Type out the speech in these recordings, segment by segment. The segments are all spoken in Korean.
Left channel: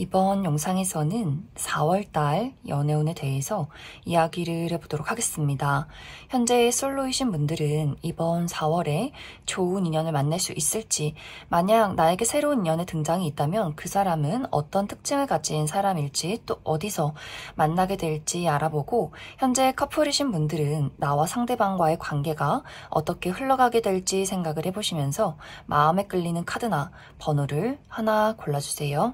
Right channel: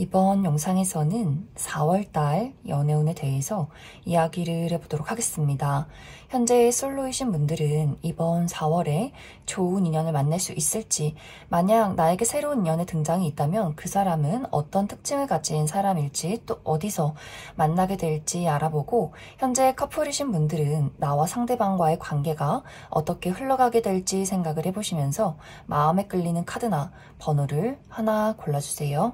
이번 영상에서는 4월달 연애운에 대해서 이야기를 해보도록 하겠습니다. 현재 솔로이신 분들은 이번 4월에 좋은 인연을 만날 수 있을지, 만약 나에게 새로운 인연의 등장이 있다면 그 사람은 어떤 특징을 가진 사람일지, 또 어디서 만나게 될지 알아보고, 현재 커플이신 분들은 나와 상대방과의 관계가 어떻게 흘러가게 될지 생각을 해보시면서 마음에 끌리는 카드나 번호를 하나 골라주세요.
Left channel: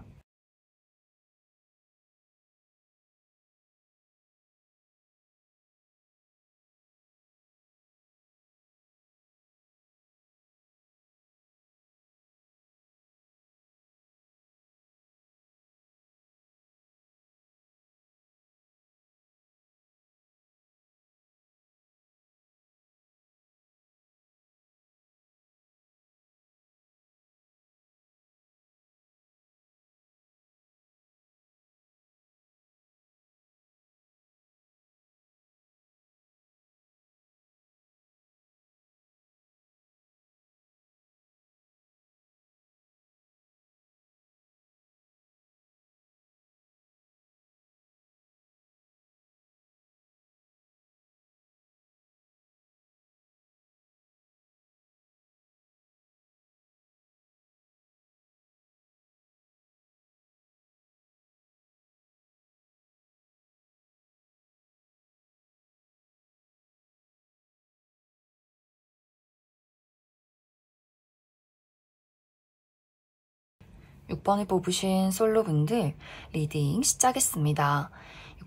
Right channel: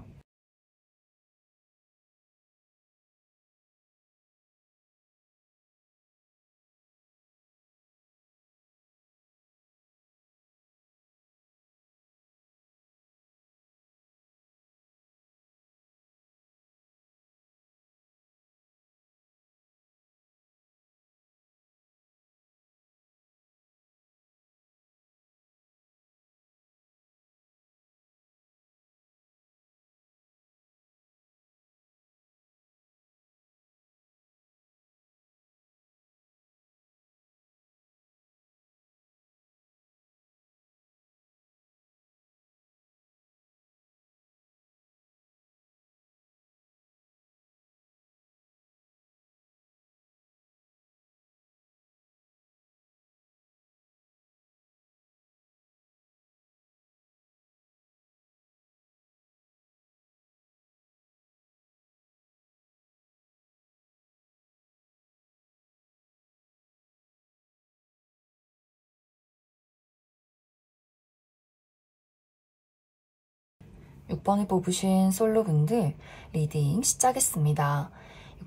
6번을 뽑으신 솔로분들 리딩 시작했습니다.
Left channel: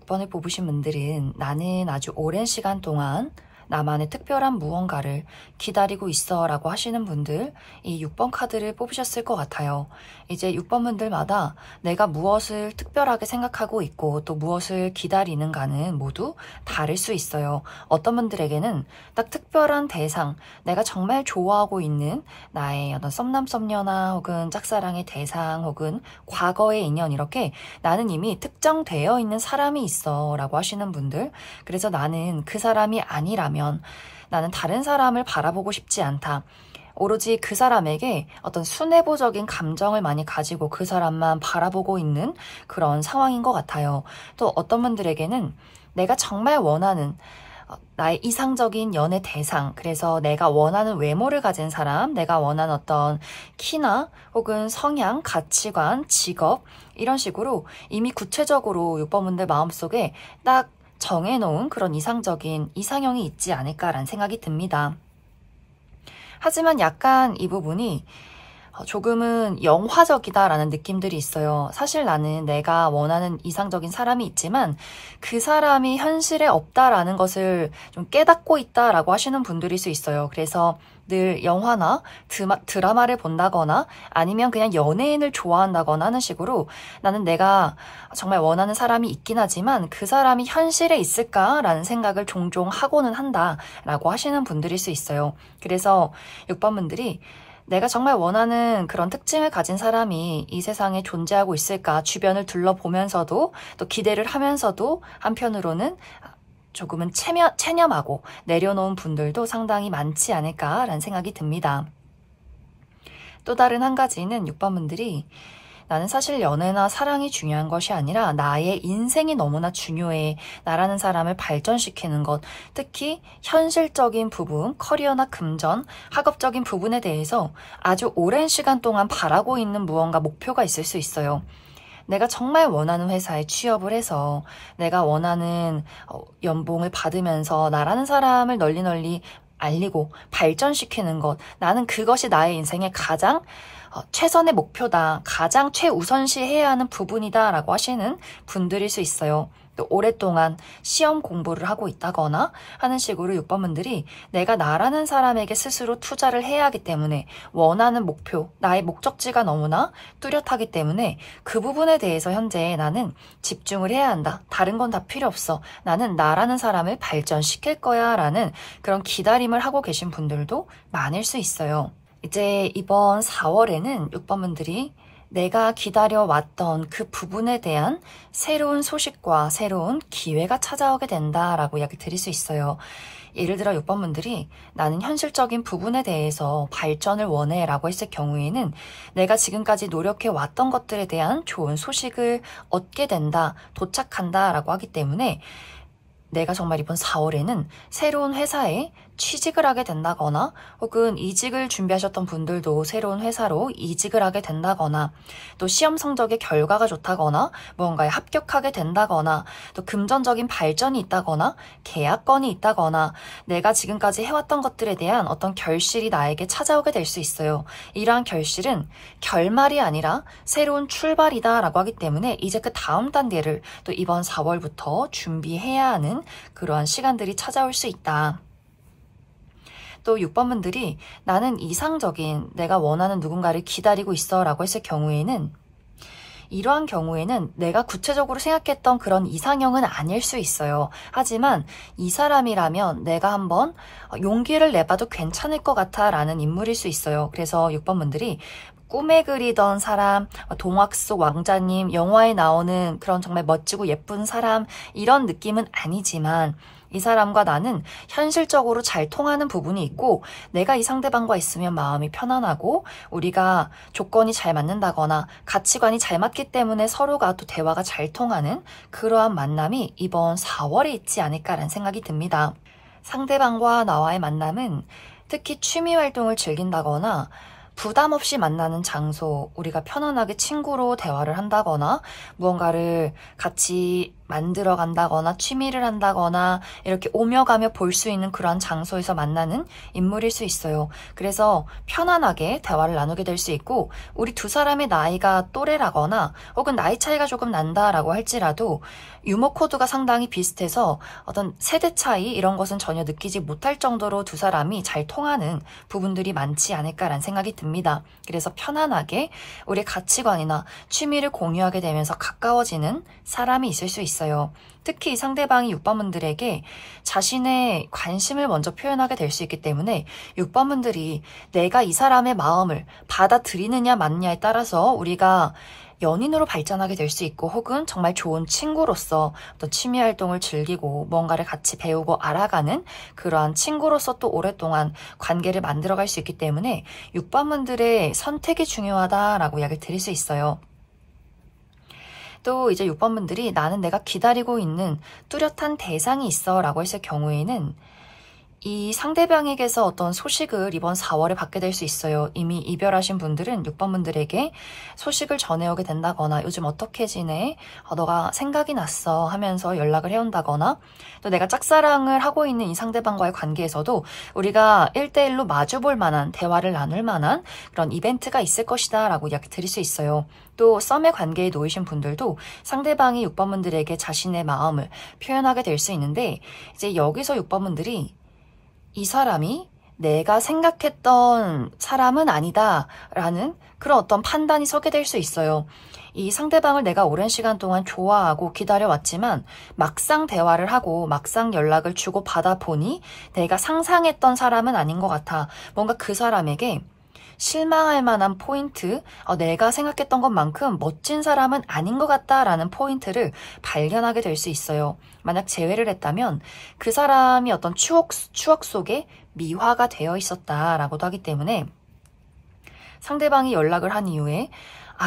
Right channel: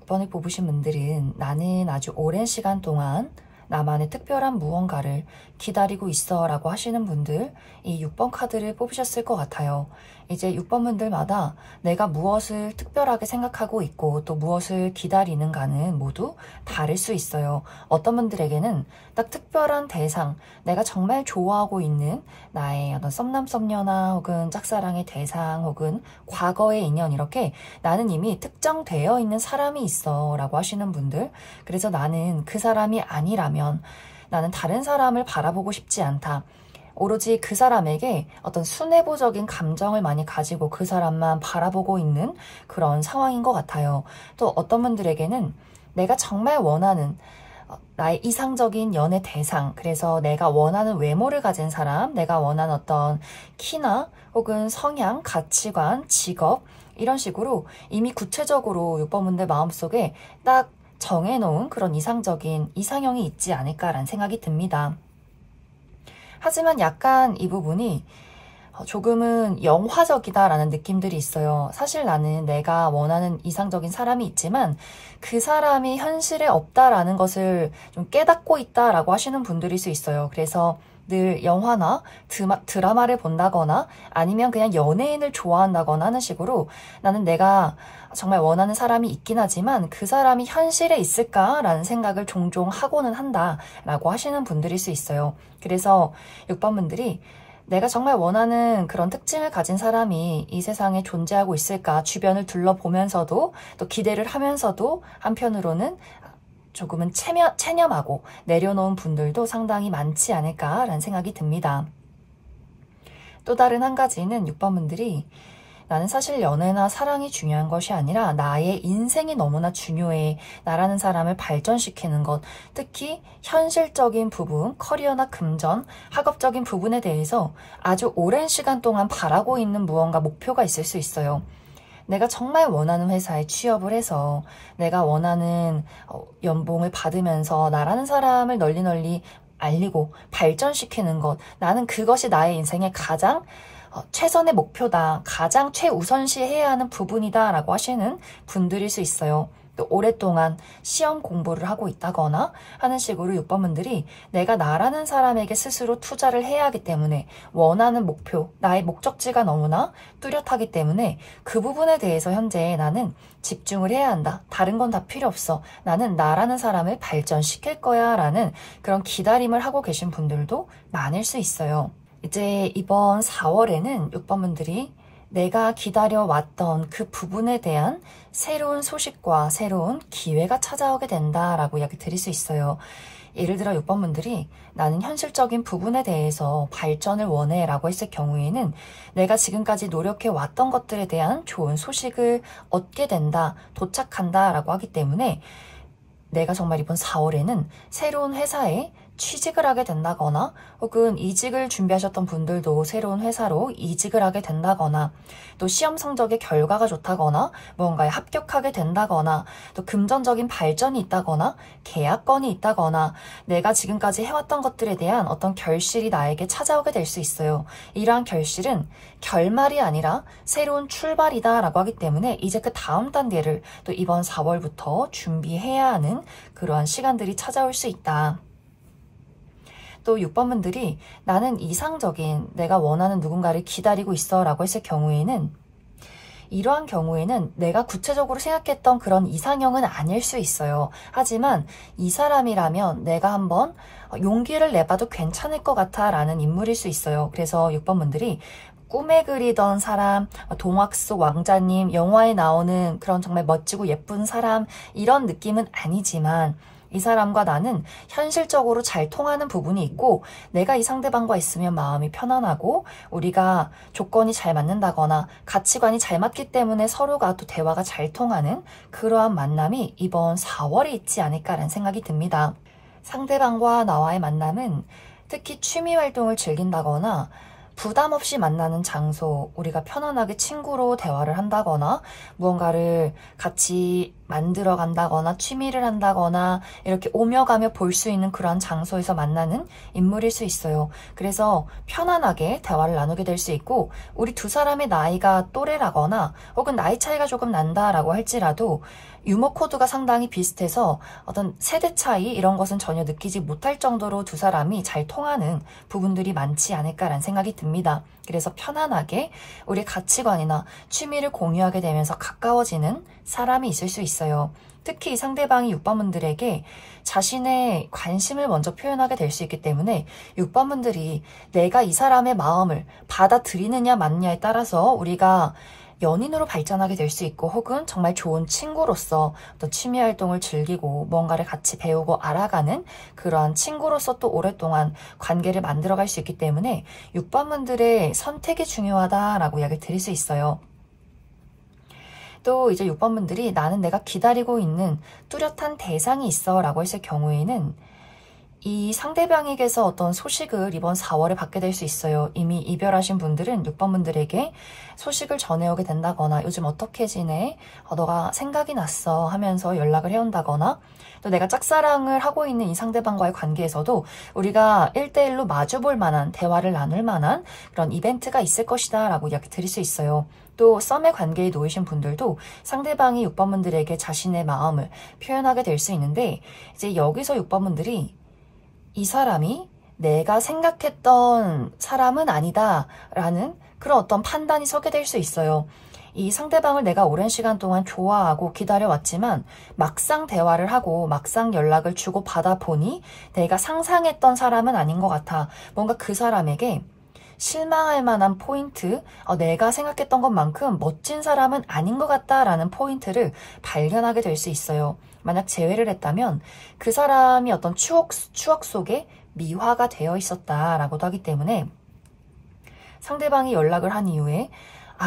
6번을 뽑으신 분들은 나는 아주 오랜 시간 동안 나만의 특별한 무언가를 기다리고 있어 라고 하시는 분들, 이 6번 카드를 뽑으셨을 것 같아요. 이제 6번 분들마다 내가 무엇을 특별하게 생각하고 있고 또 무엇을 기다리는가는 모두 다를 수 있어요. 어떤 분들에게는 딱 특별한 대상, 내가 정말 좋아하고 있는 나의 어떤 썸남 썸녀나 혹은 짝사랑의 대상 혹은 과거의 인연, 이렇게 나는 이미 특정되어 있는 사람이 있어 라고 하시는 분들, 그래서 나는 그 사람이 아니라면 나는 다른 사람을 바라보고 싶지 않다. 오로지 그 사람에게 어떤 순애보적인 감정을 많이 가지고 그 사람만 바라보고 있는 그런 상황인 것 같아요. 또 어떤 분들에게는 내가 정말 원하는 나의 이상적인 연애 대상, 그래서 내가 원하는 외모를 가진 사람, 내가 원하는 어떤 키나 혹은 성향, 가치관, 직업, 이런 식으로 이미 구체적으로 6번 분들 마음속에 딱 정해놓은 그런 이상적인 이상형이 있지 않을까라는 생각이 듭니다. 하지만 약간 이 부분이 조금은 영화적이다라는 느낌들이 있어요. 사실 나는 내가 원하는 이상적인 사람이 있지만 그 사람이 현실에 없다라는 것을 좀 깨닫고 있다라고 하시는 분들일 수 있어요. 그래서 늘 영화나 드라마를 본다거나 아니면 그냥 연예인을 좋아한다거나 하는 식으로 나는 내가 정말 원하는 사람이 있긴 하지만 그 사람이 현실에 있을까라는 생각을 종종 하고는 한다라고 하시는 분들일 수 있어요. 그래서 6번 분들이 내가 정말 원하는 그런 특징을 가진 사람이 이 세상에 존재하고 있을까, 주변을 둘러보면서도 또 기대를 하면서도 한편으로는 조금은 체념하고 내려놓은 분들도 상당히 많지 않을까라는 생각이 듭니다. 또 다른 한 가지는 6번 분들이 나는 사실 연애나 사랑이 중요한 것이 아니라 나의 인생이 너무나 중요해. 나라는 사람을 발전시키는 것, 특히 현실적인 부분, 커리어나 금전, 학업적인 부분에 대해서 아주 오랜 시간 동안 바라고 있는 무언가 목표가 있을 수 있어요. 내가 정말 원하는 회사에 취업을 해서 내가 원하는 연봉을 받으면서 나라는 사람을 널리 알리고 발전시키는 것, 나는 그것이 나의 인생의 가장 최선의 목표다, 가장 최우선시 해야 하는 부분이다 라고 하시는 분들일 수 있어요. 또 오랫동안 시험 공부를 하고 있다거나 하는 식으로 6번 분들이 내가 나라는 사람에게 스스로 투자를 해야 하기 때문에 원하는 목표, 나의 목적지가 너무나 뚜렷하기 때문에 그 부분에 대해서 현재 나는 집중을 해야 한다. 다른 건 다 필요 없어. 나는 나라는 사람을 발전시킬 거야 라는 그런 기다림을 하고 계신 분들도 많을 수 있어요. 이제 이번 4월에는 6번 분들이 내가 기다려왔던 그 부분에 대한 새로운 소식과 새로운 기회가 찾아오게 된다라고 이야기 드릴 수 있어요. 예를 들어 6번분들이 나는 현실적인 부분에 대해서 발전을 원해 라고 했을 경우에는 내가 지금까지 노력해 왔던 것들에 대한 좋은 소식을 얻게 된다, 도착한다 라고 하기 때문에 내가 정말 이번 4월에는 새로운 회사에 취직을 하게 된다거나 혹은 이직을 준비하셨던 분들도 새로운 회사로 이직을 하게 된다거나 또 시험 성적의 결과가 좋다거나 무언가에 합격하게 된다거나 또 금전적인 발전이 있다거나 계약건이 있다거나 내가 지금까지 해왔던 것들에 대한 어떤 결실이 나에게 찾아오게 될 수 있어요. 이러한 결실은 결말이 아니라 새로운 출발이다 라고 하기 때문에 이제 그 다음 단계를 또 이번 4월부터 준비해야 하는 그러한 시간들이 찾아올 수 있다. 또 6번분들이 나는 이상적인 내가 원하는 누군가를 기다리고 있어 라고 했을 경우에는 이러한 경우에는 내가 구체적으로 생각했던 그런 이상형은 아닐 수 있어요. 하지만 이 사람이라면 내가 한번 용기를 내봐도 괜찮을 것 같아 라는 인물일 수 있어요. 그래서 6번분들이 꿈에 그리던 사람, 동화 속 왕자님, 영화에 나오는 그런 정말 멋지고 예쁜 사람 이런 느낌은 아니지만 이 사람과 나는 현실적으로 잘 통하는 부분이 있고 내가 이 상대방과 있으면 마음이 편안하고 우리가 조건이 잘 맞는다거나 가치관이 잘 맞기 때문에 서로가 또 대화가 잘 통하는 그러한 만남이 이번 4월에 있지 않을까라는 생각이 듭니다. 상대방과 나와의 만남은 특히 취미 활동을 즐긴다거나 부담 없이 만나는 장소, 우리가 편안하게 친구로 대화를 한다거나 무언가를 같이 만들어 간다거나 취미를 한다거나 이렇게 오며 가며 볼 수 있는 그런 장소에서 만나는 인물일 수 있어요. 그래서 편안하게 대화를 나누게 될 수 있고 우리 두 사람의 나이가 또래라거나 혹은 나이 차이가 조금 난다라고 할지라도 유머 코드가 상당히 비슷해서 어떤 세대 차이 이런 것은 전혀 느끼지 못할 정도로 두 사람이 잘 통하는 부분들이 많지 않을까라는 생각이 듭니다. 그래서 편안하게 우리 가치관이나 취미를 공유하게 되면서 가까워지는 사람이 있을 수 있어요. 특히 상대방이 6번분들에게 자신의 관심을 먼저 표현하게 될 수 있기 때문에 6번분들이 내가 이 사람의 마음을 받아들이느냐 맞느냐에 따라서 우리가 연인으로 발전하게 될 수 있고 혹은 정말 좋은 친구로서 어떤 취미 활동을 즐기고 뭔가를 같이 배우고 알아가는 그러한 친구로서 또 오랫동안 관계를 만들어갈 수 있기 때문에 6번분들의 선택이 중요하다라고 이야기를 드릴 수 있어요. 또 이제 6번분들이 나는 내가 기다리고 있는 뚜렷한 대상이 있어 라고 했을 경우에는 이 상대방에게서 어떤 소식을 이번 4월에 받게 될 수 있어요. 이미 이별하신 분들은 6번분들에게 소식을 전해오게 된다거나 요즘 어떻게 지내? 너가 생각이 났어 하면서 연락을 해온다거나 또 내가 짝사랑을 하고 있는 이 상대방과의 관계에서도 우리가 1대1로 마주볼 만한 대화를 나눌 만한 그런 이벤트가 있을 것이다 라고 이야기 드릴 수 있어요. 또 썸의 관계에 놓이신 분들도 상대방이 6번분들에게 자신의 마음을 표현하게 될 수 있는데 이제 여기서 6번분들이 이 사람이 내가 생각했던 사람은 아니다 라는 그런 어떤 판단이 서게 될 수 있어요. 이 상대방을 내가 오랜 시간 동안 좋아하고 기다려왔지만 막상 대화를 하고 막상 연락을 주고 받아 보니 내가 상상했던 사람은 아닌 것 같아. 뭔가 그 사람에게 실망할 만한 포인트, 내가 생각했던 것만큼 멋진 사람은 아닌 것 같다라는 포인트를 발견하게 될 수 있어요. 만약 재회를 했다면 그 사람이 어떤 추억 속에 미화가 되어 있었다라고도 하기 때문에 상대방이 연락을 한 이후에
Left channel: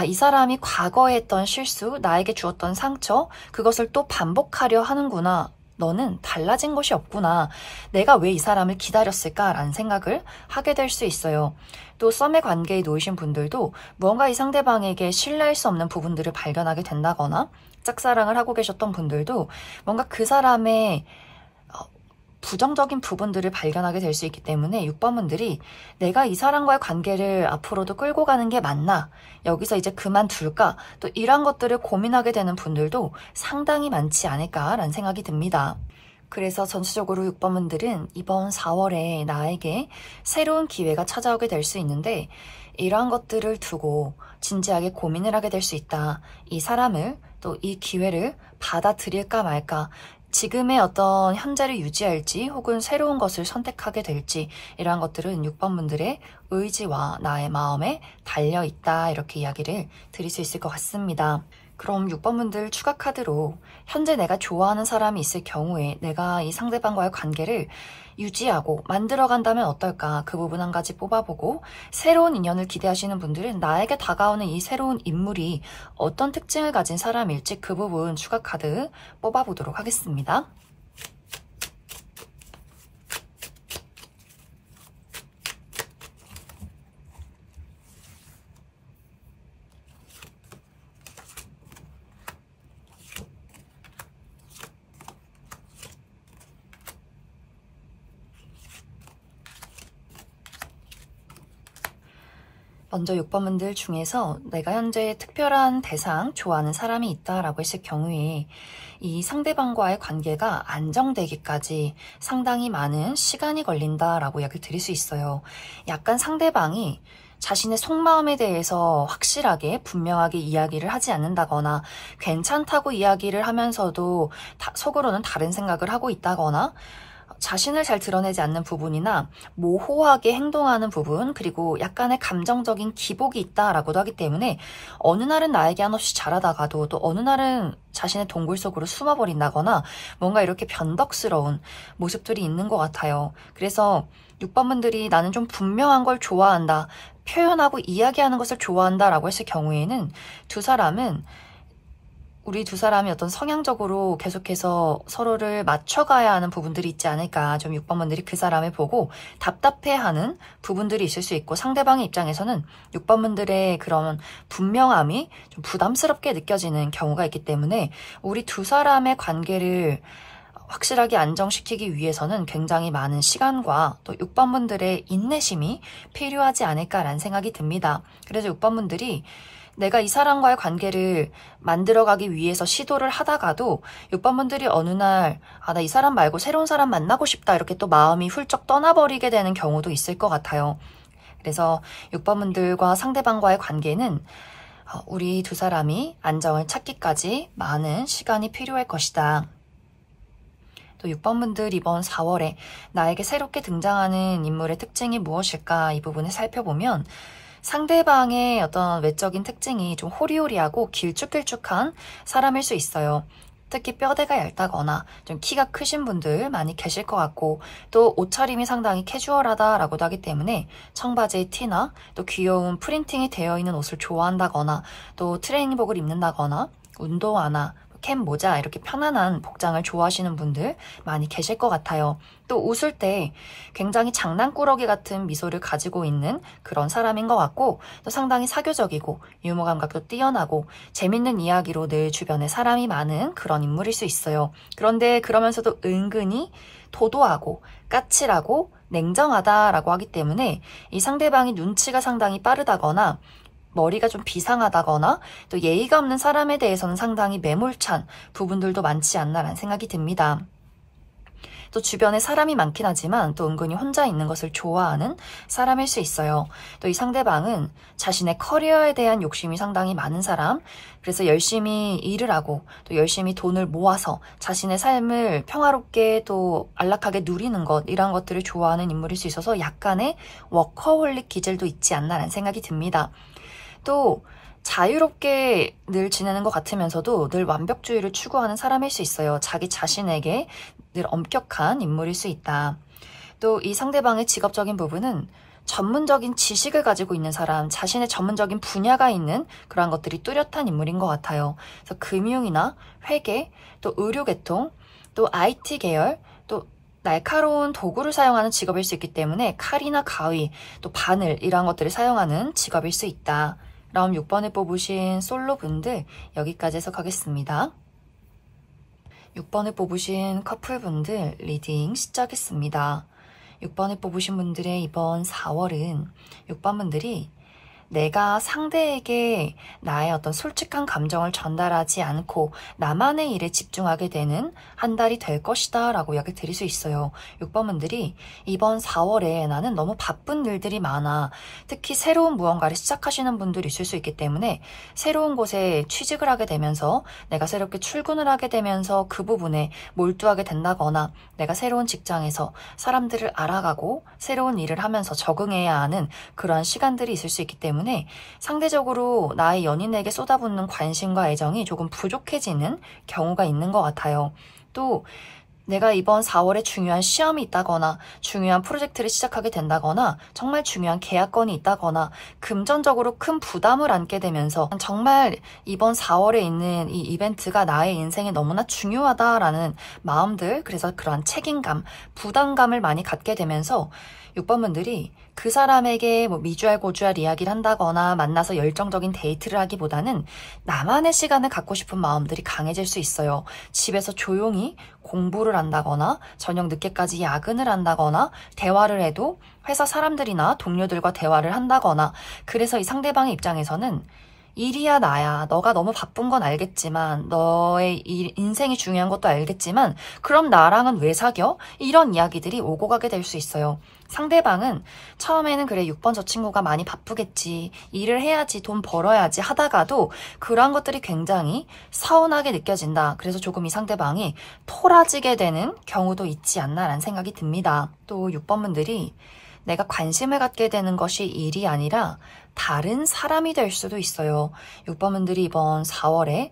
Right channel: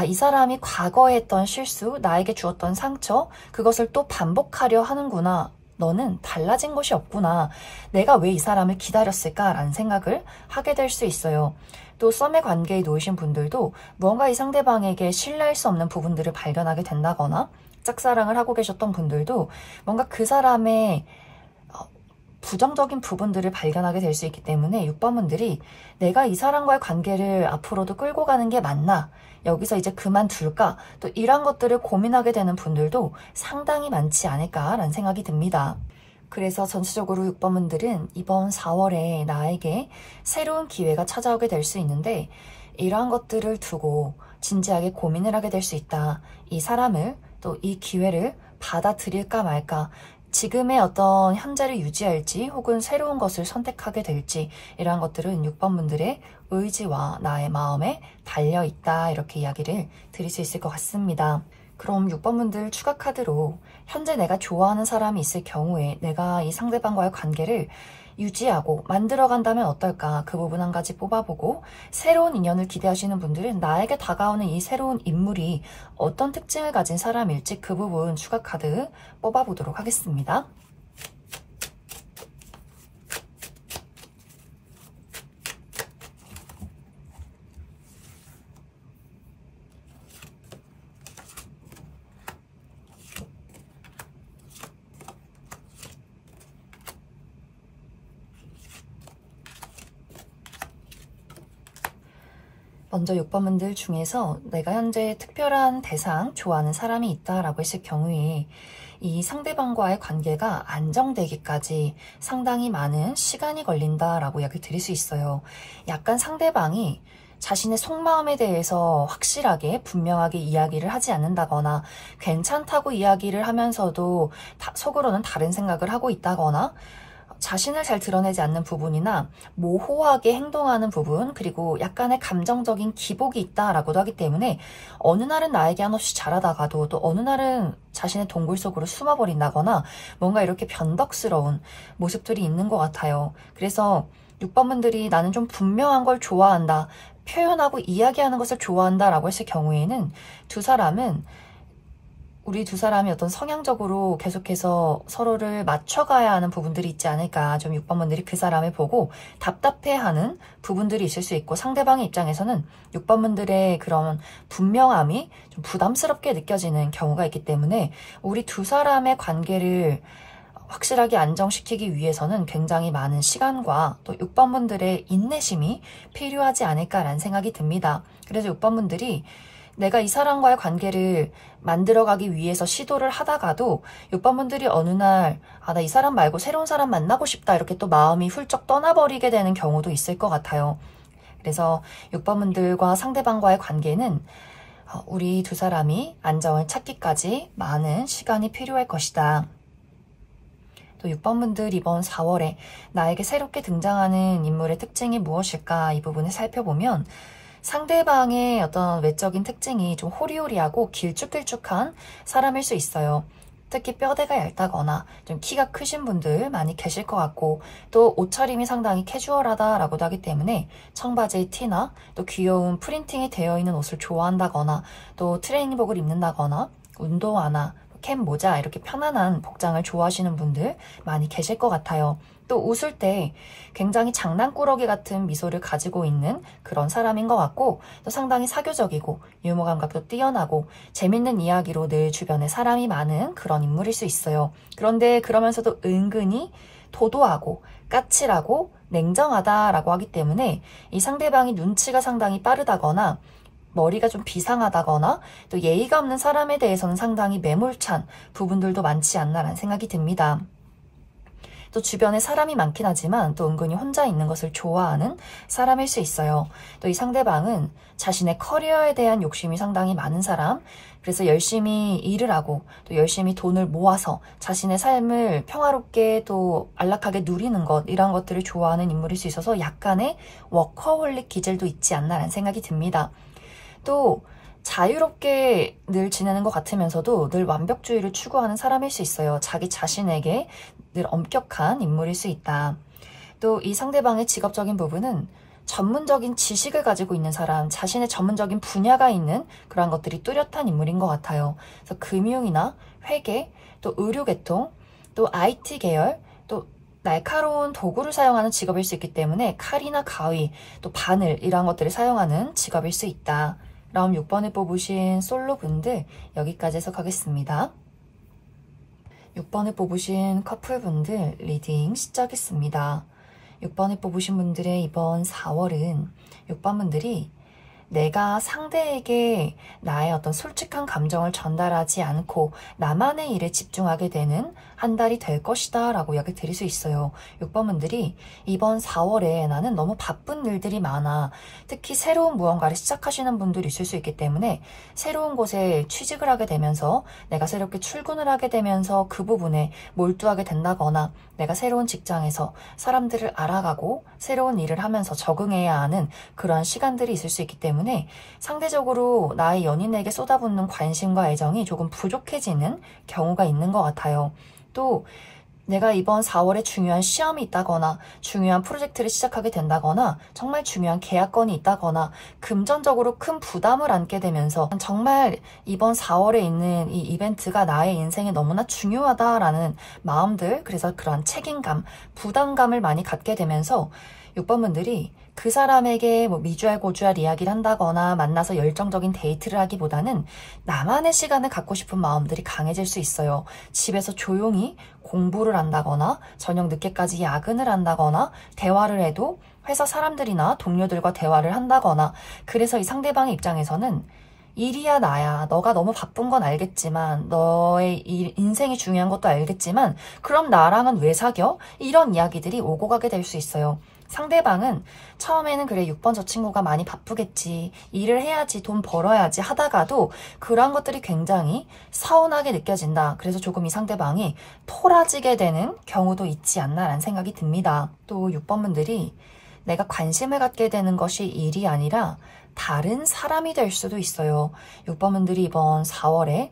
이 사람이 과거에 했던 실수, 나에게 주었던 상처, 그것을 또 반복하려 하는구나. 너는 달라진 것이 없구나. 내가 왜 이 사람을 기다렸을까라는 생각을 하게 될 수 있어요. 또 썸의 관계에 놓이신 분들도 무언가 이 상대방에게 신뢰할 수 없는 부분들을 발견하게 된다거나 짝사랑을 하고 계셨던 분들도 뭔가 그 사람의 부정적인 부분들을 발견하게 될 수 있기 때문에 6번분들이 내가 이 사람과의 관계를 앞으로도 끌고 가는 게 맞나? 여기서 이제 그만둘까? 또 이런 것들을 고민하게 되는 분들도 상당히 많지 않을까라는 생각이 듭니다. 그래서 전체적으로 6번분들은 이번 4월에 나에게 새로운 기회가 찾아오게 될 수 있는데 이러한 것들을 두고 진지하게 고민을 하게 될 수 있다. 이 사람을 또 이 기회를 받아들일까 말까? 지금의 어떤 현재를 유지할지 혹은 새로운 것을 선택하게 될지 이러한 것들은 6번분들의 의지와 나의 마음에 달려있다 이렇게 이야기를 드릴 수 있을 것 같습니다. 그럼 6번분들 추가 카드로 현재 내가 좋아하는 사람이 있을 경우에 내가 이 상대방과의 관계를 유지하고 만들어간다면 어떨까 그 부분 한 가지 뽑아보고 새로운 인연을 기대하시는 분들은 나에게 다가오는 이 새로운 인물이 어떤 특징을 가진 사람일지 그 부분 추가 카드 뽑아보도록 하겠습니다. 먼저 6번분들 중에서 내가 현재 특별한 대상, 좋아하는 사람이 있다라고 했을 경우에 이 상대방과의 관계가 안정되기까지 상당히 많은 시간이 걸린다라고 이야기를 드릴 수 있어요. 약간 상대방이 자신의 속마음에 대해서 확실하게 분명하게 이야기를 하지 않는다거나 괜찮다고 이야기를 하면서도 속으로는 다른 생각을 하고 있다거나 자신을 잘 드러내지 않는 부분이나 모호하게 행동하는 부분 그리고 약간의 감정적인 기복이 있다라고도 하기 때문에 어느 날은 나에게 한없이 잘하다가도 또 어느 날은 자신의 동굴 속으로 숨어버린다거나 뭔가 이렇게 변덕스러운 모습들이 있는 것 같아요. 그래서 6번분들이 나는 좀 분명한 걸 좋아한다, 표현하고 이야기하는 것을 좋아한다 라고 했을 경우에는 우리 두 사람이 어떤 성향적으로 계속해서 서로를 맞춰가야 하는 부분들이 있지 않을까. 좀 6번분들이 그 사람을 보고 답답해하는 부분들이 있을 수 있고 상대방의 입장에서는 6번분들의 그런 분명함이 좀 부담스럽게 느껴지는 경우가 있기 때문에 우리 두 사람의 관계를 확실하게 안정시키기 위해서는 굉장히 많은 시간과 또 6번분들의 인내심이 필요하지 않을까라는 생각이 듭니다. 그래서 6번분들이 내가 이 사람과의 관계를 만들어가기 위해서 시도를 하다가도 6번분들이 어느 날 나 이 사람 말고 새로운 사람 만나고 싶다 이렇게 또 마음이 훌쩍 떠나버리게 되는 경우도 있을 것 같아요. 그래서 6번분들과 상대방과의 관계는 우리 두 사람이 안정을 찾기까지 많은 시간이 필요할 것이다. 또 6번분들 이번 4월에 나에게 새롭게 등장하는 인물의 특징이 무엇일까 이 부분을 살펴보면 상대방의 어떤 외적인 특징이 좀 호리호리하고 길쭉길쭉한 사람일 수 있어요. 특히 뼈대가 얇다거나 좀 키가 크신 분들 많이 계실 것 같고 또 옷차림이 상당히 캐주얼하다라고도 하기 때문에 청바지에 티나 또 귀여운 프린팅이 되어 있는 옷을 좋아한다거나 또 트레이닝복을 입는다거나 운동화나 캡 모자 이렇게 편안한 복장을 좋아하시는 분들 많이 계실 것 같아요. 또 웃을 때 굉장히 장난꾸러기 같은 미소를 가지고 있는 그런 사람인 것 같고 또 상당히 사교적이고 유머 감각도 뛰어나고 재밌는 이야기로 늘 주변에 사람이 많은 그런 인물일 수 있어요. 그런데 그러면서도 은근히 도도하고 까칠하고 냉정하다라고 하기 때문에 이 상대방이 눈치가 상당히 빠르다거나 머리가 좀 비상하다거나 또 예의가 없는 사람에 대해서는 상당히 매몰찬 부분들도 많지 않나라는 생각이 듭니다. 또 주변에 사람이 많긴 하지만 또 은근히 혼자 있는 것을 좋아하는 사람일 수 있어요. 또 이 상대방은 자신의 커리어에 대한 욕심이 상당히 많은 사람, 그래서 열심히 일을 하고 또 열심히 돈을 모아서 자신의 삶을 평화롭게 또 안락하게 누리는 것 이런 것들을 좋아하는 인물일 수 있어서 약간의 워커홀릭 기질도 있지 않나라는 생각이 듭니다. 또 자유롭게 늘 지내는 것 같으면서도 늘 완벽주의를 추구하는 사람일 수 있어요. 자기 자신에게 늘 엄격한 인물일 수 있다. 또 이 상대방의 직업적인 부분은 전문적인 지식을 가지고 있는 사람, 자신의 전문적인 분야가 있는 그러한 것들이 뚜렷한 인물인 것 같아요. 그래서 금융이나 회계, 또 의료계통, 또 IT 계열, 또 날카로운 도구를 사용하는 직업일 수 있기 때문에 칼이나 가위, 또 바늘 이러한 것들을 사용하는 직업일 수 있다. 그럼 6번을 뽑으신 솔로분들 여기까지 해석하겠습니다. 6번을 뽑으신 커플분들 리딩 시작했습니다. 6번을 뽑으신 분들의 이번 4월은 6번분들이 내가 상대에게 나의 어떤 솔직한 감정을 전달하지 않고 나만의 일에 집중하게 되는 한 달이 될 것이다 라고 이야기 드릴 수 있어요. 6번분들이 이번 4월에 나는 너무 바쁜 일들이 많아. 특히 새로운 무언가를 시작하시는 분들이 있을 수 있기 때문에 새로운 곳에 취직을 하게 되면서 내가 새롭게 출근을 하게 되면서 그 부분에 몰두하게 된다거나 내가 새로운 직장에서 사람들을 알아가고 새로운 일을 하면서 적응해야 하는 그러한 시간들이 있을 수 있기 때문에 상대적으로 나의 연인에게 쏟아붓는 관심과 애정이 조금 부족해지는 경우가 있는 것 같아요. 또 내가 이번 4월에 중요한 시험이 있다거나 중요한 프로젝트를 시작하게 된다거나 정말 중요한 계약건이 있다거나 금전적으로 큰 부담을 안게 되면서 정말 이번 4월에 있는 이 이벤트가 나의 인생에 너무나 중요하다라는 마음들, 그래서 그런 책임감, 부담감을 많이 갖게 되면서 6번분들이 그 사람에게 뭐 미주알 고주알 이야기를 한다거나 만나서 열정적인 데이트를 하기보다는 나만의 시간을 갖고 싶은 마음들이 강해질 수 있어요. 집에서 조용히 공부를 한다거나 저녁 늦게까지 야근을 한다거나 대화를 해도 회사 사람들이나 동료들과 대화를 한다거나 그래서 이 상대방의 입장에서는 일이야 나야 너가 너무 바쁜 건 알겠지만 너의 인생이 중요한 것도 알겠지만 그럼 나랑은 왜 사겨? 이런 이야기들이 오고 가게 될 수 있어요. 상대방은 처음에는 그래 6번 저 친구가 많이 바쁘겠지 일을 해야지 돈 벌어야지 하다가도 그런 것들이 굉장히 서운하게 느껴진다. 그래서 조금 이 상대방이 토라지게 되는 경우도 있지 않나라는 생각이 듭니다. 또 6번분들이 내가 관심을 갖게 되는 것이 일이 아니라 다른 사람이 될 수도 있어요. 6번분들이 이번 4월에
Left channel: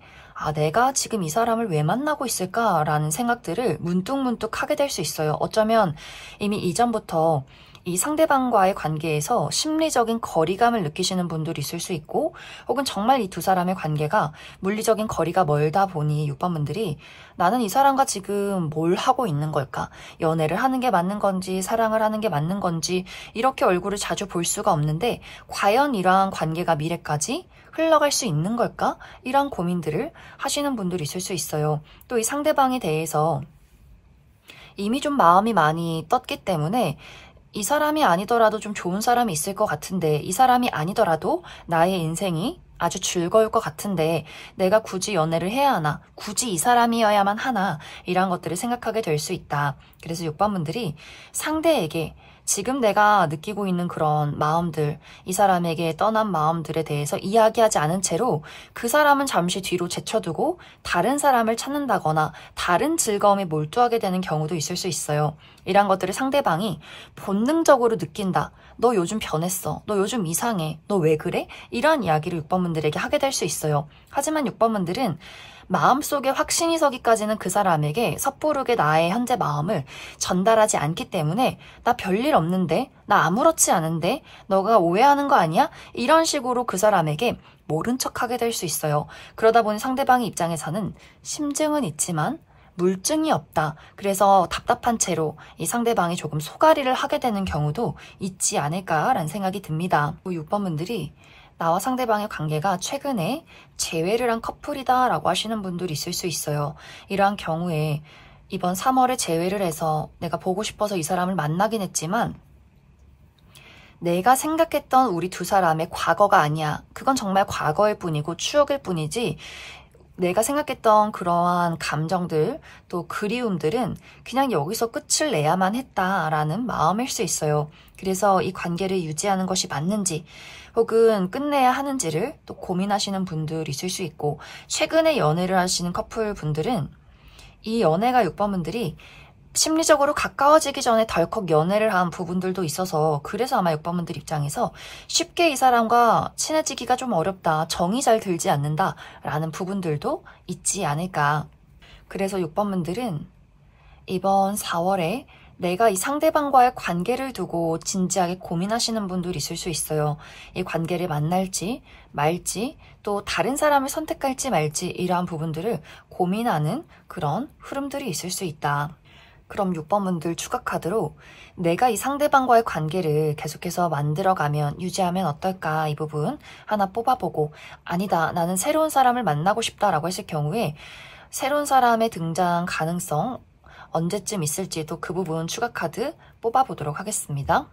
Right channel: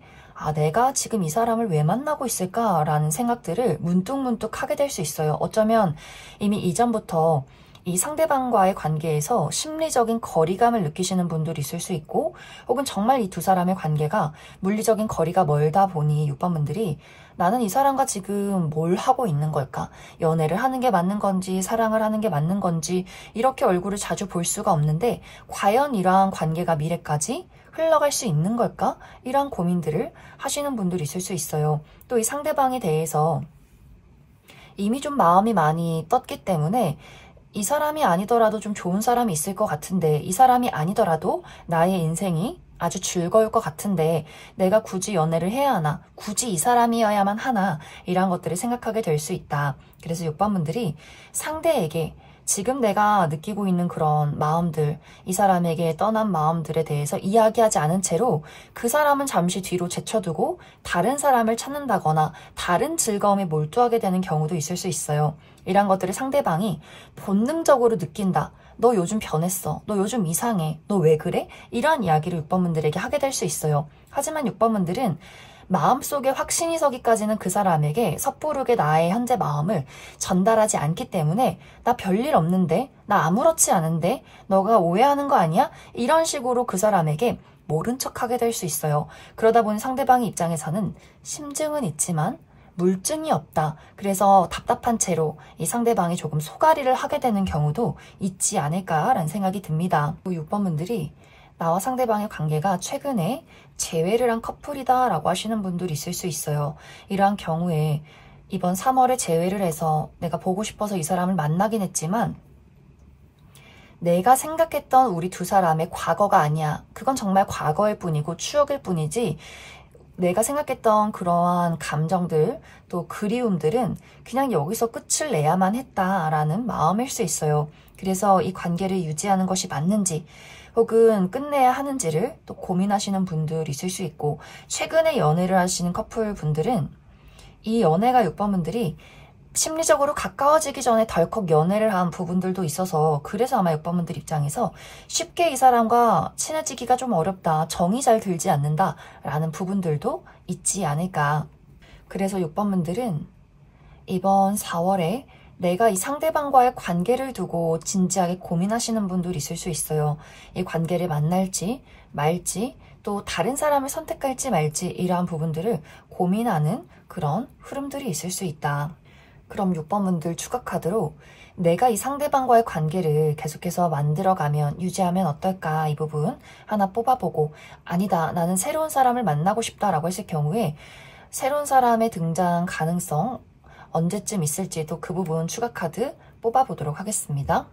내가 지금 이 사람을 왜 만나고 있을까라는 생각들을 문득문득 하게 될 수 있어요. 어쩌면 이미 이전부터 이 상대방과의 관계에서 심리적인 거리감을 느끼시는 분들이 있을 수 있고 혹은 정말 이 두 사람의 관계가 물리적인 거리가 멀다 보니 6번분들이 나는 이 사람과 지금 뭘 하고 있는 걸까? 연애를 하는 게 맞는 건지 사랑을 하는 게 맞는 건지 이렇게 얼굴을 자주 볼 수가 없는데 과연 이러한 관계가 미래까지 흘러갈 수 있는 걸까? 이런 고민들을 하시는 분들이 있을 수 있어요. 또 이 상대방에 대해서 이미 좀 마음이 많이 떴기 때문에 이 사람이 아니더라도 좀 좋은 사람이 있을 것 같은데 이 사람이 아니더라도 나의 인생이 아주 즐거울 것 같은데 내가 굳이 연애를 해야 하나? 굳이 이 사람이어야만 하나? 이런 것들을 생각하게 될 수 있다. 그래서 6번분들이 상대에게 지금 내가 느끼고 있는 그런 마음들, 이 사람에게 떠난 마음들에 대해서 이야기하지 않은 채로 그 사람은 잠시 뒤로 제쳐두고 다른 사람을 찾는다거나 다른 즐거움에 몰두하게 되는 경우도 있을 수 있어요. 이런 것들을 상대방이 본능적으로 느낀다. 너 요즘 변했어. 너 요즘 이상해. 너 왜 그래? 이런 이야기를 6번분들에게 하게 될 수 있어요. 하지만 6번분들은 마음속에 확신이 서기까지는 그 사람에게 섣부르게 나의 현재 마음을 전달하지 않기 때문에 나 별일 없는데? 나 아무렇지 않은데? 너가 오해하는 거 아니야? 이런 식으로 그 사람에게 모른 척하게 될 수 있어요. 그러다 보니 상대방의 입장에서는 심증은 있지만 물증이 없다. 그래서 답답한 채로 이 상대방이 조금 소가리를 하게 되는 경우도 있지 않을까라는 생각이 듭니다. 6번분들이 나와 상대방의 관계가 최근에 재회를 한 커플이다 라고 하시는 분들이 있을 수 있어요. 이러한 경우에 이번 3월에 재회를 해서 내가 보고 싶어서 이 사람을 만나긴 했지만 내가 생각했던 우리 두 사람의 과거가 아니야. 그건 정말 과거일 뿐이고 추억일 뿐이지 내가 생각했던 그러한 감정들 또 그리움들은 그냥 여기서 끝을 내야만 했다라는 마음일 수 있어요. 그래서 이 관계를 유지하는 것이 맞는지 혹은 끝내야 하는지를 또 고민하시는 분들이 있을 수 있고 최근에 연애를 하시는 커플 분들은 이 연애가 6번분들이 심리적으로 가까워지기 전에 덜컥 연애를 한 부분들도 있어서 그래서 아마 6번분들 입장에서 쉽게 이 사람과 친해지기가 좀 어렵다, 정이 잘 들지 않는다 라는 부분들도 있지 않을까. 그래서 6번분들은 이번 4월에 내가 이 상대방과의 관계를 두고 진지하게 고민하시는 분들이 있을 수 있어요. 이 관계를 만날지 말지 또 다른 사람을 선택할지 말지 이러한 부분들을 고민하는 그런 흐름들이 있을 수 있다. 그럼 6번분들 추가 카드로 내가 이 상대방과의 관계를 계속해서 만들어가면 유지하면 어떨까 이 부분 하나 뽑아보고 아니다 나는 새로운 사람을 만나고 싶다라고 했을 경우에 새로운 사람의 등장 가능성 언제쯤 있을지도 그 부분 추가 카드 뽑아보도록 하겠습니다.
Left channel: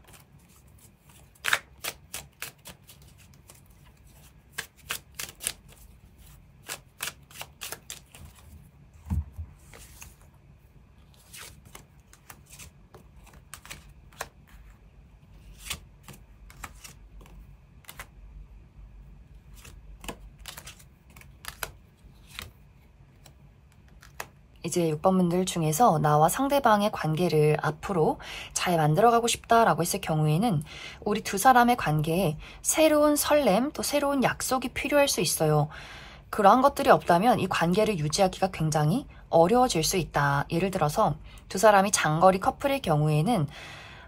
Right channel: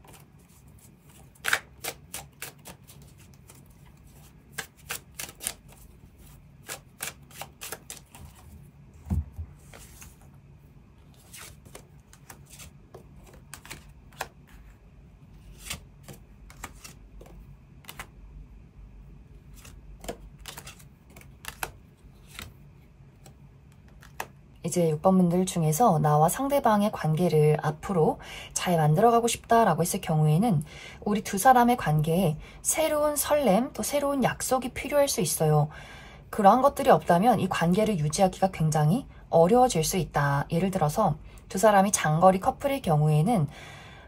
이제 6번 분들 중에서 나와 상대방의 관계를 앞으로 잘 만들어가고 싶다라고 했을 경우에는 우리 두 사람의 관계에 새로운 설렘 또 새로운 약속이 필요할 수 있어요. 그러한 것들이 없다면 이 관계를 유지하기가 굉장히 어려워질 수 있다. 예를 들어서 두 사람이 장거리 커플일 경우에는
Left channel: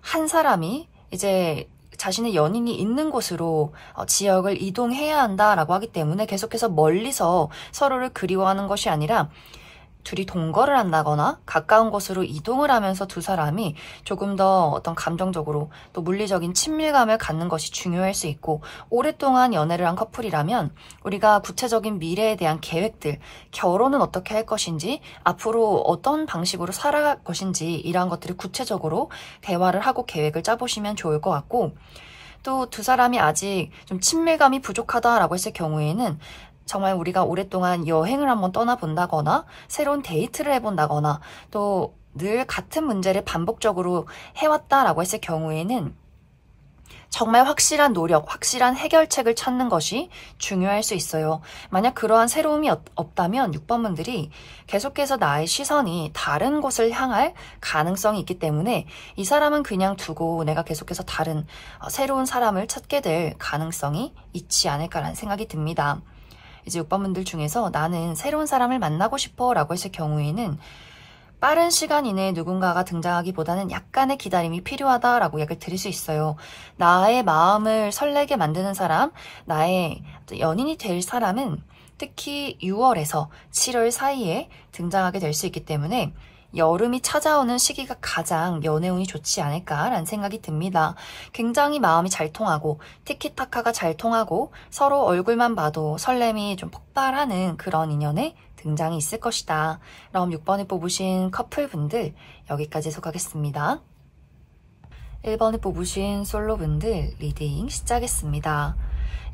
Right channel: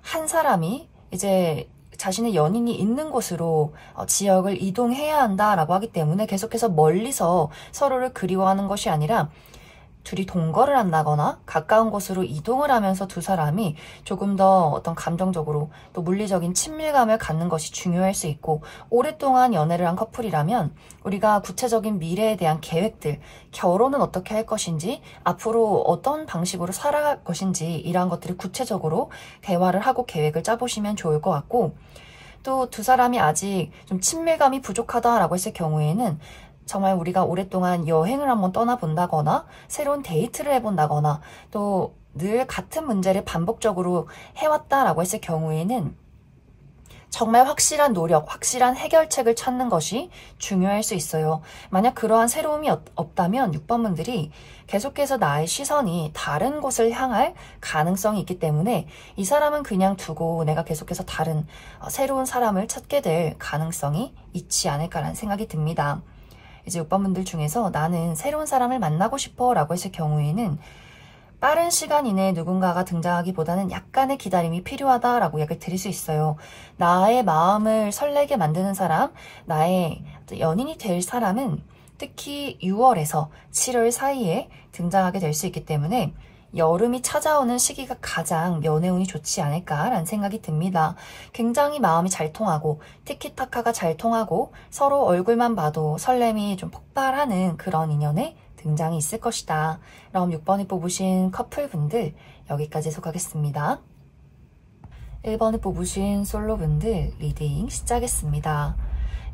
한 사람이 이제 자신의 연인이 있는 곳으로 지역을 이동해야 한다라고 하기 때문에 계속해서 멀리서 서로를 그리워하는 것이 아니라 둘이 동거를 한다거나 가까운 곳으로 이동을 하면서 두 사람이 조금 더 어떤 감정적으로 또 물리적인 친밀감을 갖는 것이 중요할 수 있고, 오랫동안 연애를 한 커플이라면 우리가 구체적인 미래에 대한 계획들, 결혼은 어떻게 할 것인지, 앞으로 어떤 방식으로 살아갈 것인지 이러한 것들을 구체적으로 대화를 하고 계획을 짜보시면 좋을 것 같고, 또 두 사람이 아직 좀 친밀감이 부족하다라고 했을 경우에는 정말 우리가 오랫동안 여행을 한번 떠나본다거나 새로운 데이트를 해본다거나 또 늘 같은 문제를 반복적으로 해왔다라고 했을 경우에는 정말 확실한 노력, 확실한 해결책을 찾는 것이 중요할 수 있어요. 만약 그러한 새로움이 없다면 6번 분들이 계속해서 나의 시선이 다른 곳을 향할 가능성이 있기 때문에 이 사람은 그냥 두고 내가 계속해서 다른 새로운 사람을 찾게 될 가능성이 있지 않을까라는 생각이 듭니다. 이제 6번 분들 중에서 나는 새로운 사람을 만나고 싶어 라고 했을 경우에는 빠른 시간 이내에 누군가가 등장하기보다는 약간의 기다림이 필요하다라고 이야기를 드릴 수 있어요. 나의 마음을 설레게 만드는 사람, 나의 연인이 될 사람은 특히 6월에서 7월 사이에 등장하게 될 수 있기 때문에 여름이 찾아오는 시기가 가장 연애운이 좋지 않을까라는 생각이 듭니다. 굉장히 마음이 잘 통하고 티키타카가 잘 통하고 서로 얼굴만 봐도 설렘이 좀 폭발하는 그런 인연의 등장이 있을 것이다. 그럼 6번을 뽑으신 커플분들 여기까지 해석하겠습니다. 1번을 뽑으신 솔로분들 리딩 시작했습니다.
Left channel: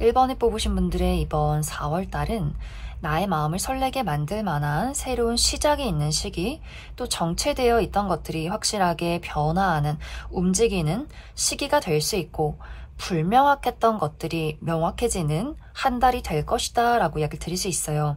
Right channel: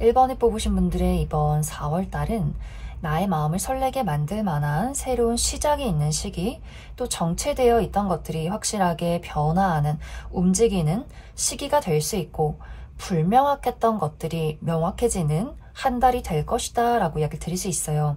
1번을 뽑으신 분들의 이번 4월달은 나의 마음을 설레게 만들 만한 새로운 시작이 있는 시기, 또 정체되어 있던 것들이 확실하게 변화하는, 움직이는 시기가 될 수 있고, 불명확했던 것들이 명확해지는 한 달이 될 것이다 라고 이야기를 드릴 수 있어요.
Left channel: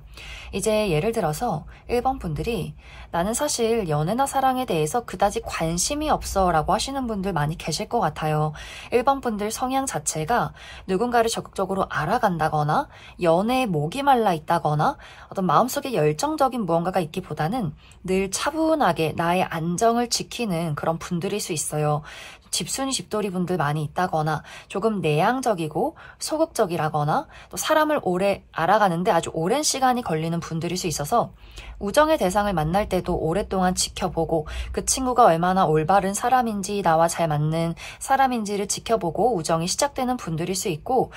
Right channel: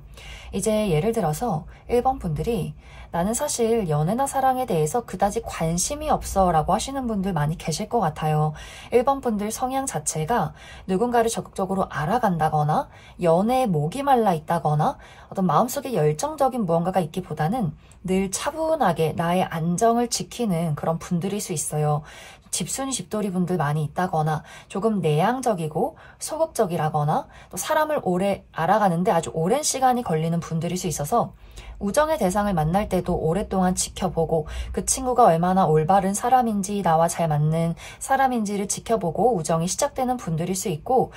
이제 예를 들어서 1번 분들이 나는 사실 연애나 사랑에 대해서 그다지 관심이 없어 라고 하시는 분들 많이 계실 것 같아요. 1번 분들 성향 자체가 누군가를 적극적으로 알아간다거나 연애에 목이 말라 있다거나 어떤 마음속에 열정적인 무언가가 있기보다는 늘 차분하게 나의 안정을 지키는 그런 분들일 수 있어요. 집순이 집돌이 분들 많이 있다거나 조금 내향적이고 소극적이라거나 또 사람을 오래 알아가는데 아주 오랜 시간이 걸리는 분들일 수 있어서 우정의 대상을 만날 때도 오랫동안 지켜보고 그 친구가 얼마나 올바른 사람인지 나와 잘 맞는 사람인지를 지켜보고 우정이 시작되는 분들일 수 있고,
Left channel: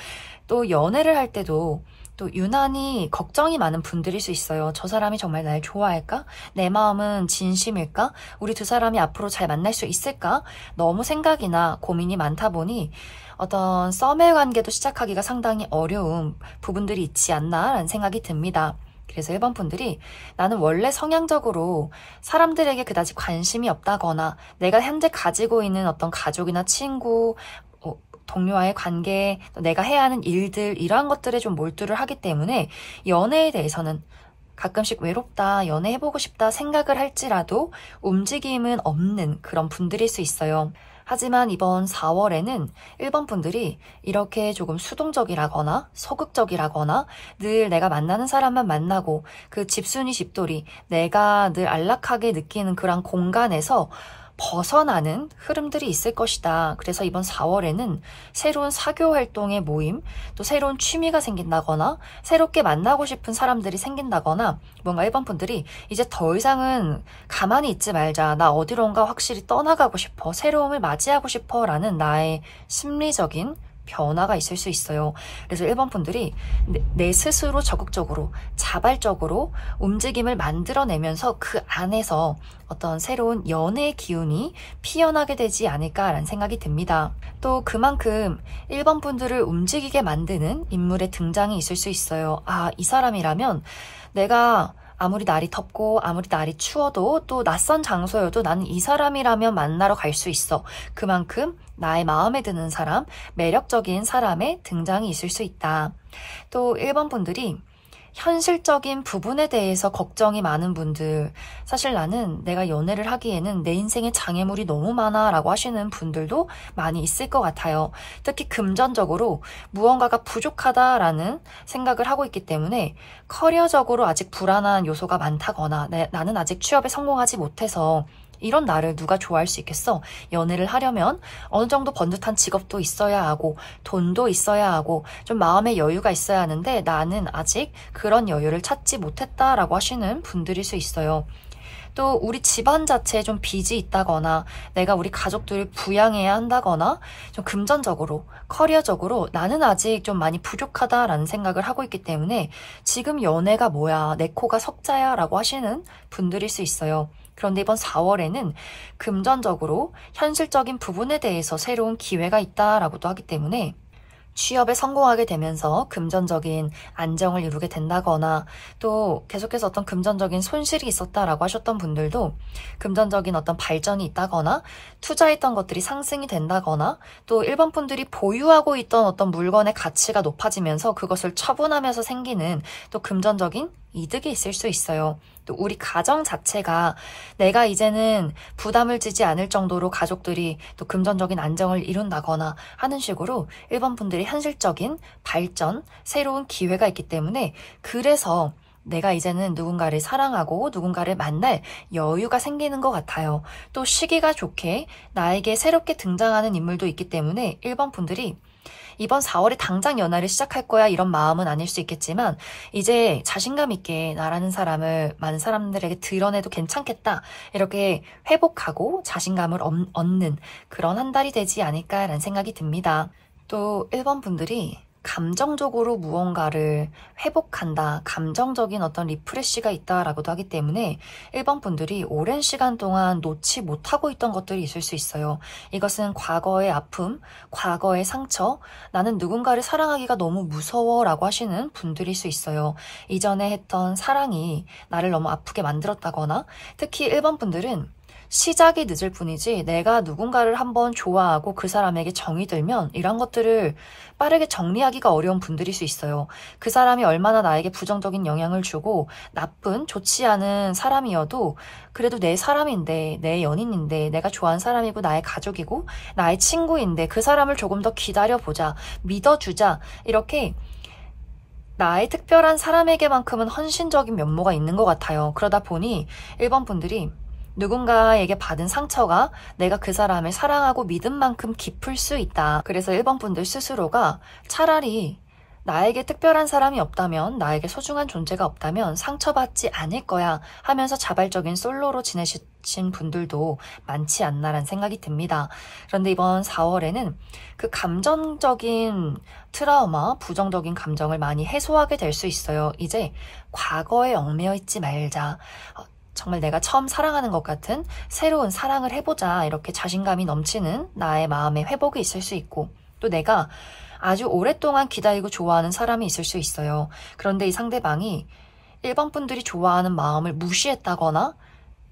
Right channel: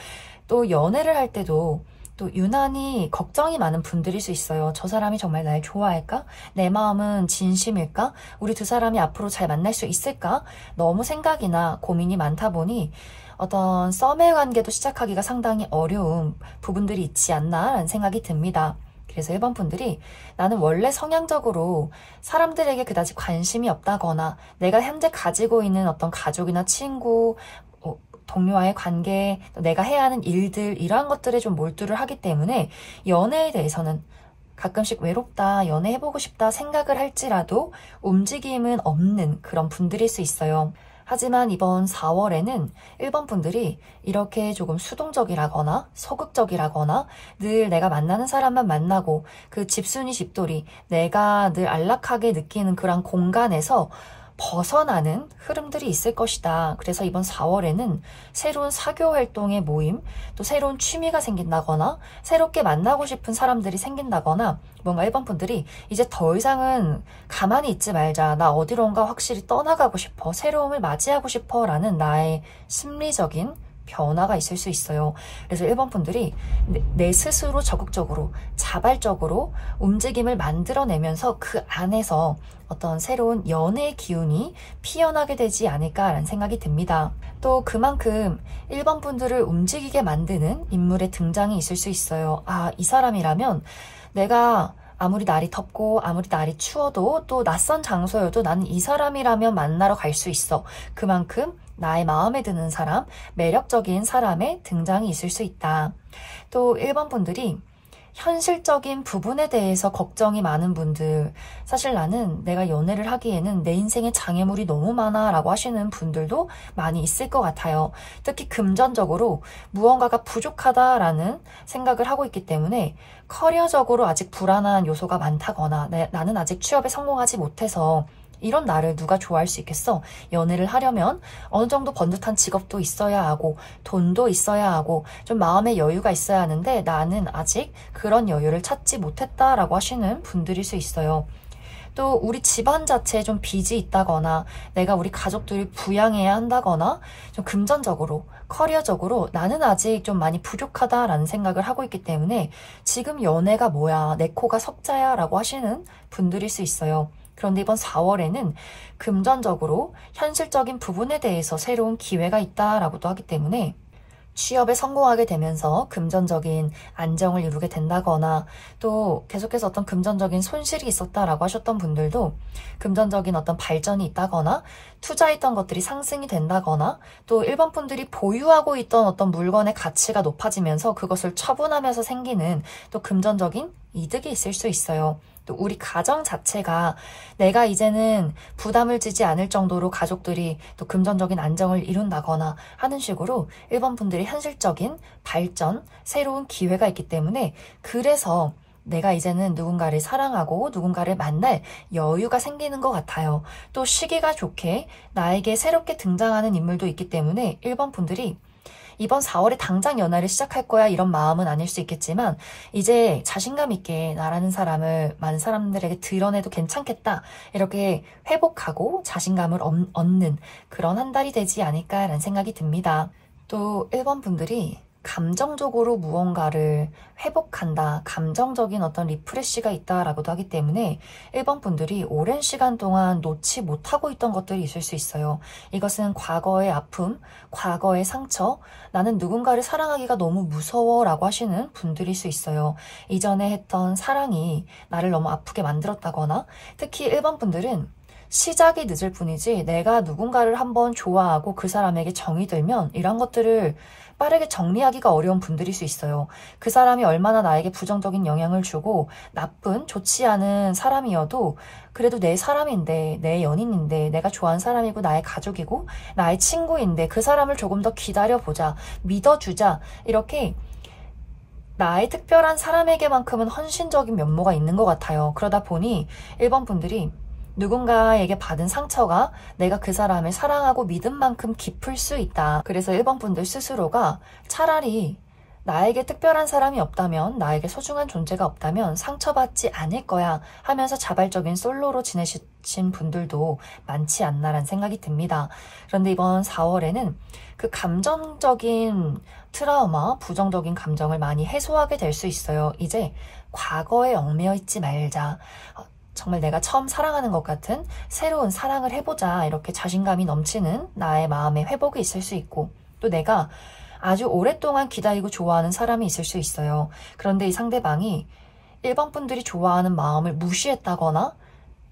또 연애를 할 때도 또 유난히 걱정이 많은 분들일 수 있어요. 저 사람이 정말 날 좋아할까? 내 마음은 진심일까? 우리 두 사람이 앞으로 잘 만날 수 있을까? 너무 생각이나 고민이 많다 보니 어떤 썸의 관계도 시작하기가 상당히 어려운 부분들이 있지 않나라는 생각이 듭니다. 그래서 1번 분들이 나는 원래 성향적으로 사람들에게 그다지 관심이 없다거나 내가 현재 가지고 있는 어떤 가족이나 친구, 동료와의 관계, 내가 해야 하는 일들 이러한 것들에 좀 몰두를 하기 때문에 연애에 대해서는 가끔씩 외롭다, 연애해보고 싶다 생각을 할지라도 움직임은 없는 그런 분들일 수 있어요. 하지만 이번 4월에는 1번 분들이 이렇게 조금 수동적이라거나 소극적이라거나 늘 내가 만나는 사람만 만나고 그 집순이 집돌이 내가 늘 안락하게 느끼는 그런 공간에서 벗어나는 흐름들이 있을 것이다. 그래서 이번 4월에는 새로운 사교 활동의 모임, 또 새로운 취미가 생긴다거나 새롭게 만나고 싶은 사람들이 생긴다거나 뭔가 1번 분들이 이제 더 이상은 가만히 있지 말자. 나 어디론가 확실히 떠나가고 싶어. 새로움을 맞이하고 싶어. 라는 나의 심리적인 변화가 있을 수 있어요. 그래서 1번 분들이 내 스스로 적극적으로 자발적으로 움직임을 만들어내면서 그 안에서 어떤 새로운 연애의 기운이 피어나게 되지 않을까라는 생각이 듭니다. 또 그만큼 1번 분들을 움직이게 만드는 인물의 등장이 있을 수 있어요. 아, 이 사람이라면 내가 아무리 날이 덥고 아무리 날이 추워도 또 낯선 장소여도 나는 이 사람이라면 만나러 갈 수 있어. 그만큼 나의 마음에 드는 사람, 매력적인 사람의 등장이 있을 수 있다. 또 1번 분들이 현실적인 부분에 대해서 걱정이 많은 분들, 사실 나는 내가 연애를 하기에는 내 인생에 장애물이 너무 많아 라고 하시는 분들도 많이 있을 것 같아요. 특히 금전적으로 무언가가 부족하다라는 생각을 하고 있기 때문에 커리어적으로 아직 불안한 요소가 많다거나 나는 아직 취업에 성공하지 못해서 이런 나를 누가 좋아할 수 있겠어? 연애를 하려면 어느 정도 번듯한 직업도 있어야 하고 돈도 있어야 하고 좀 마음의 여유가 있어야 하는데 나는 아직 그런 여유를 찾지 못했다라고 하시는 분들일 수 있어요. 또 우리 집안 자체에 좀 빚이 있다거나 내가 우리 가족들을 부양해야 한다거나 좀 금전적으로 커리어적으로 나는 아직 좀 많이 부족하다라는 생각을 하고 있기 때문에 지금 연애가 뭐야 내 코가 석자야 라고 하시는 분들일 수 있어요. 그런데 이번 4월에는 금전적으로 현실적인 부분에 대해서 새로운 기회가 있다라고도 하기 때문에 취업에 성공하게 되면서 금전적인 안정을 이루게 된다거나 또 계속해서 어떤 금전적인 손실이 있었다라고 하셨던 분들도 금전적인 어떤 발전이 있다거나 투자했던 것들이 상승이 된다거나 또 일반 분들이 보유하고 있던 어떤 물건의 가치가 높아지면서 그것을 처분하면서 생기는 또 금전적인 이득이 있을 수 있어요. 또 우리 가정 자체가 내가 이제는 부담을 지지 않을 정도로 가족들이 또 금전적인 안정을 이룬다거나 하는 식으로 일반 분들이 현실적인 발전, 새로운 기회가 있기 때문에 그래서 내가 이제는 누군가를 사랑하고 누군가를 만날 여유가 생기는 것 같아요. 또 시기가 좋게 나에게 새롭게 등장하는 인물도 있기 때문에 일반 분들이 이번 4월에 당장 연애를 시작할 거야 이런 마음은 아닐 수 있겠지만 이제 자신감 있게 나라는 사람을 많은 사람들에게 드러내도 괜찮겠다 이렇게 회복하고 자신감을 얻는 그런 한 달이 되지 않을까라는 생각이 듭니다. 또 1번 분들이 감정적으로 무언가를 회복한다, 감정적인 어떤 리프레시가 있다라고도 하기 때문에 1번 분들이 오랜 시간 동안 놓지 못하고 있던 것들이 있을 수 있어요. 이것은 과거의 아픔, 과거의 상처, 나는 누군가를 사랑하기가 너무 무서워 라고 하시는 분들일 수 있어요. 이전에 했던 사랑이 나를 너무 아프게 만들었다거나 특히 1번 분들은 시작이 늦을 뿐이지 내가 누군가를 한번 좋아하고 그 사람에게 정이 들면 이런 것들을 빠르게 정리하기가 어려운 분들일 수 있어요. 그 사람이 얼마나 나에게 부정적인 영향을 주고 나쁜 좋지 않은 사람이어도 그래도 내 사람인데 내 연인인데 내가 좋아하는 사람이고 나의 가족이고 나의 친구인데 그 사람을 조금 더 기다려보자 믿어주자 이렇게 나의 특별한 사람에게만큼은 헌신적인 면모가 있는 것 같아요. 그러다 보니 1번 분들이 누군가에게 받은 상처가 내가 그 사람을 사랑하고 믿은 만큼 깊을 수 있다. 그래서 1번 분들 스스로가 차라리 나에게 특별한 사람이 없다면, 나에게 소중한 존재가 없다면 상처받지 않을 거야 하면서 자발적인 솔로로 지내신 분들도 많지 않나라는 생각이 듭니다. 그런데 이번 4월에는 그 감정적인 트라우마, 부정적인 감정을 많이 해소하게 될 수 있어요. 이제 과거에 얽매여 있지 말자. 정말 내가 처음 사랑하는 것 같은 새로운 사랑을 해보자 이렇게 자신감이 넘치는 나의 마음의 회복이 있을 수 있고 또 내가 아주 오랫동안 기다리고 좋아하는 사람이 있을 수 있어요. 그런데 이 상대방이 1번 분들이 좋아하는 마음을 무시했다거나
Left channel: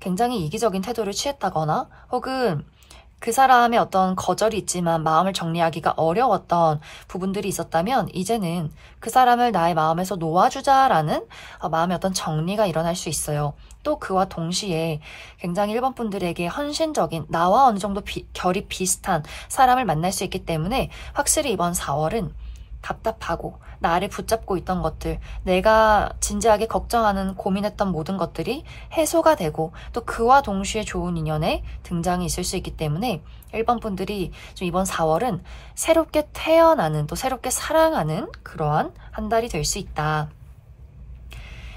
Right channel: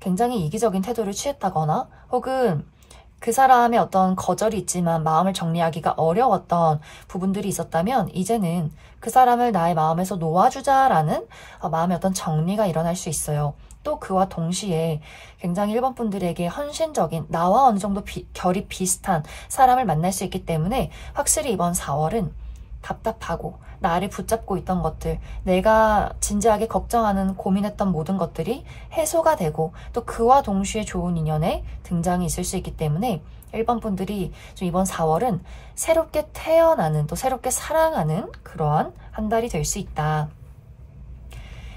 굉장히 이기적인 태도를 취했다거나 혹은 그 사람의 어떤 거절이 있지만 마음을 정리하기가 어려웠던 부분들이 있었다면 이제는 그 사람을 나의 마음에서 놓아주자라는 마음의 어떤 정리가 일어날 수 있어요. 또 그와 동시에 굉장히 1번 분들에게 헌신적인 나와 어느 정도 결이 비슷한 사람을 만날 수 있기 때문에 확실히 이번 4월은 답답하고 나를 붙잡고 있던 것들, 내가 진지하게 걱정하는 고민했던 모든 것들이 해소가 되고 또 그와 동시에 좋은 인연의 등장이 있을 수 있기 때문에 1번 분들이 좀 이번 4월은 새롭게 태어나는 또 새롭게 사랑하는 그러한 한 달이 될 수 있다.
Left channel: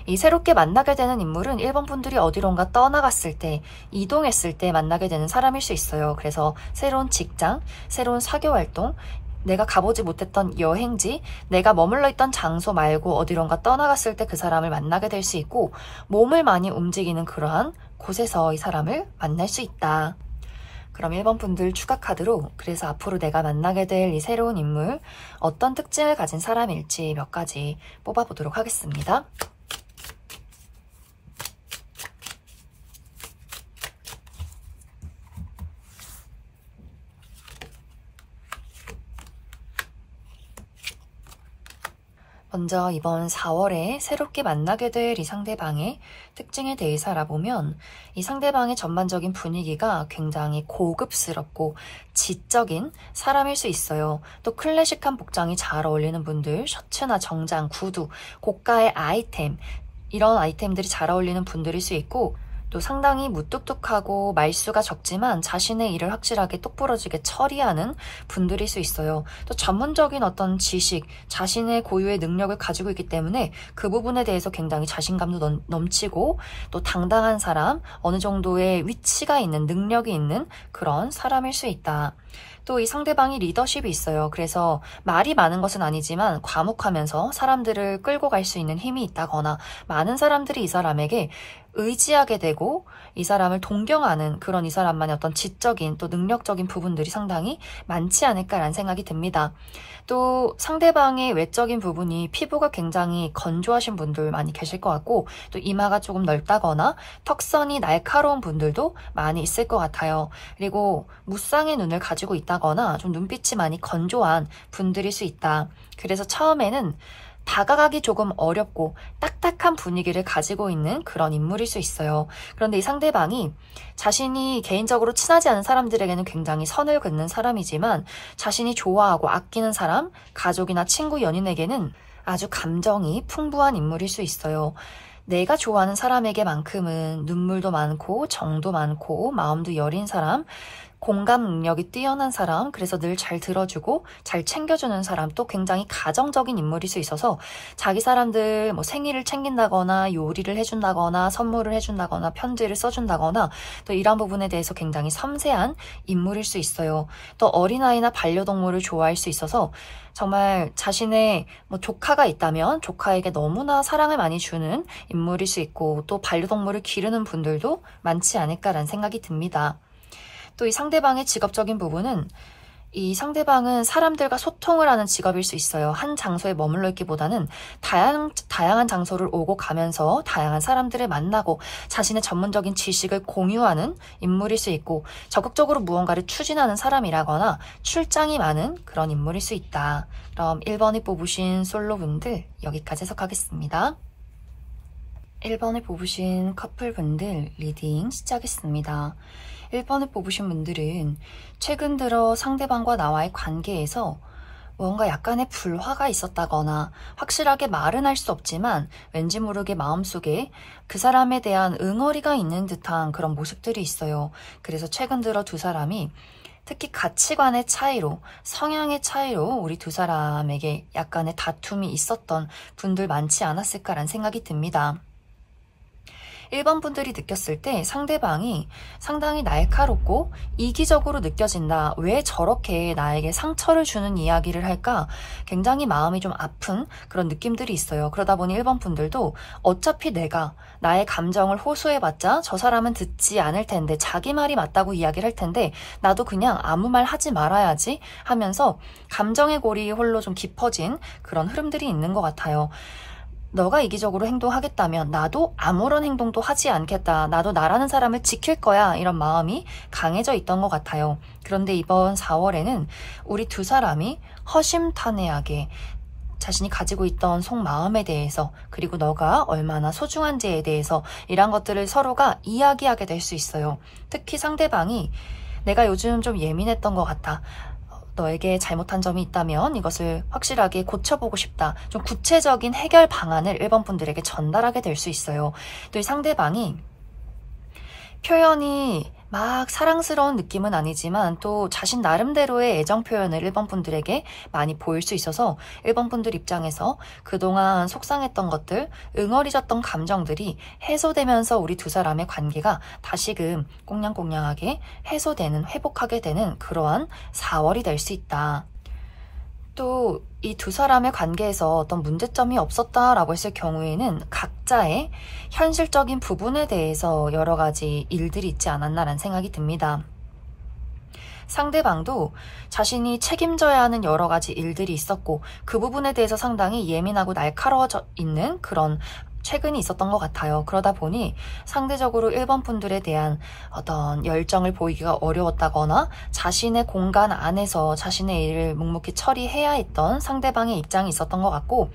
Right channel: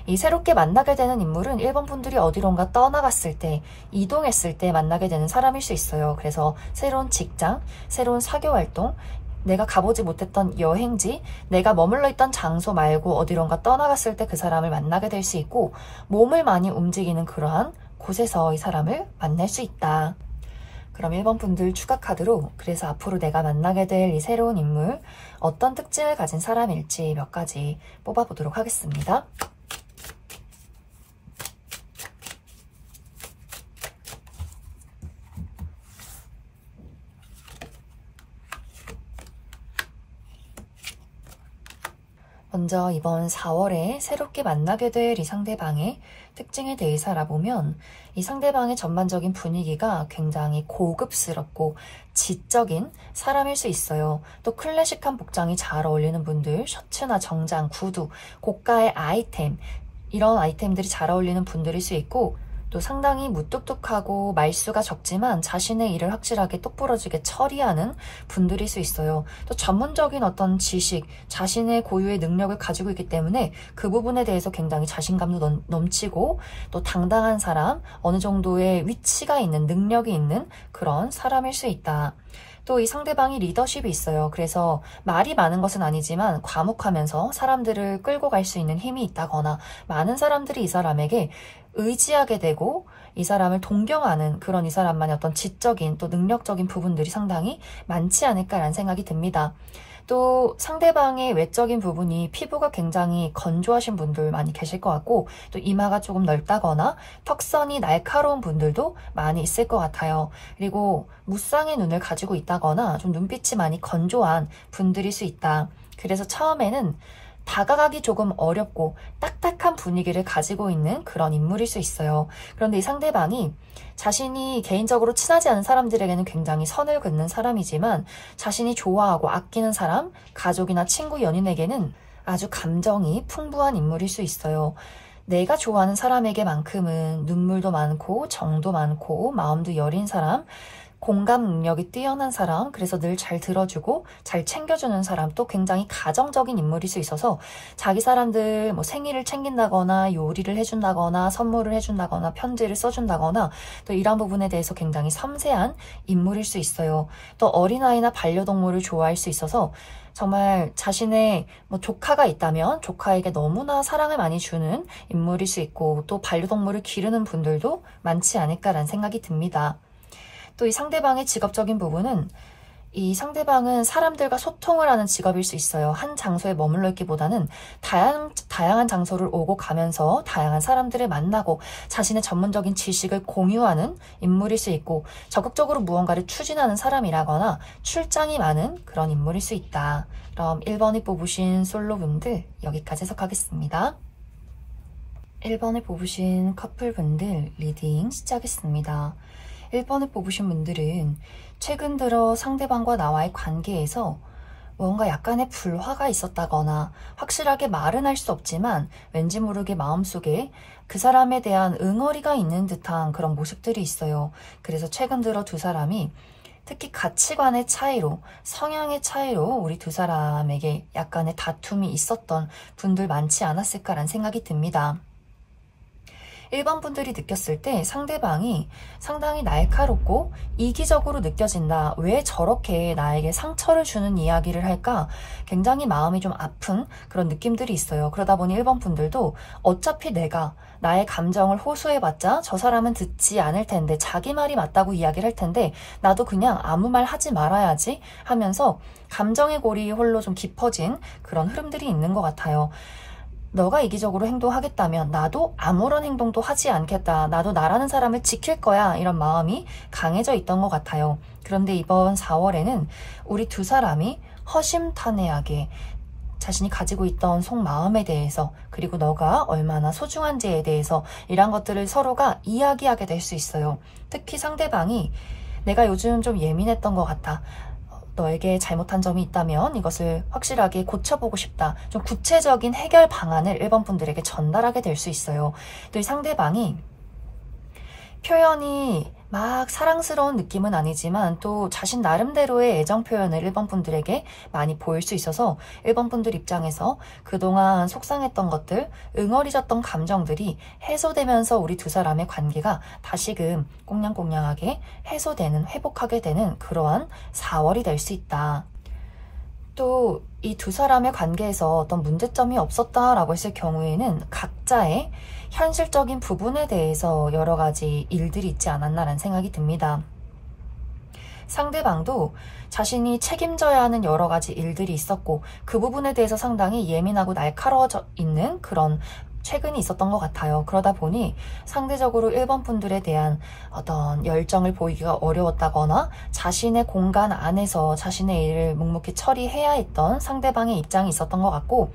이 새롭게 만나게 되는 인물은 1번 분들이 어디론가 떠나갔을 때, 이동했을 때 만나게 되는 사람일 수 있어요. 그래서 새로운 직장, 새로운 사교활동, 내가 가보지 못했던 여행지, 내가 머물러 있던 장소 말고 어디론가 떠나갔을 때 그 사람을 만나게 될 수 있고 몸을 많이 움직이는 그러한 곳에서 이 사람을 만날 수 있다. 그럼 1번 분들 추가 카드로 그래서 앞으로 내가 만나게 될 이 새로운 인물 어떤 특징을 가진 사람일지 몇 가지 뽑아보도록 하겠습니다. 먼저 이번 4월에 새롭게 만나게 될 이 상대방의 특징에 대해서 알아보면 이 상대방의 전반적인 분위기가 굉장히 고급스럽고 지적인 사람일 수 있어요. 또 클래식한 복장이 잘 어울리는 분들, 셔츠나 정장, 구두, 고가의 아이템, 이런 아이템들이 잘 어울리는 분들일 수 있고, 또 상당히 무뚝뚝하고 말수가 적지만 자신의 일을 확실하게 똑부러지게 처리하는 분들일 수 있어요. 또 전문적인 어떤 지식, 자신의 고유의 능력을 가지고 있기 때문에 그 부분에 대해서 굉장히 자신감도 넘치고 또 당당한 사람, 어느 정도의 위치가 있는, 능력이 있는 그런 사람일 수 있다. 또 이 상대방이 리더십이 있어요. 그래서 말이 많은 것은 아니지만 과묵하면서 사람들을 끌고 갈 수 있는 힘이 있다거나 많은 사람들이 이 사람에게 의지하게 되고 이 사람을 동경하는 그런 이 사람만의 어떤 지적인 또 능력적인 부분들이 상당히 많지 않을까라는 생각이 듭니다. 또 상대방의 외적인 부분이 피부가 굉장히 건조하신 분들 많이 계실 것 같고 또 이마가 조금 넓다거나 턱선이 날카로운 분들도 많이 있을 것 같아요. 그리고 무쌍의 눈을 가지고 있다거나 좀 눈빛이 많이 건조한 분들일 수 있다. 그래서 처음에는 다가가기 조금 어렵고 딱딱한 분위기를 가지고 있는 그런 인물일 수 있어요. 그런데 이 상대방이 자신이 개인적으로 친하지 않은 사람들에게는 굉장히 선을 긋는 사람이지만 자신이 좋아하고 아끼는 사람, 가족이나 친구, 연인에게는 아주 감정이 풍부한 인물일 수 있어요. 내가 좋아하는 사람에게만큼은 눈물도 많고 정도 많고 마음도 여린 사람, 공감 능력이 뛰어난 사람, 그래서 늘 잘 들어주고 잘 챙겨주는 사람, 또 굉장히 가정적인 인물일 수 있어서 자기 사람들 뭐 생일을 챙긴다거나 요리를 해준다거나 선물을 해준다거나 편지를 써준다거나 또 이런 부분에 대해서 굉장히 섬세한 인물일 수 있어요. 또 어린아이나 반려동물을 좋아할 수 있어서 정말 자신의 뭐 조카가 있다면 조카에게 너무나 사랑을 많이 주는 인물일 수 있고 또 반려동물을 기르는 분들도 많지 않을까라는 생각이 듭니다. 또 이 상대방의 직업적인 부분은 이 상대방은 사람들과 소통을 하는 직업일 수 있어요. 한 장소에 머물러 있기보다는 다양한 장소를 오고 가면서 다양한 사람들을 만나고 자신의 전문적인 지식을 공유하는 인물일 수 있고 적극적으로 무언가를 추진하는 사람이라거나 출장이 많은 그런 인물일 수 있다. 그럼 1번을 뽑으신 솔로분들 여기까지 해석하겠습니다. 1번을 뽑으신 커플분들 리딩 시작하겠습니다. 1번을 뽑으신 분들은 최근 들어 상대방과 나와의 관계에서 뭔가 약간의 불화가 있었다거나 확실하게 말은 할 수 없지만 왠지 모르게 마음속에 그 사람에 대한 응어리가 있는 듯한 그런 모습들이 있어요. 그래서 최근 들어 두 사람이 특히 가치관의 차이로, 성향의 차이로 우리 두 사람에게 약간의 다툼이 있었던 분들 많지 않았을까라는 생각이 듭니다. 1번 분들이 느꼈을 때 상대방이 상당히 날카롭고 이기적으로 느껴진다. 왜 저렇게 나에게 상처를 주는 이야기를 할까? 굉장히 마음이 좀 아픈 그런 느낌들이 있어요. 그러다 보니 1번 분들도 어차피 내가 나의 감정을 호소해봤자 저 사람은 듣지 않을 텐데 자기 말이 맞다고 이야기를 할 텐데 나도 그냥 아무 말 하지 말아야지 하면서 감정의 골이 홀로 좀 깊어진 그런 흐름들이 있는 것 같아요. 너가 이기적으로 행동하겠다면 나도 아무런 행동도 하지 않겠다. 나도 나라는 사람을 지킬 거야. 이런 마음이 강해져 있던 것 같아요. 그런데 이번 4월에는 우리 두 사람이 허심탄회하게 자신이 가지고 있던 속마음에 대해서 그리고 너가 얼마나 소중한지에 대해서 이런 것들을 서로가 이야기하게 될 수 있어요. 특히 상대방이 내가 요즘 좀 예민했던 것 같아. 너에게 잘못한 점이 있다면 이것을 확실하게 고쳐보고 싶다. 좀 구체적인 해결 방안을 1번 분들에게 전달하게 될 수 있어요. 또 이 상대방이 표현이 막 사랑스러운 느낌은 아니지만 또 자신 나름대로의 애정 표현을 1번 분들에게 많이 보일 수 있어서 1번 분들 입장에서 그동안 속상했던 것들, 응어리졌던 감정들이 해소되면서 우리 두 사람의 관계가 다시금 꽁냥꽁냥하게 해소되는, 회복하게 되는 그러한 4월이 될 수 있다. 또 이 두 사람의 관계에서 어떤 문제점이 없었다라고 했을 경우에는 각자의 현실적인 부분에 대해서 여러 가지 일들이 있지 않았나라는 생각이 듭니다. 상대방도 자신이 책임져야 하는 여러 가지 일들이 있었고 그 부분에 대해서 상당히 예민하고 날카로워져 있는 그런 최근이 있었던 것 같아요. 그러다 보니 상대적으로 1번 분들에 대한 어떤 열정을 보이기가 어려웠다거나 자신의 공간 안에서 자신의 일을 묵묵히 처리해야 했던 상대방의 입장이 있었던 것 같고,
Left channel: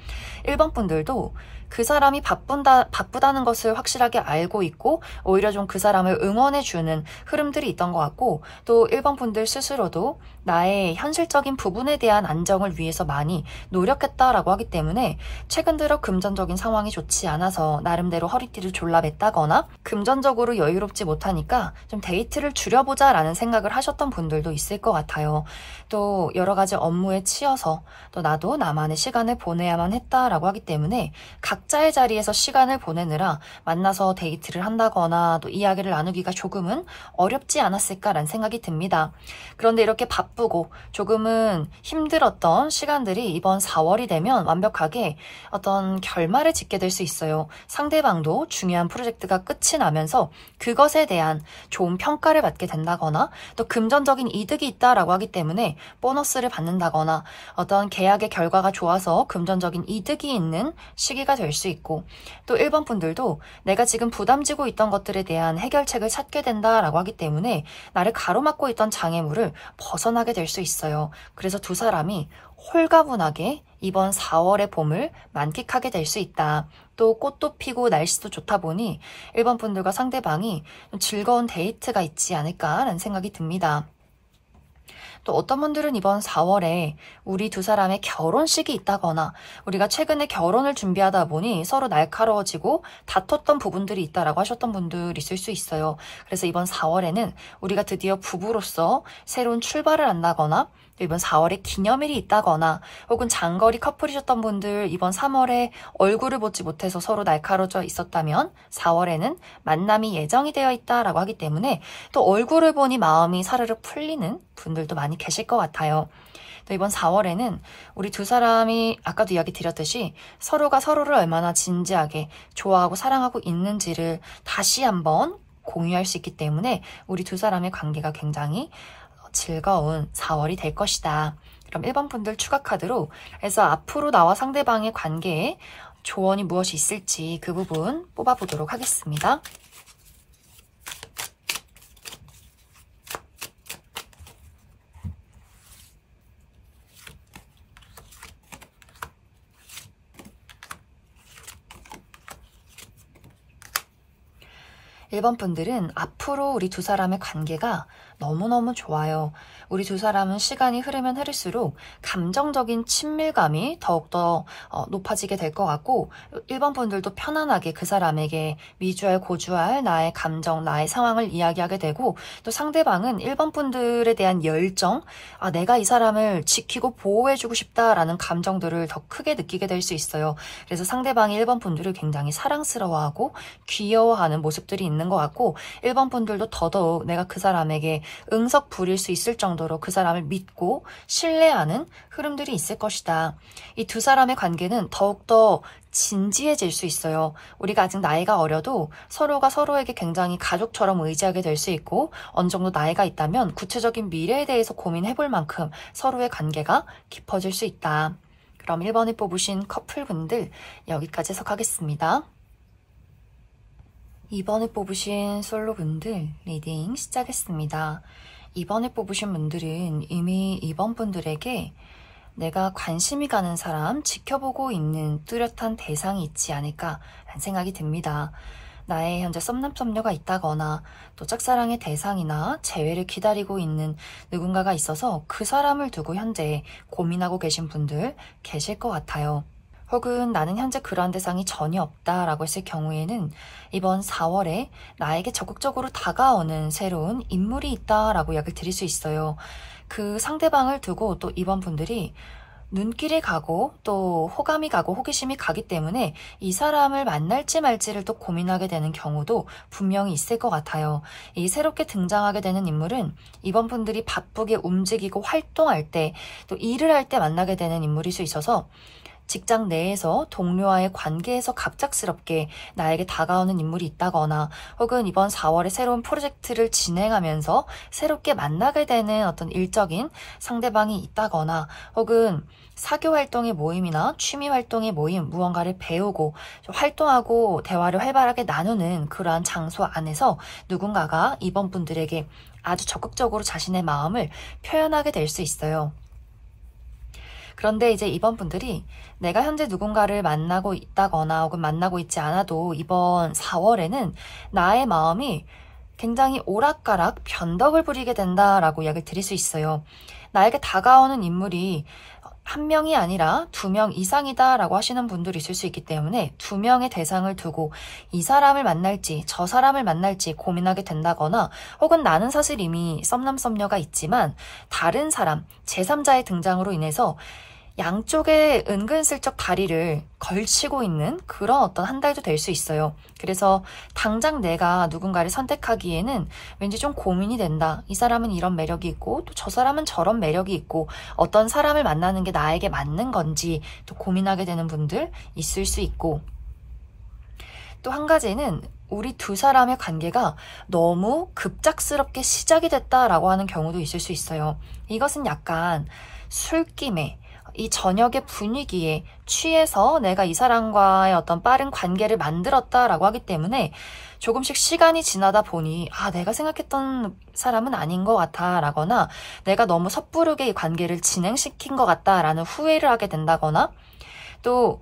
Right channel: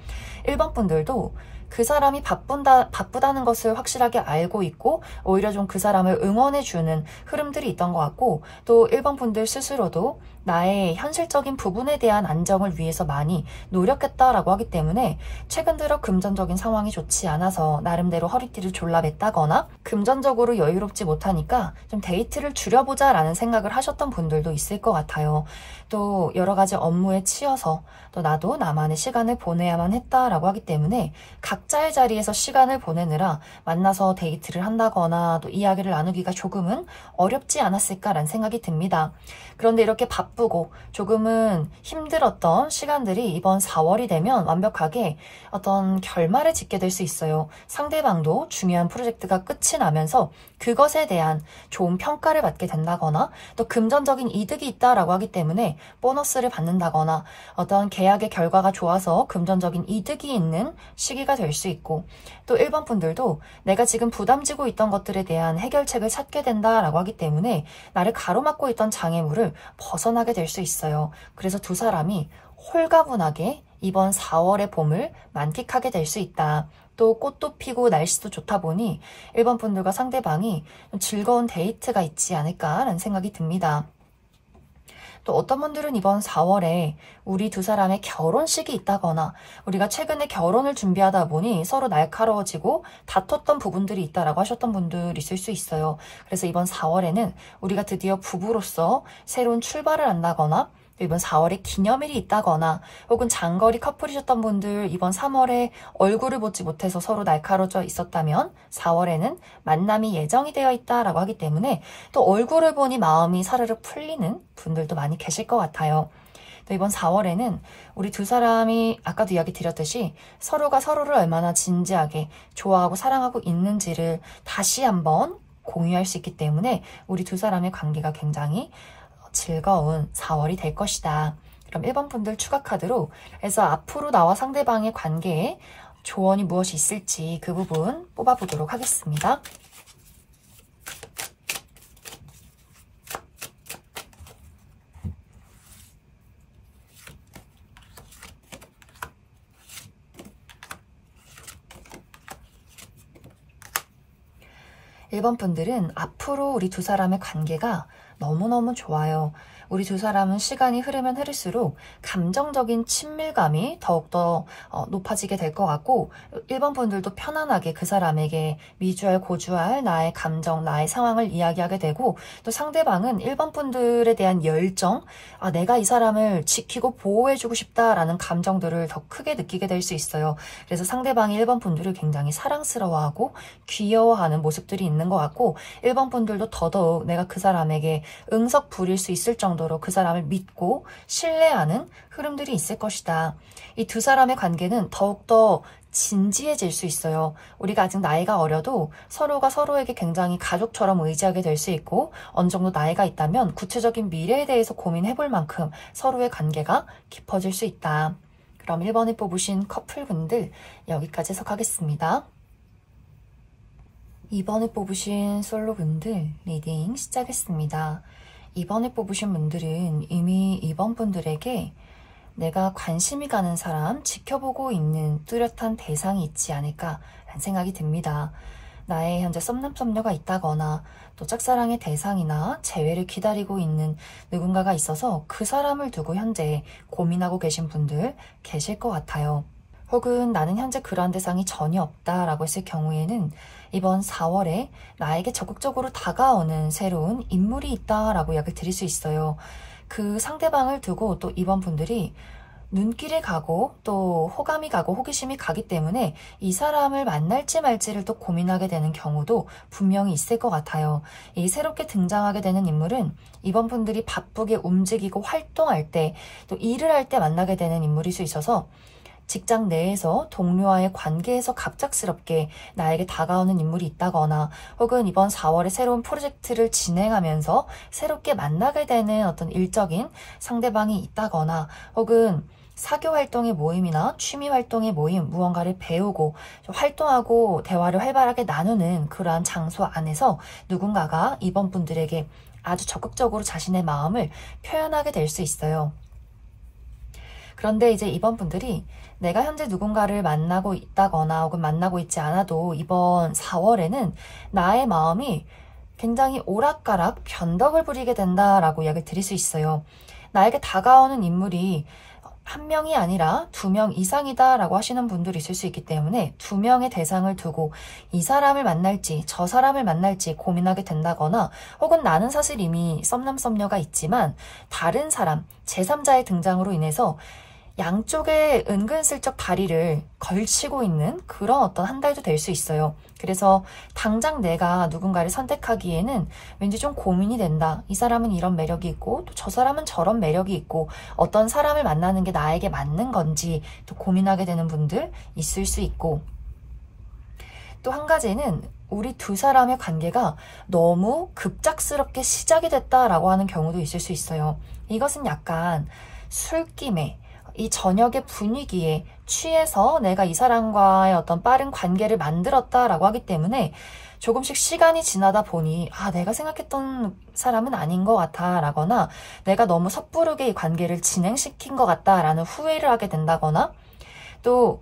1번 분들도 그 사람이 바쁘다는 것을 확실하게 알고 있고 오히려 좀 그 사람을 응원해주는 흐름들이 있던 것 같고, 또 1번 분들 스스로도 나의 현실적인 부분에 대한 안정을 위해서 많이 노력했다라고 하기 때문에 최근 들어 금전적인 상황이 좋지 않아서 나름대로 허리띠를 졸라맸다거나 금전적으로 여유롭지 못하니까 좀 데이트를 줄여보자 라는 생각을 하셨던 분들도 있을 것 같아요. 또 여러 가지 업무에 치여서 또 나도 나만의 시간을 보내야만 했다라고 하기 때문에 각자의 자리에서 시간을 보내느라 만나서 데이트를 한다거나 또 이야기를 나누기가 조금은 어렵지 않았을까라는 생각이 듭니다. 그런데 이렇게 바쁘고 조금은 힘들었던 시간들이 이번 4월이 되면 완벽하게 어떤 결말을 짓게 될 수 있어요. 상대방도 중요한 프로젝트가 끝이 나면서 그것에 대한 좋은 평가를 받게 된다거나 또 금전적인 이득이 있다라고 하기 때문에 보너스를 받는다거나 어떤 계약의 결과가 좋아서 금전적인 이득이 있는 시기가 될 수 있고, 또 1번 분들도 내가 지금 부담지고 있던 것들에 대한 해결책을 찾게 된다라고 하기 때문에 나를 가로막고 있던 장애물을 벗어나게 될 수 있어요. 그래서 두 사람이 홀가분하게 이번 4월의 봄을 만끽하게 될 수 있다. 또 꽃도 피고 날씨도 좋다 보니 1번 분들과 상대방이 즐거운 데이트가 있지 않을까라는 생각이 듭니다. 또 어떤 분들은 이번 4월에 우리 두 사람의 결혼식이 있다거나 우리가 최근에 결혼을 준비하다 보니 서로 날카로워지고 다퉜던 부분들이 있다라고 하셨던 분들 있을 수 있어요. 그래서 이번 4월에는 우리가 드디어 부부로서 새로운 출발을 한다거나 이번 4월에 기념일이 있다거나 혹은 장거리 커플이셨던 분들 이번 3월에 얼굴을 보지 못해서 서로 날카로워져 있었다면 4월에는 만남이 예정이 되어 있다라고 하기 때문에 또 얼굴을 보니 마음이 사르르 풀리는 분들도 많이 계실 것 같아요. 또 이번 4월에는 우리 두 사람이 아까도 이야기 드렸듯이 서로가 서로를 얼마나 진지하게 좋아하고 사랑하고 있는지를 다시 한번 공유할 수 있기 때문에 우리 두 사람의 관계가 굉장히 즐거운 4월이 될 것이다. 그럼 1번 분들 추가 카드로 해서 앞으로 나와 상대방의 관계에 조언이 무엇이 있을지 그 부분 뽑아보도록 하겠습니다. (1번) 분들은 앞으로 우리 두 사람의 관계가 너무너무 좋아요. 우리 두 사람은 시간이 흐르면 흐를수록 감정적인 친밀감이 더욱더 높아지게 될 것 같고, 1번 분들도 편안하게 그 사람에게 미주알 고주알 나의 감정, 나의 상황을 이야기하게 되고, 또 상대방은 1번 분들에 대한 열정, 내가 이 사람을 지키고 보호해주고 싶다라는 감정들을 더 크게 느끼게 될 수 있어요. 그래서 상대방이 1번 분들을 굉장히 사랑스러워하고 귀여워하는 모습들이 있는 것 같고, 1번 분들도 더더욱 내가 그 사람에게 응석 부릴 수 있을 정도로 그 사람을 믿고 신뢰하는 흐름들이 있을 것이다. 이 두 사람의 관계는 더욱더 진지해질 수 있어요. 우리가 아직 나이가 어려도 서로가 서로에게 굉장히 가족처럼 의지하게 될 수 있고, 어느 정도 나이가 있다면 구체적인 미래에 대해서 고민해볼 만큼 서로의 관계가 깊어질 수 있다. 그럼 1번에 뽑으신 커플분들 여기까지 해석하겠습니다. 2번에 뽑으신 솔로분들 리딩 시작했습니다. 2번에 뽑으신 분들은 이미 2번 분들에게 내가 관심이 가는 사람, 지켜보고 있는 뚜렷한 대상이 있지 않을까 라는 생각이 듭니다. 나의 현재 썸남썸녀가 있다거나 또 짝사랑의 대상이나 재회를 기다리고 있는 누군가가 있어서 그 사람을 두고 현재 고민하고 계신 분들 계실 것 같아요. 혹은 나는 현재 그러한 대상이 전혀 없다라고 했을 경우에는 이번 4월에 나에게 적극적으로 다가오는 새로운 인물이 있다라고 이야기를 드릴 수 있어요. 그 상대방을 두고 또 이번 분들이 눈길이 가고 또 호감이 가고 호기심이 가기 때문에 이 사람을 만날지 말지를 또 고민하게 되는 경우도 분명히 있을 것 같아요. 이 새롭게 등장하게 되는 인물은 이번 분들이 바쁘게 움직이고 활동할 때 또 일을 할 때 만나게 되는 인물일 수 있어서 직장 내에서 동료와의 관계에서 갑작스럽게 나에게 다가오는 인물이 있다거나 혹은 이번 4월에 새로운 프로젝트를 진행하면서 새롭게 만나게 되는 어떤 일적인 상대방이 있다거나 혹은 사교 활동의 모임이나 취미 활동의 모임, 무언가를 배우고 활동하고 대화를 활발하게 나누는 그러한 장소 안에서 누군가가 이번 분들에게 아주 적극적으로 자신의 마음을 표현하게 될 수 있어요. 그런데 이제 이번 분들이 내가 현재 누군가를 만나고 있다거나 혹은 만나고 있지 않아도 이번 4월에는 나의 마음이 굉장히 오락가락 변덕을 부리게 된다라고 이야기를 드릴 수 있어요. 나에게 다가오는 인물이 한 명이 아니라 2명 이상이다라고 하시는 분들이 있을 수 있기 때문에 2명의 대상을 두고 이 사람을 만날지 저 사람을 만날지 고민하게 된다거나 혹은 나는 사실 이미 썸남썸녀가 있지만 다른 사람, 제3자의 등장으로 인해서 양쪽에 은근슬쩍 다리를 걸치고 있는 그런 어떤 한 달도 될 수 있어요. 그래서 당장 내가 누군가를 선택하기에는 왠지 좀 고민이 된다. 이 사람은 이런 매력이 있고 또 저 사람은 저런 매력이 있고 어떤 사람을 만나는 게 나에게 맞는 건지 또 고민하게 되는 분들 있을 수 있고, 또 한 가지는 우리 2 사람의 관계가 너무 급작스럽게 시작이 됐다라고 하는 경우도 있을 수 있어요. 이것은 약간 술김에 이 저녁의 분위기에 취해서 내가 이 사람과의 어떤 빠른 관계를 만들었다라고 하기 때문에 조금씩 시간이 지나다 보니 내가 생각했던 사람은 아닌 것 같아 라거나 내가 너무 섣부르게 이 관계를 진행시킨 것 같다라는 후회를 하게 된다거나, 또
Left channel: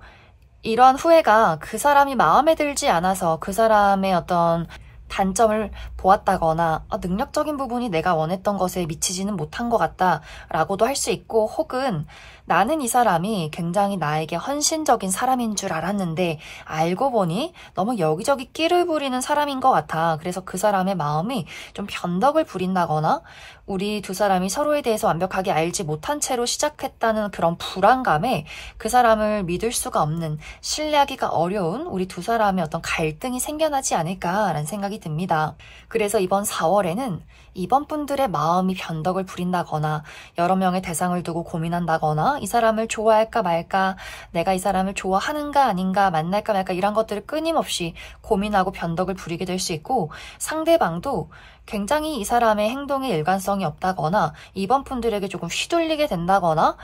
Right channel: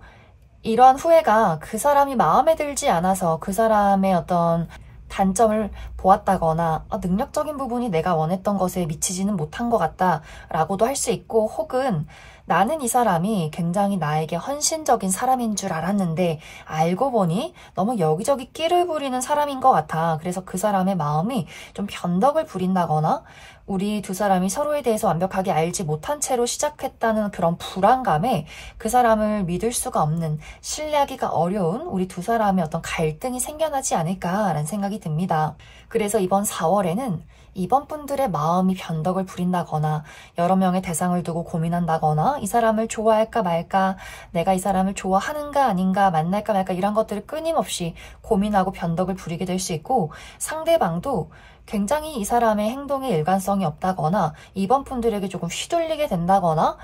이러한 후회가 그 사람이 마음에 들지 않아서 그 사람의 어떤 단점을 보았다거나 능력적인 부분이 내가 원했던 것에 미치지는 못한 것 같다 라고도 할 수 있고, 혹은 나는 이 사람이 굉장히 나에게 헌신적인 사람인 줄 알았는데 알고 보니 너무 여기저기 끼를 부리는 사람인 것 같아. 그래서 그 사람의 마음이 좀 변덕을 부린다거나 우리 2 사람이 서로에 대해서 완벽하게 알지 못한 채로 시작했다는 그런 불안감에 그 사람을 믿을 수가 없는, 신뢰하기가 어려운 우리 2 사람의 어떤 갈등이 생겨나지 않을까라는 생각이 듭니다. 그래서 이번 4월에는 이번 분들의 마음이 변덕을 부린다거나 여러 명의 대상을 두고 고민한다거나 이 사람을 좋아할까 말까, 내가 이 사람을 좋아하는가 아닌가, 만날까 말까 이런 것들을 끊임없이 고민하고 변덕을 부리게 될 수 있고, 상대방도 굉장히 이 사람의 행동에 일관성이 없다거나 이번 분들에게 조금 휘둘리게 된다거나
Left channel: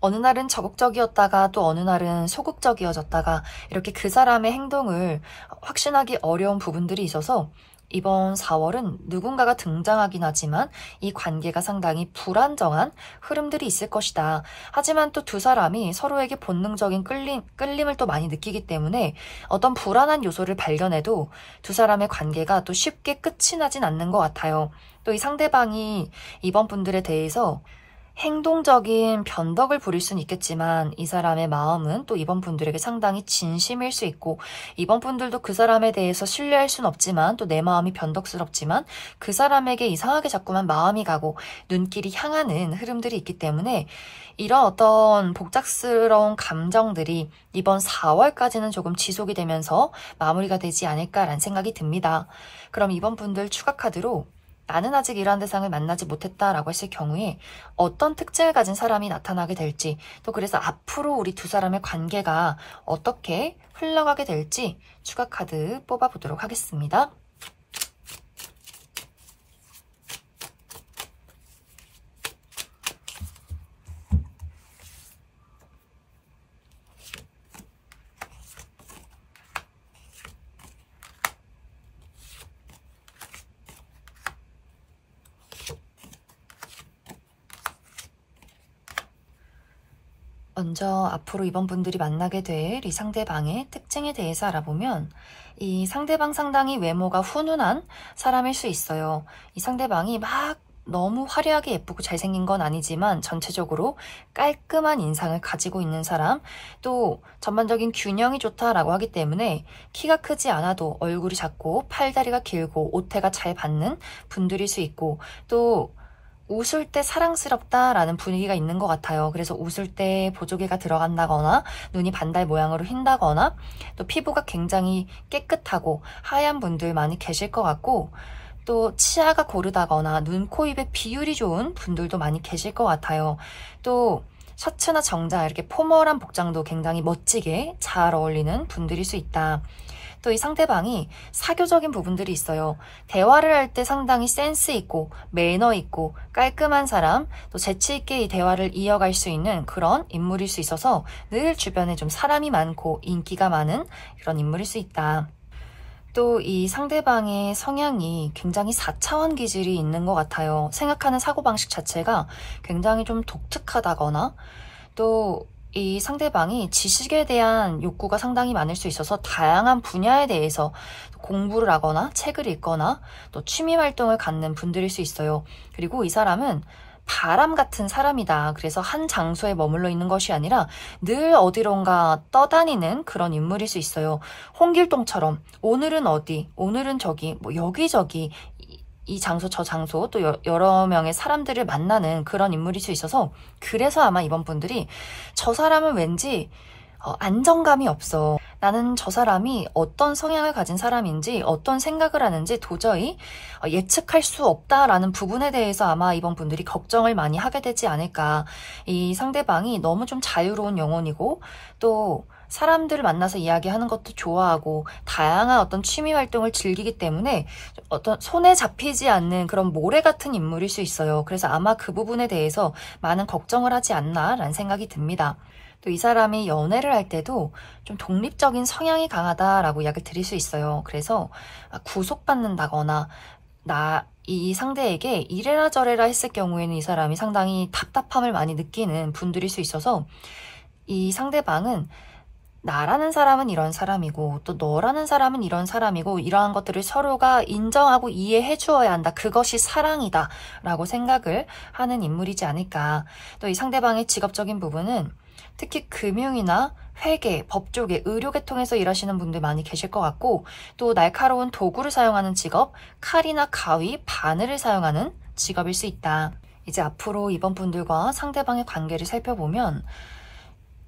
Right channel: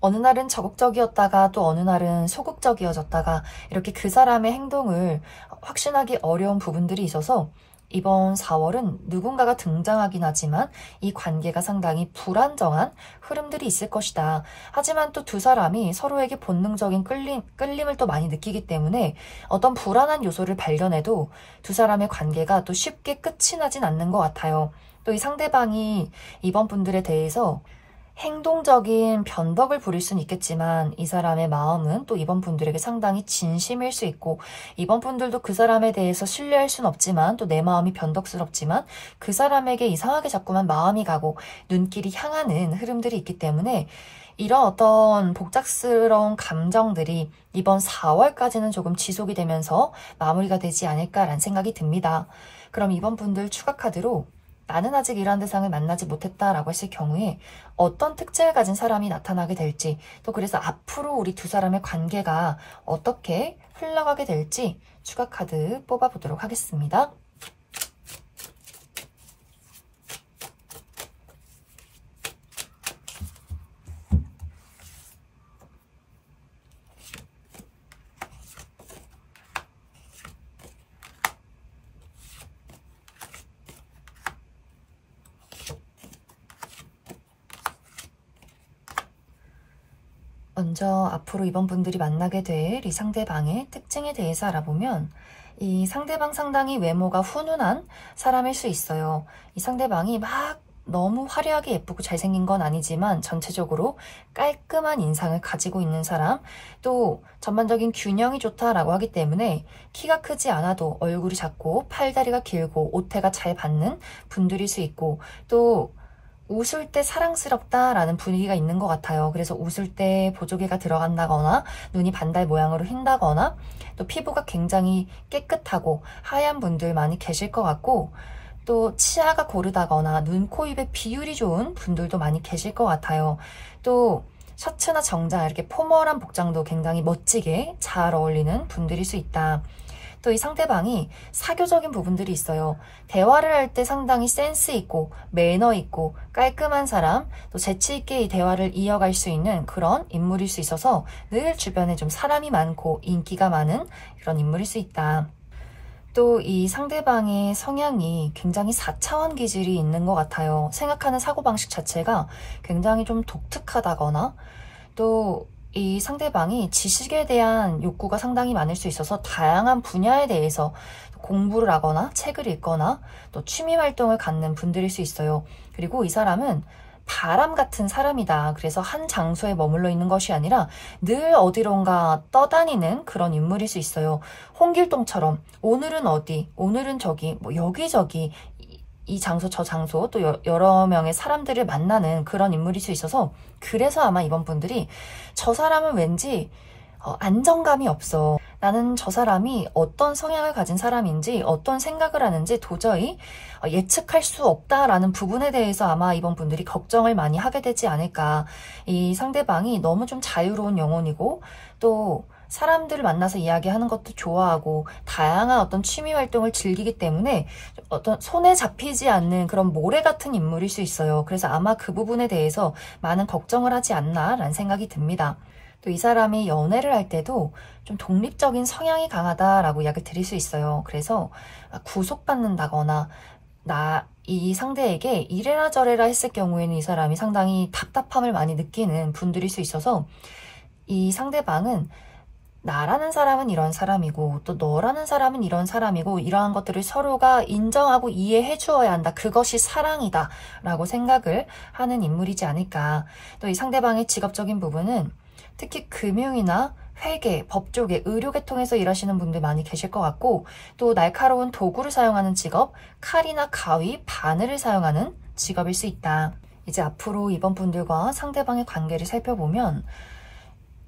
어느 날은 적극적이었다가 또 어느 날은 소극적이어졌다가 이렇게 그 사람의 행동을 확신하기 어려운 부분들이 있어서 이번 4월은 누군가가 등장하긴 하지만 이 관계가 상당히 불안정한 흐름들이 있을 것이다. 하지만 또 2 사람이 서로에게 본능적인 끌림을 또 많이 느끼기 때문에 어떤 불안한 요소를 발견해도 2 사람의 관계가 또 쉽게 끝이 나진 않는 것 같아요. 또 이 상대방이 이번 분들에 대해서 행동적인 변덕을 부릴 수는 있겠지만 이 사람의 마음은 또 이번 분들에게 상당히 진심일 수 있고, 이번 분들도 그 사람에 대해서 신뢰할 수는 없지만 또 내 마음이 변덕스럽지만 그 사람에게 이상하게 자꾸만 마음이 가고 눈길이 향하는 흐름들이 있기 때문에 이런 어떤 복잡스러운 감정들이 이번 4월까지는 조금 지속이 되면서 마무리가 되지 않을까라는 생각이 듭니다. 그럼 이번 분들 추가 카드로 나는 아직 이러한 대상을 만나지 못했다라고 했을 경우에 어떤 특징을 가진 사람이 나타나게 될지, 또 그래서 앞으로 우리 2 사람의 관계가 어떻게 흘러가게 될지 추가 카드 뽑아보도록 하겠습니다. 먼저 앞으로 이번 분들이 만나게 될 이 상대방의 특징에 대해서 알아보면 이 상대방 상당히 외모가 훈훈한 사람일 수 있어요. 이 상대방이 막 너무 화려하게 예쁘고 잘생긴 건 아니지만 전체적으로 깔끔한 인상을 가지고 있는 사람, 또 전반적인 균형이 좋다라고 하기 때문에 키가 크지 않아도 얼굴이 작고 팔다리가 길고 옷태가 잘 받는 분들일 수 있고, 또 웃을 때 사랑스럽다라는 분위기가 있는 것 같아요. 그래서 웃을 때 보조개가 들어간다거나 눈이 반달 모양으로 휜다거나 또 피부가 굉장히 깨끗하고 하얀 분들 많이 계실 것 같고, 또 치아가 고르다거나 눈, 코, 입의 비율이 좋은 분들도 많이 계실 것 같아요. 또 셔츠나 정장 이렇게 포멀한 복장도 굉장히 멋지게 잘 어울리는 분들일 수 있다. 또 이 상대방이 사교적인 부분들이 있어요. 대화를 할 때 상당히 센스 있고 매너 있고 깔끔한 사람, 또 재치 있게 이 대화를 이어갈 수 있는 그런 인물일 수 있어서 늘 주변에 좀 사람이 많고 인기가 많은 그런 인물일 수 있다. 또 이 상대방의 성향이 굉장히 4차원 기질이 있는 것 같아요. 생각하는 사고방식 자체가 굉장히 좀 독특하다거나, 또 이 상대방이 지식에 대한 욕구가 상당히 많을 수 있어서 다양한 분야에 대해서 공부를 하거나 책을 읽거나 또 취미 활동을 갖는 분들일 수 있어요. 그리고 이 사람은 바람 같은 사람이다. 그래서 한 장소에 머물러 있는 것이 아니라 늘 어디론가 떠다니는 그런 인물일 수 있어요. 홍길동처럼 오늘은 어디, 오늘은 저기, 뭐 여기저기 이 장소 저 장소 또 여러 명의 사람들을 만나는 그런 인물일 수 있어서, 그래서 아마 이번 분들이 저 사람은 왠지 안정감이 없어. 나는 저 사람이 어떤 성향을 가진 사람인지 어떤 생각을 하는지 도저히 예측할 수 없다라는 부분에 대해서 아마 이번 분들이 걱정을 많이 하게 되지 않을까. 이 상대방이 너무 좀 자유로운 영혼이고, 또 사람들을 만나서 이야기하는 것도 좋아하고 다양한 어떤 취미 활동을 즐기기 때문에 어떤 손에 잡히지 않는 그런 모래 같은 인물일 수 있어요. 그래서 아마 그 부분에 대해서 많은 걱정을 하지 않나라는 생각이 듭니다. 또 이 사람이 연애를 할 때도 좀 독립적인 성향이 강하다라고 이야기를 드릴 수 있어요. 그래서 구속받는다거나 이 상대에게 이래라 저래라 했을 경우에는 이 사람이 상당히 답답함을 많이 느끼는 분들일 수 있어서, 이 상대방은 나라는 사람은 이런 사람이고 또 너라는 사람은 이런 사람이고 이러한 것들을 서로가 인정하고 이해해 주어야 한다. 그것이 사랑이다 라고 생각을 하는 인물이지 않을까. 또 이 상대방의 직업적인 부분은 특히 금융이나 회계, 법조계, 의료계통에서 일하시는 분들 많이 계실 것 같고, 또 날카로운 도구를 사용하는 직업, 칼이나 가위, 바늘을 사용하는 직업일 수 있다. 이제 앞으로 이번 분들과 상대방의 관계를 살펴보면,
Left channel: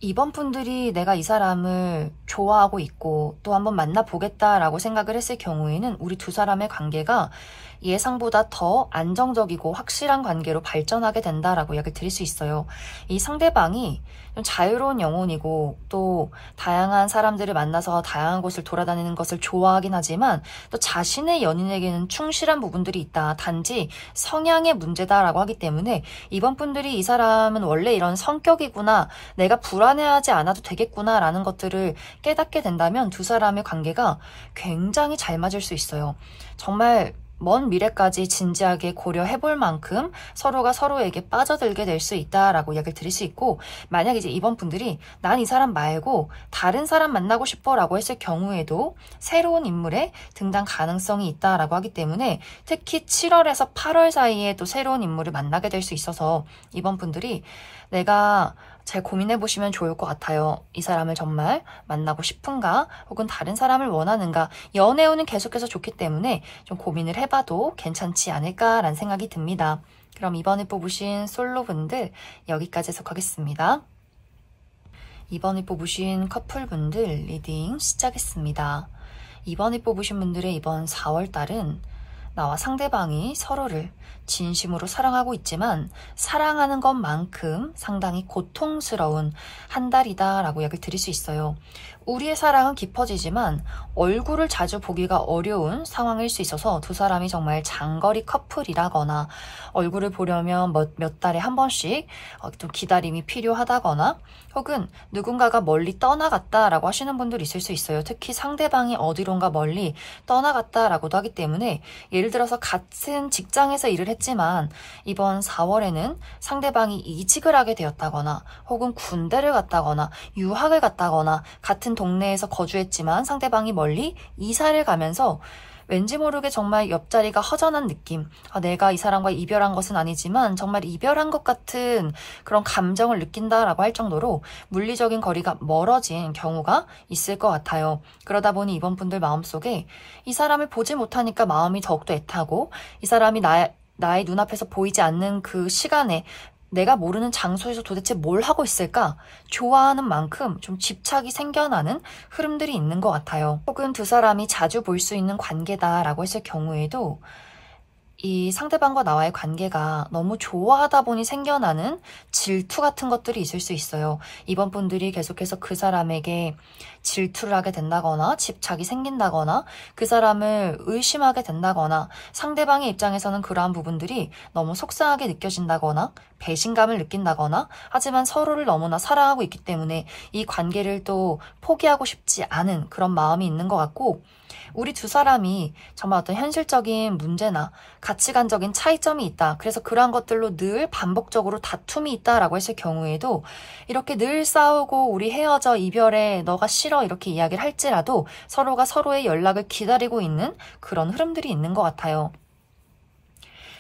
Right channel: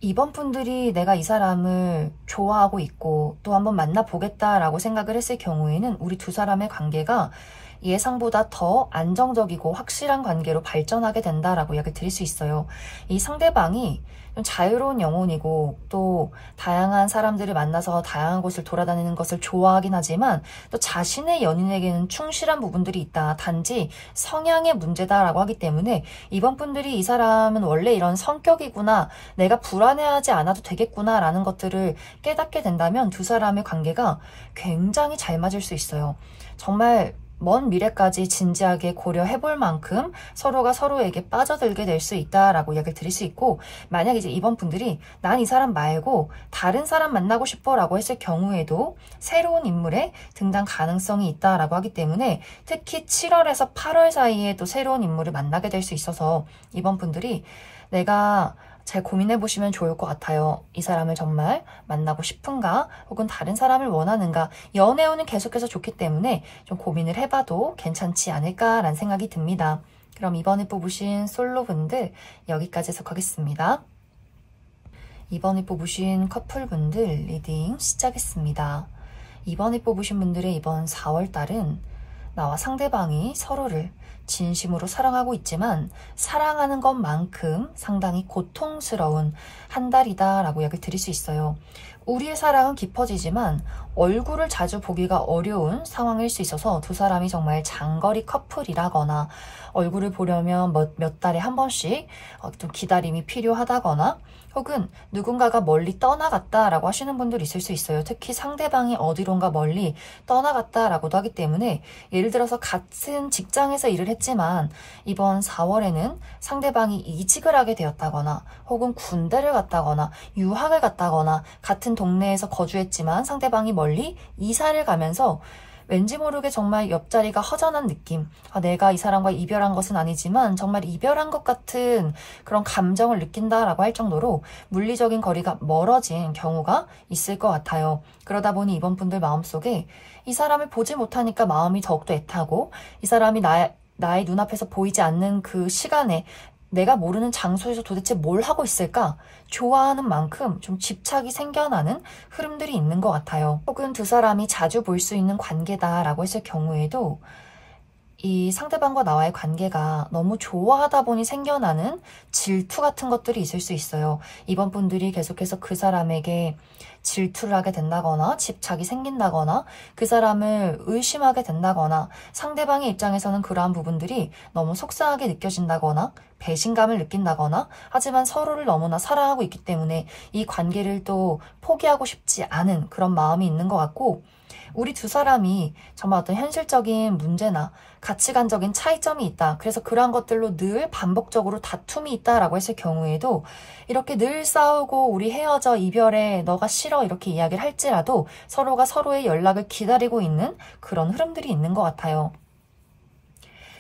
이번 분들이 내가 이 사람을 좋아하고 있고 또 한번 만나보겠다라고 생각을 했을 경우에는 우리 두 사람의 관계가 예상보다 더 안정적이고 확실한 관계로 발전하게 된다라고 이야기를 드릴 수 있어요. 이 상대방이 좀 자유로운 영혼이고 또 다양한 사람들을 만나서 다양한 곳을 돌아다니는 것을 좋아하긴 하지만 또 자신의 연인에게는 충실한 부분들이 있다. 단지 성향의 문제다라고 하기 때문에 이번 분들이 이 사람은 원래 이런 성격이구나, 내가 불안해하지 않아도 되겠구나 라는 것들을 깨닫게 된다면 두 사람의 관계가 굉장히 잘 맞을 수 있어요. 정말 먼 미래까지 진지하게 고려해 볼 만큼 서로가 서로에게 빠져들게 될 수 있다라고 이야기를 드릴 수 있고, 만약 이제 이번 분들이 난 이 사람 말고 다른 사람 만나고 싶어 라고 했을 경우에도 새로운 인물의 등장 가능성이 있다라고 하기 때문에 특히 7월에서 8월 사이에 또 새로운 인물을 만나게 될 수 있어서 이번 분들이 내가 잘 고민해 보시면 좋을 것 같아요. 이 사람을 정말 만나고 싶은가? 혹은 다른 사람을 원하는가? 연애운은 계속해서 좋기 때문에 좀 고민을 해봐도 괜찮지 않을까라는 생각이 듭니다. 그럼 이번에 뽑으신 솔로분들 여기까지 해석하겠습니다. 이번에 뽑으신 커플분들 리딩 시작했습니다. 이번에 뽑으신 분들의 이번 4월달은 나와 상대방이 서로를 진심으로 사랑하고 있지만 사랑하는 것만큼 상당히 고통스러운 한 달이다 라고 이야기를 드릴 수 있어요. 우리의 사랑은 깊어지지만 얼굴을 자주 보기가 어려운 상황일 수 있어서 두 사람이 정말 장거리 커플이라거나 얼굴을 보려면 몇 달에 한 번씩 좀 기다림이 필요하다거나 혹은 누군가가 멀리 떠나갔다라고 하시는 분들이 있을 수 있어요. 특히 상대방이 어디론가 멀리 떠나갔다라고도 하기 때문에, 예를 들어서 같은 직장에서 일을 했지만 이번 4월에는 상대방이 이직을 하게 되었다거나 혹은 군대를 갔다거나 유학을 갔다거나 같은 동네에서 거주했지만 상대방이 멀리 이사를 가면서 왠지 모르게 정말 옆자리가 허전한 느낌, 내가 이 사람과 이별한 것은 아니지만 정말 이별한 것 같은 그런 감정을 느낀다라고 할 정도로 물리적인 거리가 멀어진 경우가 있을 것 같아요. 그러다 보니 이번 분들 마음속에 이 사람을 보지 못하니까 마음이 더욱더 애타고, 이 사람이 나의 눈앞에서 보이지 않는 그 시간에 내가 모르는 장소에서 도대체 뭘 하고 있을까? 좋아하는 만큼 좀 집착이 생겨나는 흐름들이 있는 것 같아요. 혹은 두 사람이 자주 볼 수 있는 관계다라고 했을 경우에도 이 상대방과 나와의 관계가 너무 좋아하다 보니 생겨나는 질투 같은 것들이 있을 수 있어요. 이번 분들이 계속해서 그 사람에게 질투를 하게 된다거나 집착이 생긴다거나 그 사람을 의심하게 된다거나 상대방의 입장에서는 그러한 부분들이 너무 속상하게 느껴진다거나 배신감을 느낀다거나 하지만 서로를 너무나 사랑하고 있기 때문에 이 관계를 또 포기하고 싶지 않은 그런 마음이 있는 것 같고 우리 두 사람이 정말 어떤 현실적인 문제나 가치관적인 차이점이 있다. 그래서 그러한 것들로 늘 반복적으로 다툼이 있다라고 했을 경우에도 이렇게 늘 싸우고 우리 헤어져 이별해 너가 싫어 이렇게 이야기를 할지라도 서로가 서로의 연락을 기다리고 있는 그런 흐름들이 있는 것 같아요.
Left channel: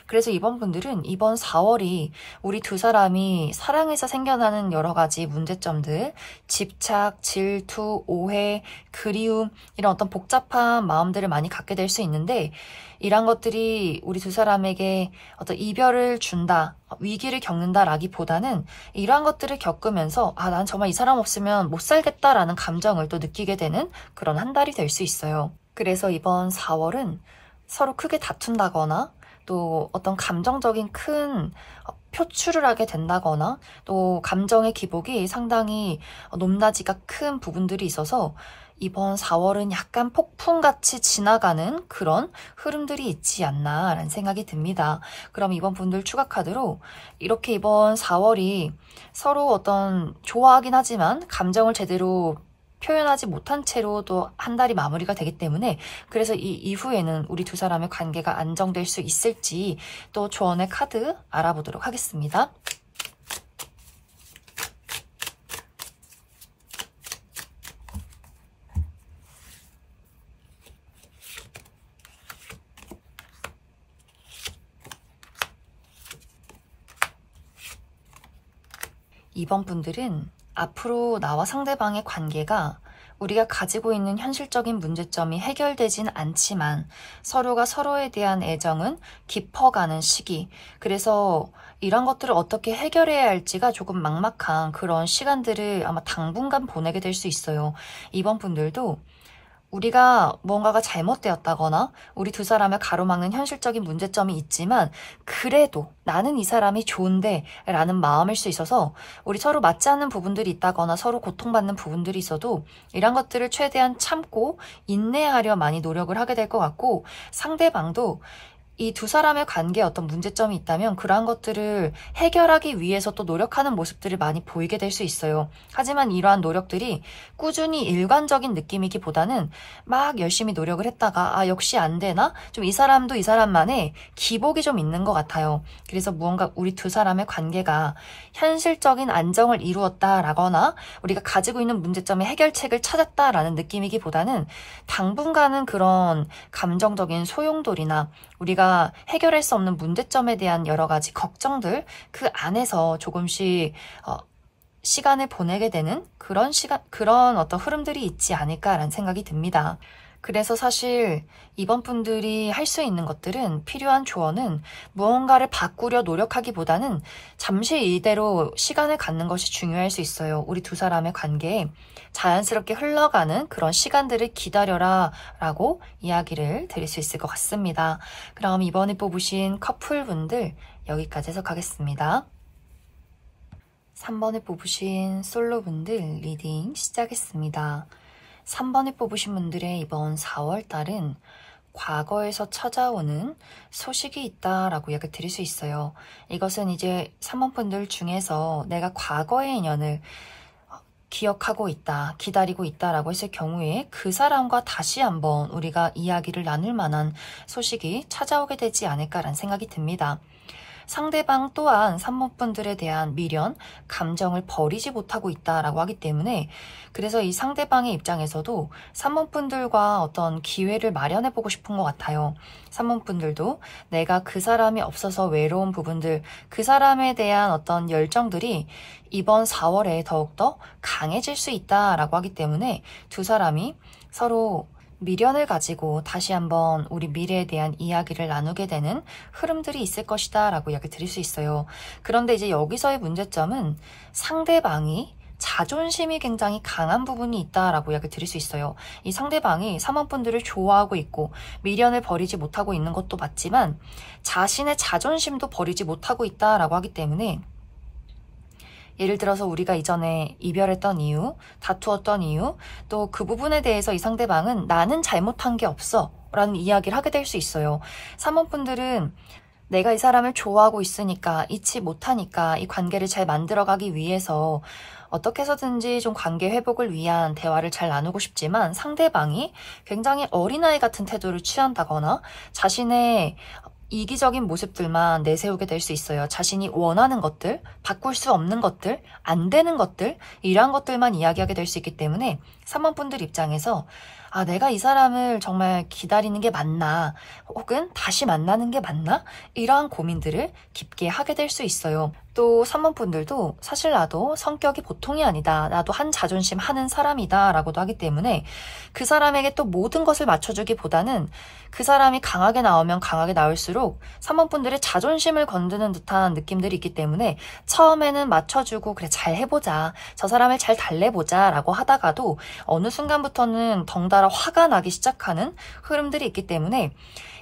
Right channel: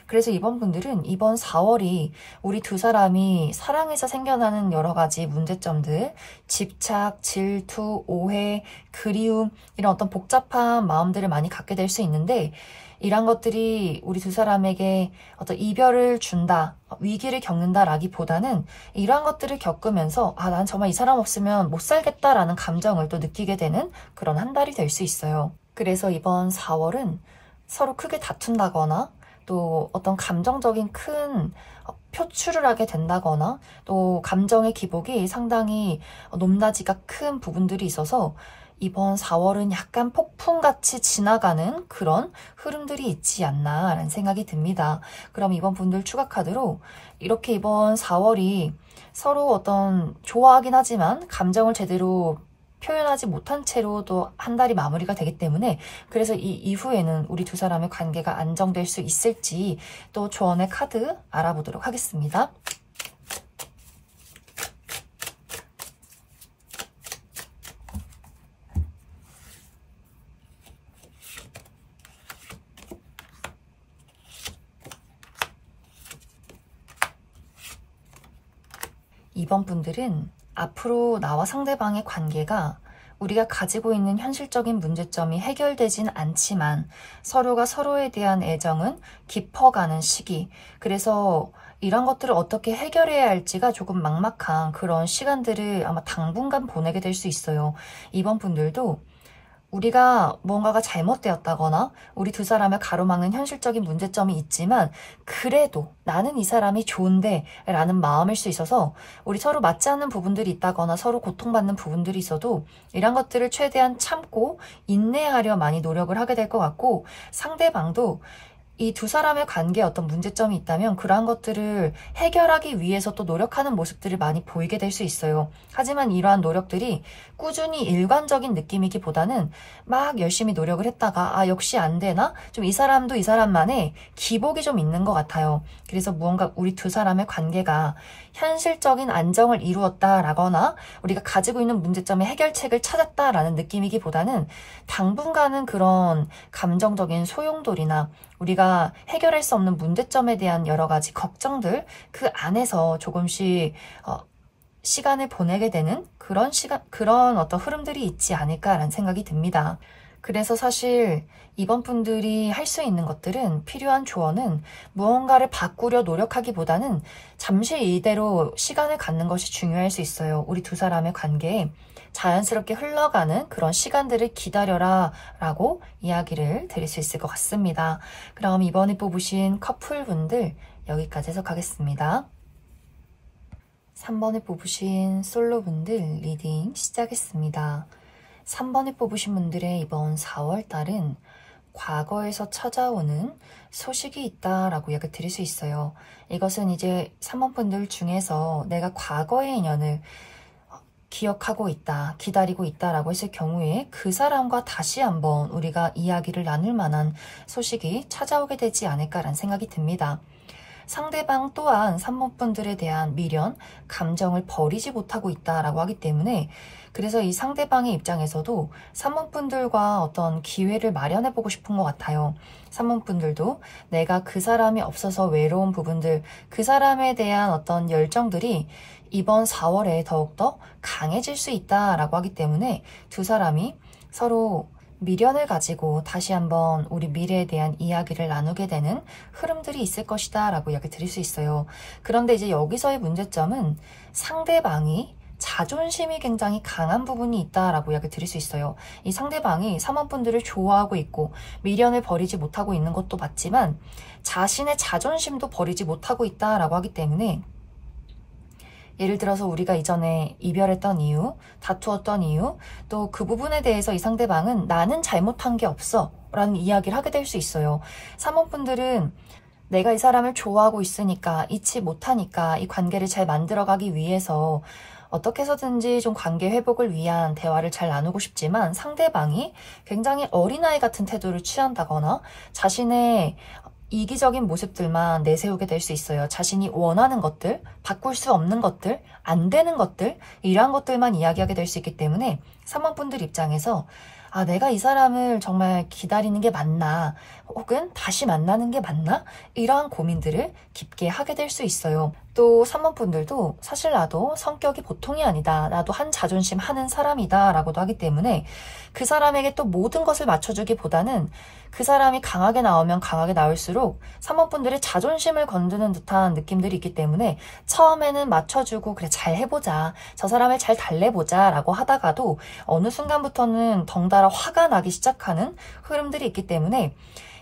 그래서 이번 분들은 이번 4월이 우리 두 사람이 사랑에서 생겨나는 여러 가지 문제점들, 집착, 질투, 오해, 그리움 이런 어떤 복잡한 마음들을 많이 갖게 될 수 있는데 이런 것들이 우리 두 사람에게 어떤 이별을 준다, 위기를 겪는다라기보다는 이러한 것들을 겪으면서 난 정말 이 사람 없으면 못 살겠다라는 감정을 또 느끼게 되는 그런 한 달이 될 수 있어요. 그래서 이번 4월은 서로 크게 다툰다거나 또 어떤 감정적인 큰 표출을 하게 된다거나 또 감정의 기복이 상당히 높낮이가 큰 부분들이 있어서 이번 4월은 약간 폭풍같이 지나가는 그런 흐름들이 있지 않나라는 생각이 듭니다. 그럼 이번 분들 추가 카드로 이렇게 이번 4월이 서로 어떤 좋아하긴 하지만 감정을 제대로 표현하지 못한 채로 또 한 달이 마무리가 되기 때문에 그래서 이 이후에는 우리 두 사람의 관계가 안정될 수 있을지 또 조언의 카드 알아보도록 하겠습니다. 이번 분들은 앞으로 나와 상대방의 관계가 우리가 가지고 있는 현실적인 문제점이 해결되진 않지만 서로가 서로에 대한 애정은 깊어가는 시기. 그래서 이런 것들을 어떻게 해결해야 할지가 조금 막막한 그런 시간들을 아마 당분간 보내게 될 수 있어요. 이번 분들도 우리가 무언가가 잘못되었다거나 우리 두 사람을 가로막는 현실적인 문제점이 있지만 그래도 나는 이 사람이 좋은데 라는 마음일 수 있어서 우리 서로 맞지 않는 부분들이 있다거나 서로 고통받는 부분들이 있어도 이런 것들을 최대한 참고 인내하려 많이 노력을 하게 될 것 같고 상대방도 이 두 사람의 관계에 어떤 문제점이 있다면 그러한 것들을 해결하기 위해서 또 노력하는 모습들을 많이 보이게 될 수 있어요. 하지만 이러한 노력들이 꾸준히 일관적인 느낌이기보다는 막 열심히 노력을 했다가 역시 안 되나? 좀 이 사람도 이 사람만의 기복이 좀 있는 것 같아요. 그래서 무언가 우리 두 사람의 관계가 현실적인 안정을 이루었다라거나 우리가 가지고 있는 문제점의 해결책을 찾았다라는 느낌이기보다는 당분간은 그런 감정적인 소용돌이나 우리가 해결할 수 없는 문제점에 대한 여러 가지 걱정들 그 안에서 조금씩 시간을 보내게 되는 그런 어떤 흐름들이 있지 않을까라는 생각이 듭니다. 그래서 사실 이번 분들이 할 수 있는 것들은 필요한 조언은 무언가를 바꾸려 노력하기보다는 잠시 이대로 시간을 갖는 것이 중요할 수 있어요. 우리 두 사람의 관계에 자연스럽게 흘러가는 그런 시간들을 기다려라 라고 이야기를 드릴 수 있을 것 같습니다. 그럼 이번에 뽑으신 커플분들 여기까지 해석하겠습니다. 3번에 뽑으신 솔로분들 리딩 시작했습니다. 3번에 뽑으신 분들의 이번 4월달은 과거에서 찾아오는 소식이 있다라고 이야기를 드릴 수 있어요. 이것은 이제 3번 분들 중에서 내가 과거의 인연을 기억하고 있다, 기다리고 있다라고 했을 경우에 그 사람과 다시 한번 우리가 이야기를 나눌 만한 소식이 찾아오게 되지 않을까라는 생각이 듭니다. 상대방 또한 3번 분들에 대한 미련, 감정을 버리지 못하고 있다라고 하기 때문에 그래서 이 상대방의 입장에서도 3번 분들과 어떤 기회를 마련해보고 싶은 것 같아요. 3번 분들도 내가 그 사람이 없어서 외로운 부분들, 그 사람에 대한 어떤 열정들이 이번 4월에 더욱더 강해질 수 있다라고 하기 때문에 두 사람이 서로 미련을 가지고 다시 한번 우리 미래에 대한 이야기를 나누게 되는 흐름들이 있을 것이다 라고 이야기 드릴 수 있어요. 그런데 이제 여기서의 문제점은 상대방이 자존심이 굉장히 강한 부분이 있다라고 이야기 드릴 수 있어요. 이 상대방이 사모분들을 좋아하고 있고 미련을 버리지 못하고 있는 것도 맞지만 자신의 자존심도 버리지 못하고 있다라고 하기 때문에, 예를 들어서 우리가 이전에 이별했던 이유, 다투었던 이유, 또 그 부분에 대해서 이 상대방은 나는 잘못한 게 없어 라는 이야기를 하게 될 수 있어요. 사모분들은 내가 이 사람을 좋아하고 있으니까, 잊지 못하니까 이 관계를 잘 만들어가기 위해서 어떻게 해서든지 좀 관계 회복을 위한 대화를 잘 나누고 싶지만, 상대방이 굉장히 어린아이 같은 태도를 취한다거나 자신의 이기적인 모습들만 내세우게 될 수 있어요. 자신이 원하는 것들, 바꿀 수 없는 것들, 안 되는 것들, 이러한 것들만 이야기하게 될 수 있기 때문에 사모분들 입장에서 내가 이 사람을 정말 기다리는 게 맞나? 혹은 다시 만나는 게 맞나? 이러한 고민들을 깊게 하게 될 수 있어요. 또 사모분들도 사실 나도 성격이 보통이 아니다. 나도 한 자존심 하는 사람이다. 라고도 하기 때문에 그 사람에게 또 모든 것을 맞춰주기보다는 그 사람이 강하게 나오면 강하게 나올수록 사모분들의 자존심을 건드는 듯한 느낌들이 있기 때문에 처음에는 맞춰주고 그래 잘 해보자. 저 사람을 잘 달래보자 라고 하다가도 어느 순간부터는 덩달아 화가 나기 시작하는 흐름들이 있기 때문에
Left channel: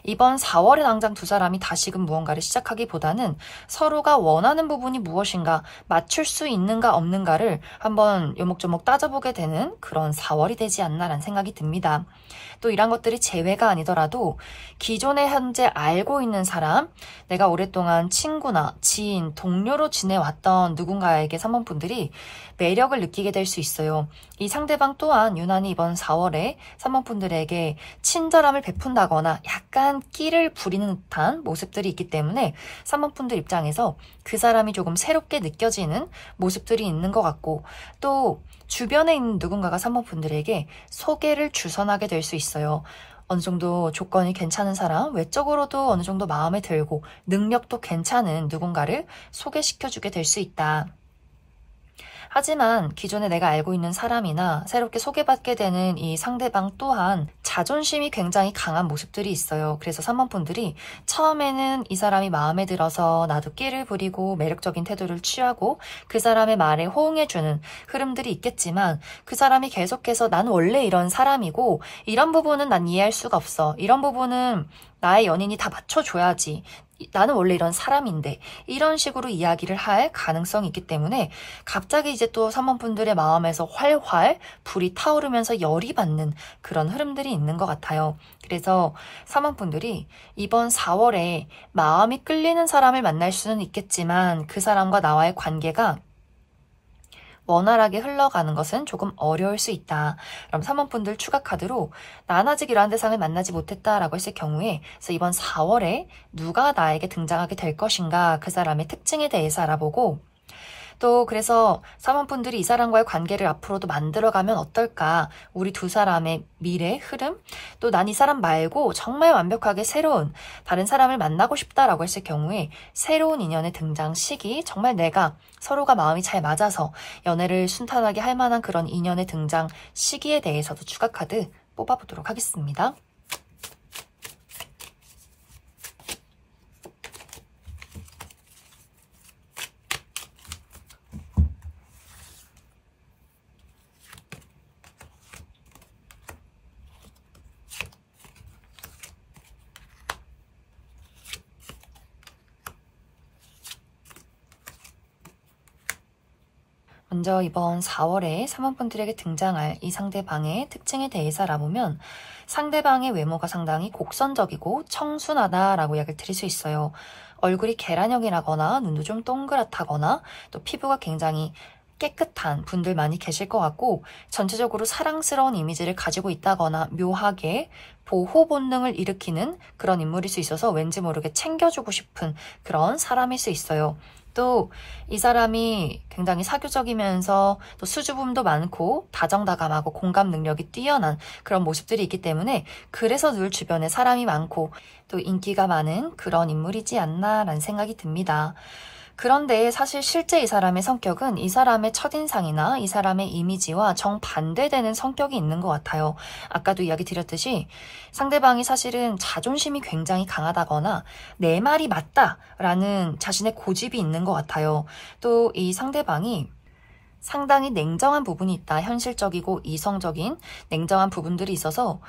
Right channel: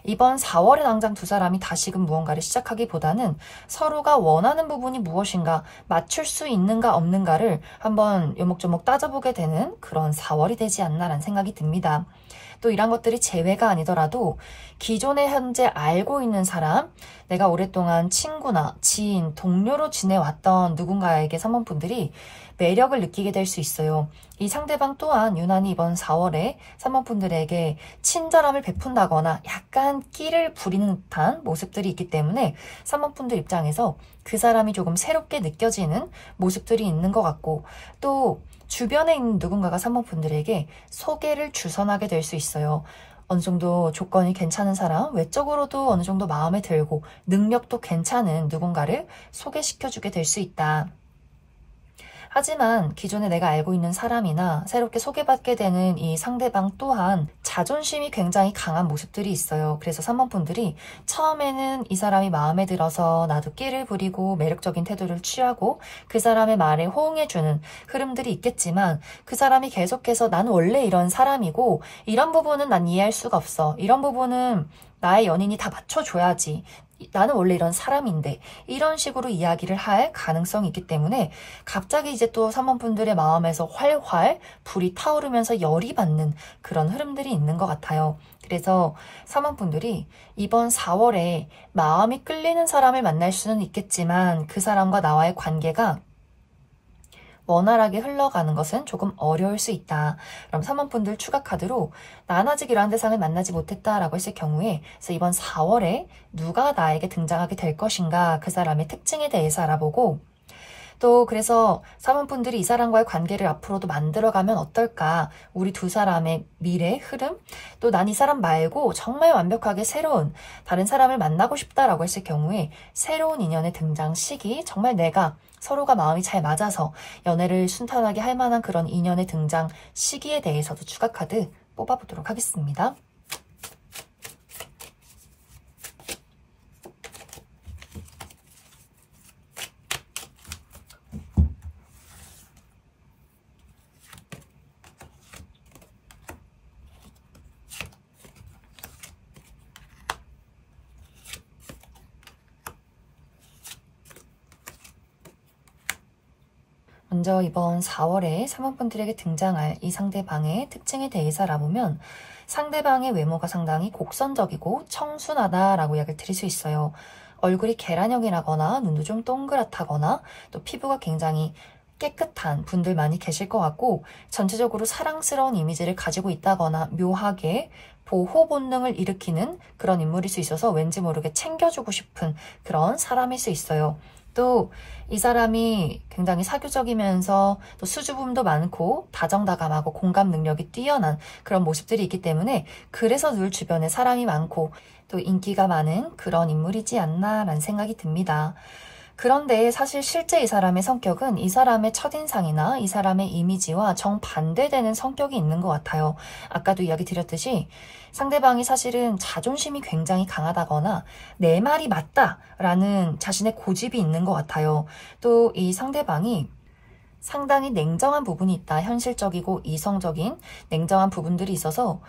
이번 4월에 당장 두 사람이 다시금 무언가를 시작하기보다는 서로가 원하는 부분이 무엇인가, 맞출 수 있는가 없는가를 한번 요목조목 따져보게 되는 그런 4월이 되지 않나라는 생각이 듭니다. 또 이런 것들이 재회가 아니더라도 기존에 현재 알고 있는 사람, 내가 오랫동안 친구나 지인, 동료로 지내왔던 누군가에게 사모분들이 매력을 느끼게 될 수 있어요. 이 상대방 또한 유난히 이번 4월에 사모분들에게 친절함을 베푼다거나 약간 끼를 부리는 듯한 모습들이 있기 때문에 사모분들 입장에서 그 사람이 조금 새롭게 느껴지는 모습들이 있는 것 같고, 또 주변에 있는 누군가가 사모분들에게 소개를 주선하게 될 수 있어요. 어느 정도 조건이 괜찮은 사람, 외적으로도 어느 정도 마음에 들고 능력도 괜찮은 누군가를 소개시켜주게 될 수 있다. 하지만 기존에 내가 알고 있는 사람이나 새롭게 소개받게 되는 이 상대방 또한 자존심이 굉장히 강한 모습들이 있어요. 그래서 사모분들이 처음에는 이 사람이 마음에 들어서 나도 끼를 부리고 매력적인 태도를 취하고 그 사람의 말에 호응해주는 흐름들이 있겠지만, 그 사람이 계속해서 난 원래 이런 사람이고 이런 부분은 난 이해할 수가 없어. 이런 부분은 나의 연인이 다 맞춰줘야지. 나는 원래 이런 사람인데, 이런 식으로 이야기를 할 가능성이 있기 때문에 갑자기 이제 또 사모분들의 마음에서 활활 불이 타오르면서 열이 받는 그런 흐름들이 있는 것 같아요. 그래서 사모분들이 이번 4월에 마음이 끌리는 사람을 만날 수는 있겠지만 그 사람과 나와의 관계가 원활하게 흘러가는 것은 조금 어려울 수 있다. 그럼 사모분들 추가 카드로 난 아직 이러한 대상을 만나지 못했다라고 했을 경우에, 그래서 이번 4월에 누가 나에게 등장하게 될 것인가, 그 사람의 특징에 대해서 알아보고, 또 그래서 사모분들이 이 사람과의 관계를 앞으로도 만들어가면 어떨까, 우리 두 사람의 미래 흐름, 또 난 이 사람 말고 정말 완벽하게 새로운 다른 사람을 만나고 싶다라고 했을 경우에 새로운 인연의 등장 시기, 정말 내가 서로가 마음이 잘 맞아서 연애를 순탄하게 할 만한 그런 인연의 등장 시기에 대해서도 추가 카드 뽑아보도록 하겠습니다. 먼저 이번 4월에 사모분들에게 등장할 이 상대방의 특징에 대해서 알아보면, 상대방의 외모가 상당히 곡선적이고 청순하다라고 이야기를 드릴 수 있어요. 얼굴이 계란형이라거나 눈도 좀 동그랗다거나 또 피부가 굉장히 깨끗한 분들 많이 계실 것 같고, 전체적으로 사랑스러운 이미지를 가지고 있다거나 묘하게 보호 본능을 일으키는 그런 인물일 수 있어서 왠지 모르게 챙겨주고 싶은 그런 사람일 수 있어요. 또 이 사람이 굉장히 사교적이면서 또 수줍음도 많고 다정다감하고 공감 능력이 뛰어난 그런 모습들이 있기 때문에 그래서 늘 주변에 사람이 많고 또 인기가 많은 그런 인물이지 않나라는 생각이 듭니다. 그런데 사실 실제 이 사람의 성격은 이 사람의 첫인상이나 이 사람의 이미지와 정반대되는 성격이 있는 것 같아요. 아까도 이야기 드렸듯이 상대방이 사실은 자존심이 굉장히 강하다거나 내 말이 맞다라는 자신의 고집이 있는 것 같아요. 또 이 상대방이 상당히 냉정한 부분이 있다. 현실적이고 이성적인 냉정한 부분들이 있어서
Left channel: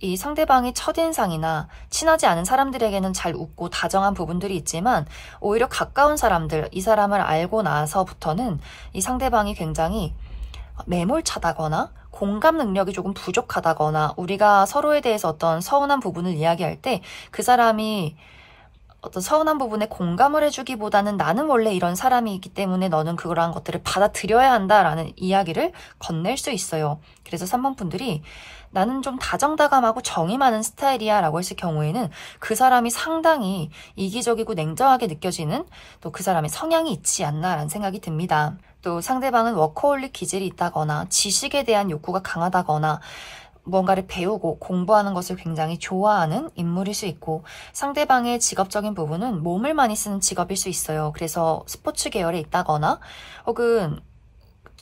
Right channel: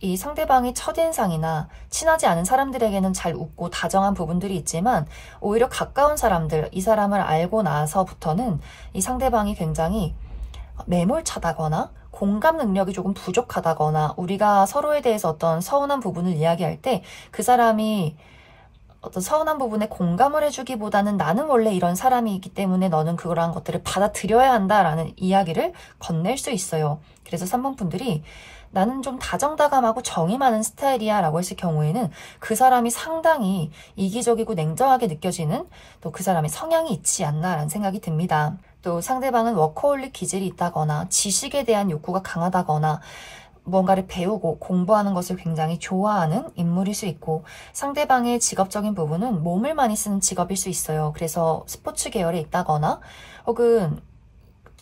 이 상대방의 첫인상이나 친하지 않은 사람들에게는 잘 웃고 다정한 부분들이 있지만 오히려 가까운 사람들, 이 사람을 알고 나서부터는 이 상대방이 굉장히 매몰차다거나 공감 능력이 조금 부족하다거나 우리가 서로에 대해서 어떤 서운한 부분을 이야기할 때 그 사람이 어떤 서운한 부분에 공감을 해주기보다는 나는 원래 이런 사람이기 때문에 너는 그러한 것들을 받아들여야 한다라는 이야기를 건넬 수 있어요. 그래서 3번 분들이 나는 좀 다정다감하고 정이 많은 스타일이야 라고 했을 경우에는 그 사람이 상당히 이기적이고 냉정하게 느껴지는 또 그 사람의 성향이 있지 않나 라는 생각이 듭니다. 또 상대방은 워커홀릭 기질이 있다거나 지식에 대한 욕구가 강하다거나 뭔가를 배우고 공부하는 것을 굉장히 좋아하는 인물일 수 있고 상대방의 직업적인 부분은 몸을 많이 쓰는 직업일 수 있어요. 그래서 스포츠 계열에 있다거나 혹은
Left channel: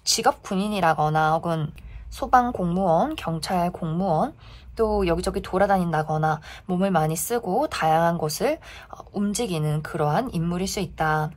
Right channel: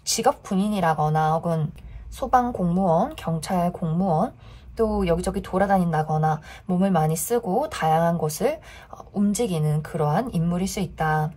직업 군인이라거나 혹은 소방 공무원, 경찰 공무원 또 여기저기 돌아다닌다거나 몸을 많이 쓰고 다양한 곳을 움직이는 그러한 인물일 수 있다.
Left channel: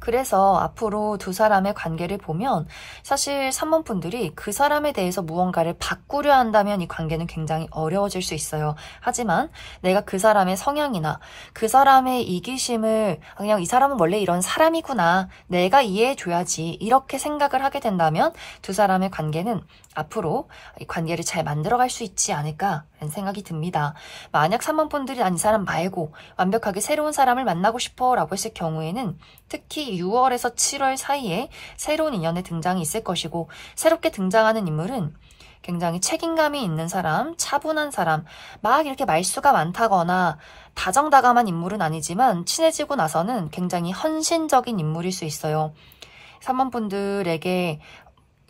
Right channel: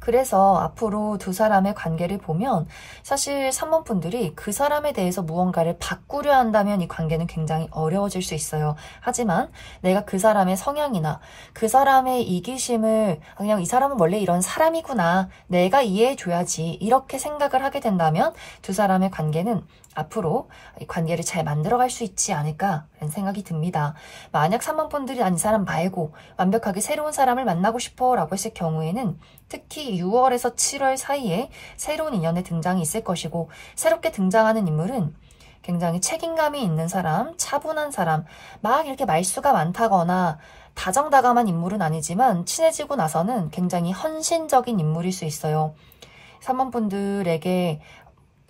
그래서 앞으로 두 사람의 관계를 보면 사실 3번 분들이 그 사람에 대해서 무언가를 바꾸려 한다면 이 관계는 굉장히 어려워질 수 있어요. 하지만 내가 그 사람의 성향이나 그 사람의 이기심을 그냥 이 사람은 원래 이런 사람이구나. 내가 이해해줘야지. 이렇게 생각을 하게 된다면 두 사람의 관계는 앞으로 이 관계를 잘 만들어갈 수 있지 않을까라는 생각이 듭니다. 만약 3번 분들이 이 사람 말고 완벽하게 새로운 사람을 만나고 싶어 라고 했을 경우에는 특히 6월에서 7월 사이에 새로운 인연의 등장이 있을 것이고 새롭게 등장하는 인물은 굉장히 책임감이 있는 사람, 차분한 사람, 막 이렇게 말수가 많다거나 다정다감한 인물은 아니지만 친해지고 나서는 굉장히 헌신적인 인물일 수 있어요. 3번 분들에게